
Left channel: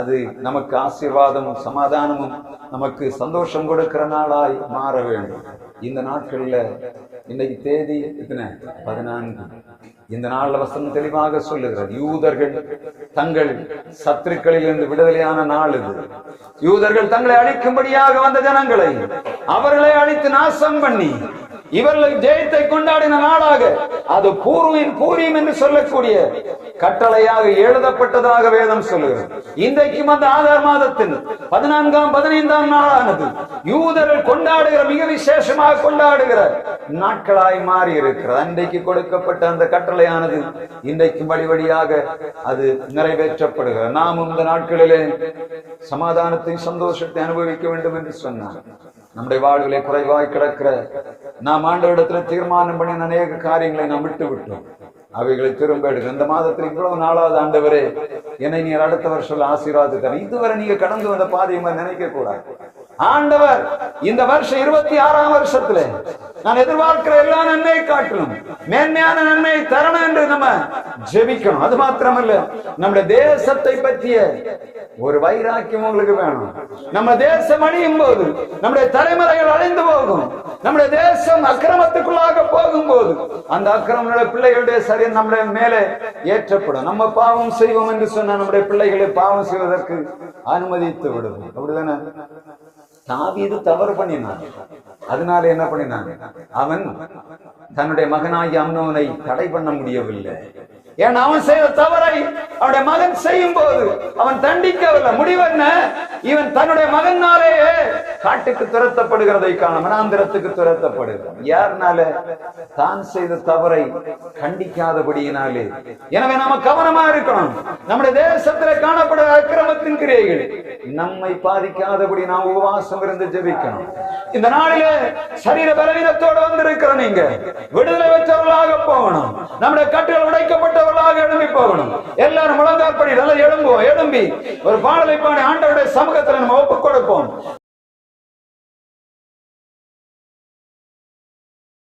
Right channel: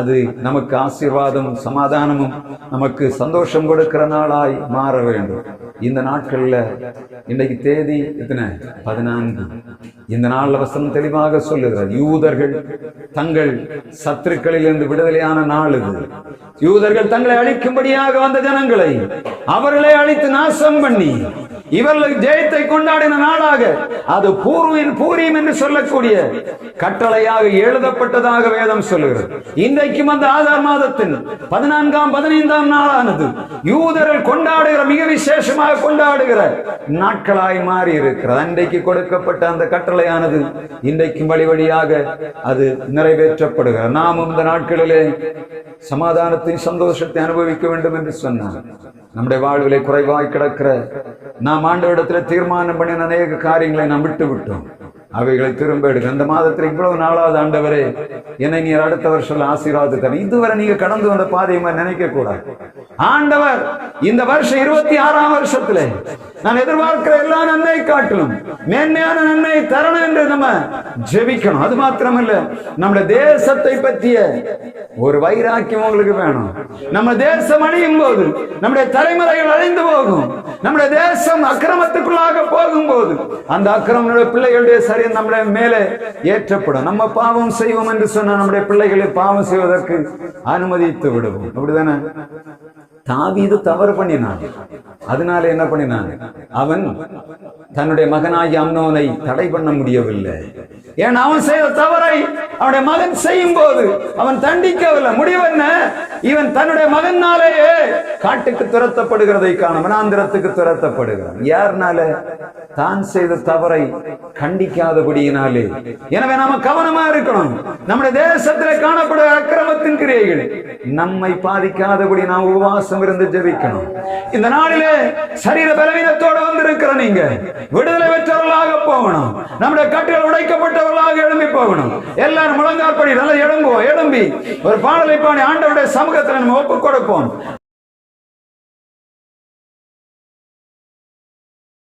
அது நமக்கு ஆசீர்வாதமும் சமாதானமும் நமக்கு சந்தோஷம் கொடுக்கிற நாளாய் மாற வேண்டும். இந்த நாட்கள்ல இன்னைக்கு தேதி எத்தனை? 14. இந்த நாள்ல வசனம் தெளிவாக சொல்லுகிறார், யூதர்கள் தங்கள் சத்துருக்களில் இருந்து விடுதலையான நாள் இது. யூதர்கள் தங்களை அழிக்கும்படியாக வந்த ஜனங்களை அவர்களை அழித்து நாசம் பண்ணி இவர்கள் ஜெயத்தை கொண்டாடின நாளாக அது பூரீம் என்று சொல்லக்கூடிய கட்டளையாக எழுதப்பட்டதாக வேதம் சொல்லுகிறது. இன்றைக்கும் அந்த ஆதார் மாதத்தின் 14ஆம் 15ஆம் நாளானது யூதர்கள் கொண்டாடுகிற மிக விசேஷமாக கொண்டாடுகிற நாட்களாய் மாறி இருக்கிறது. அன்றைக்கு கொடுக்கப்பட்ட அந்த கட்டளையானது இன்றைக்கும் வழியாக அது நிறைவேற்றப்படுகிறது. நாம் இந்த நாட்களிலே சமாதானத்தையும் சந்தோஷத்தை அனுபவிக்க வேண்டும் என்று சொன்னார். நம்முடைய வாழ்விலே குறைவாய் கிடக்கிற நாம் ஆண்டவரிடத்தில் தீர்மானம் பண்ணின அநேக காரியங்களை நாம் விட்டு விட்டோம். அவைகளை திரும்ப எடுக்க இந்த மாதத்தில் இவ்வளவு நாளாவது ஆண்டவரே என்னை நீர் அடுத்த வருஷம் ஆசீர்வாதத்தை இதுவரை நீங்க கடந்து வந்த பாதையை நினைக்க கூடாது. ஆண்டவர் இந்த வருஷம் 26ஆம் வருஷத்துல நான் எதிர்பார்க்கிற எல்லா நன்மையை காட்டிலும் மேன்மையான நன்மையை தரணும் என்று நம்ம ஜெபிக்கணும். அது மாத்திரமல்ல, நம்முடைய தேசத்தை பற்றிய ஒரு வைராக்கியம் உங்களுக்கு வேணும். நம்ம தேசம் அழியும் போது நம்முடைய தலைமுறைகள் அழிந்து போகும். நம்முடைய தேசம் அக்கிரமத்துக்குள்ளாக போகும்போது அந்த அக்கிரம பிள்ளைகளுடைய சரி நம்முடைய மேலே ஏற்றப்படும். நம்ம பாவம் செய்வோம் என்று சொன்ன நம்முடைய பிள்ளைகளை பாவம் செய்வதற்கு அனுமதித்து விடுவோம். அப்படிதானே? தாவீது தவறு பண்ணினான். அதனால என்ன பண்ணினாங்க? அவன் தன்னுடைய மகனாகிய அம்னோனை தடை பண்ண முடியவில்லை. ஏன் அவன் செய்த தவறை அவனுடைய மகன் செய்யும் போது அவன் தண்டிக்கவில்லை. முடிவு என்ன? இவன் தன்னுடைய மகனாலேயே காட்டுக்கு துரத்தப்படுகிறதை காண மனாந்திரத்துக்கு துரத்தப்படுகிறான். யாருனால? தான் செய்த தவறை கண்டிக்காதபடியினாலே. எனவே நாம கவனமா இருக்கணும். நம்முடைய தேசத்தில் காணப்படுகிற அக்கிரமத்தின் கிரியைகள் நம்மை பாதிக்காதபடி நாம் உபவாசம் இருந்து ஜெபிக்கணும். இந்த நாளிலே சரீர பலவீனத்தோடு வந்திருக்கிற நீங்க விடுதலை பெற்றவர்களாக போகணும். நம்முடைய கட்டுகள் உடைக்கப்பட்டவர்களாக எழும்பி போகணும். எல்லாரும் முழங்காற்படி நல்லா எழும்பி ஒரு பாடலை பாடி ஆண்டவருடைய சமூகத்தில் நம்ம ஒப்புக் கொடுப்போம்.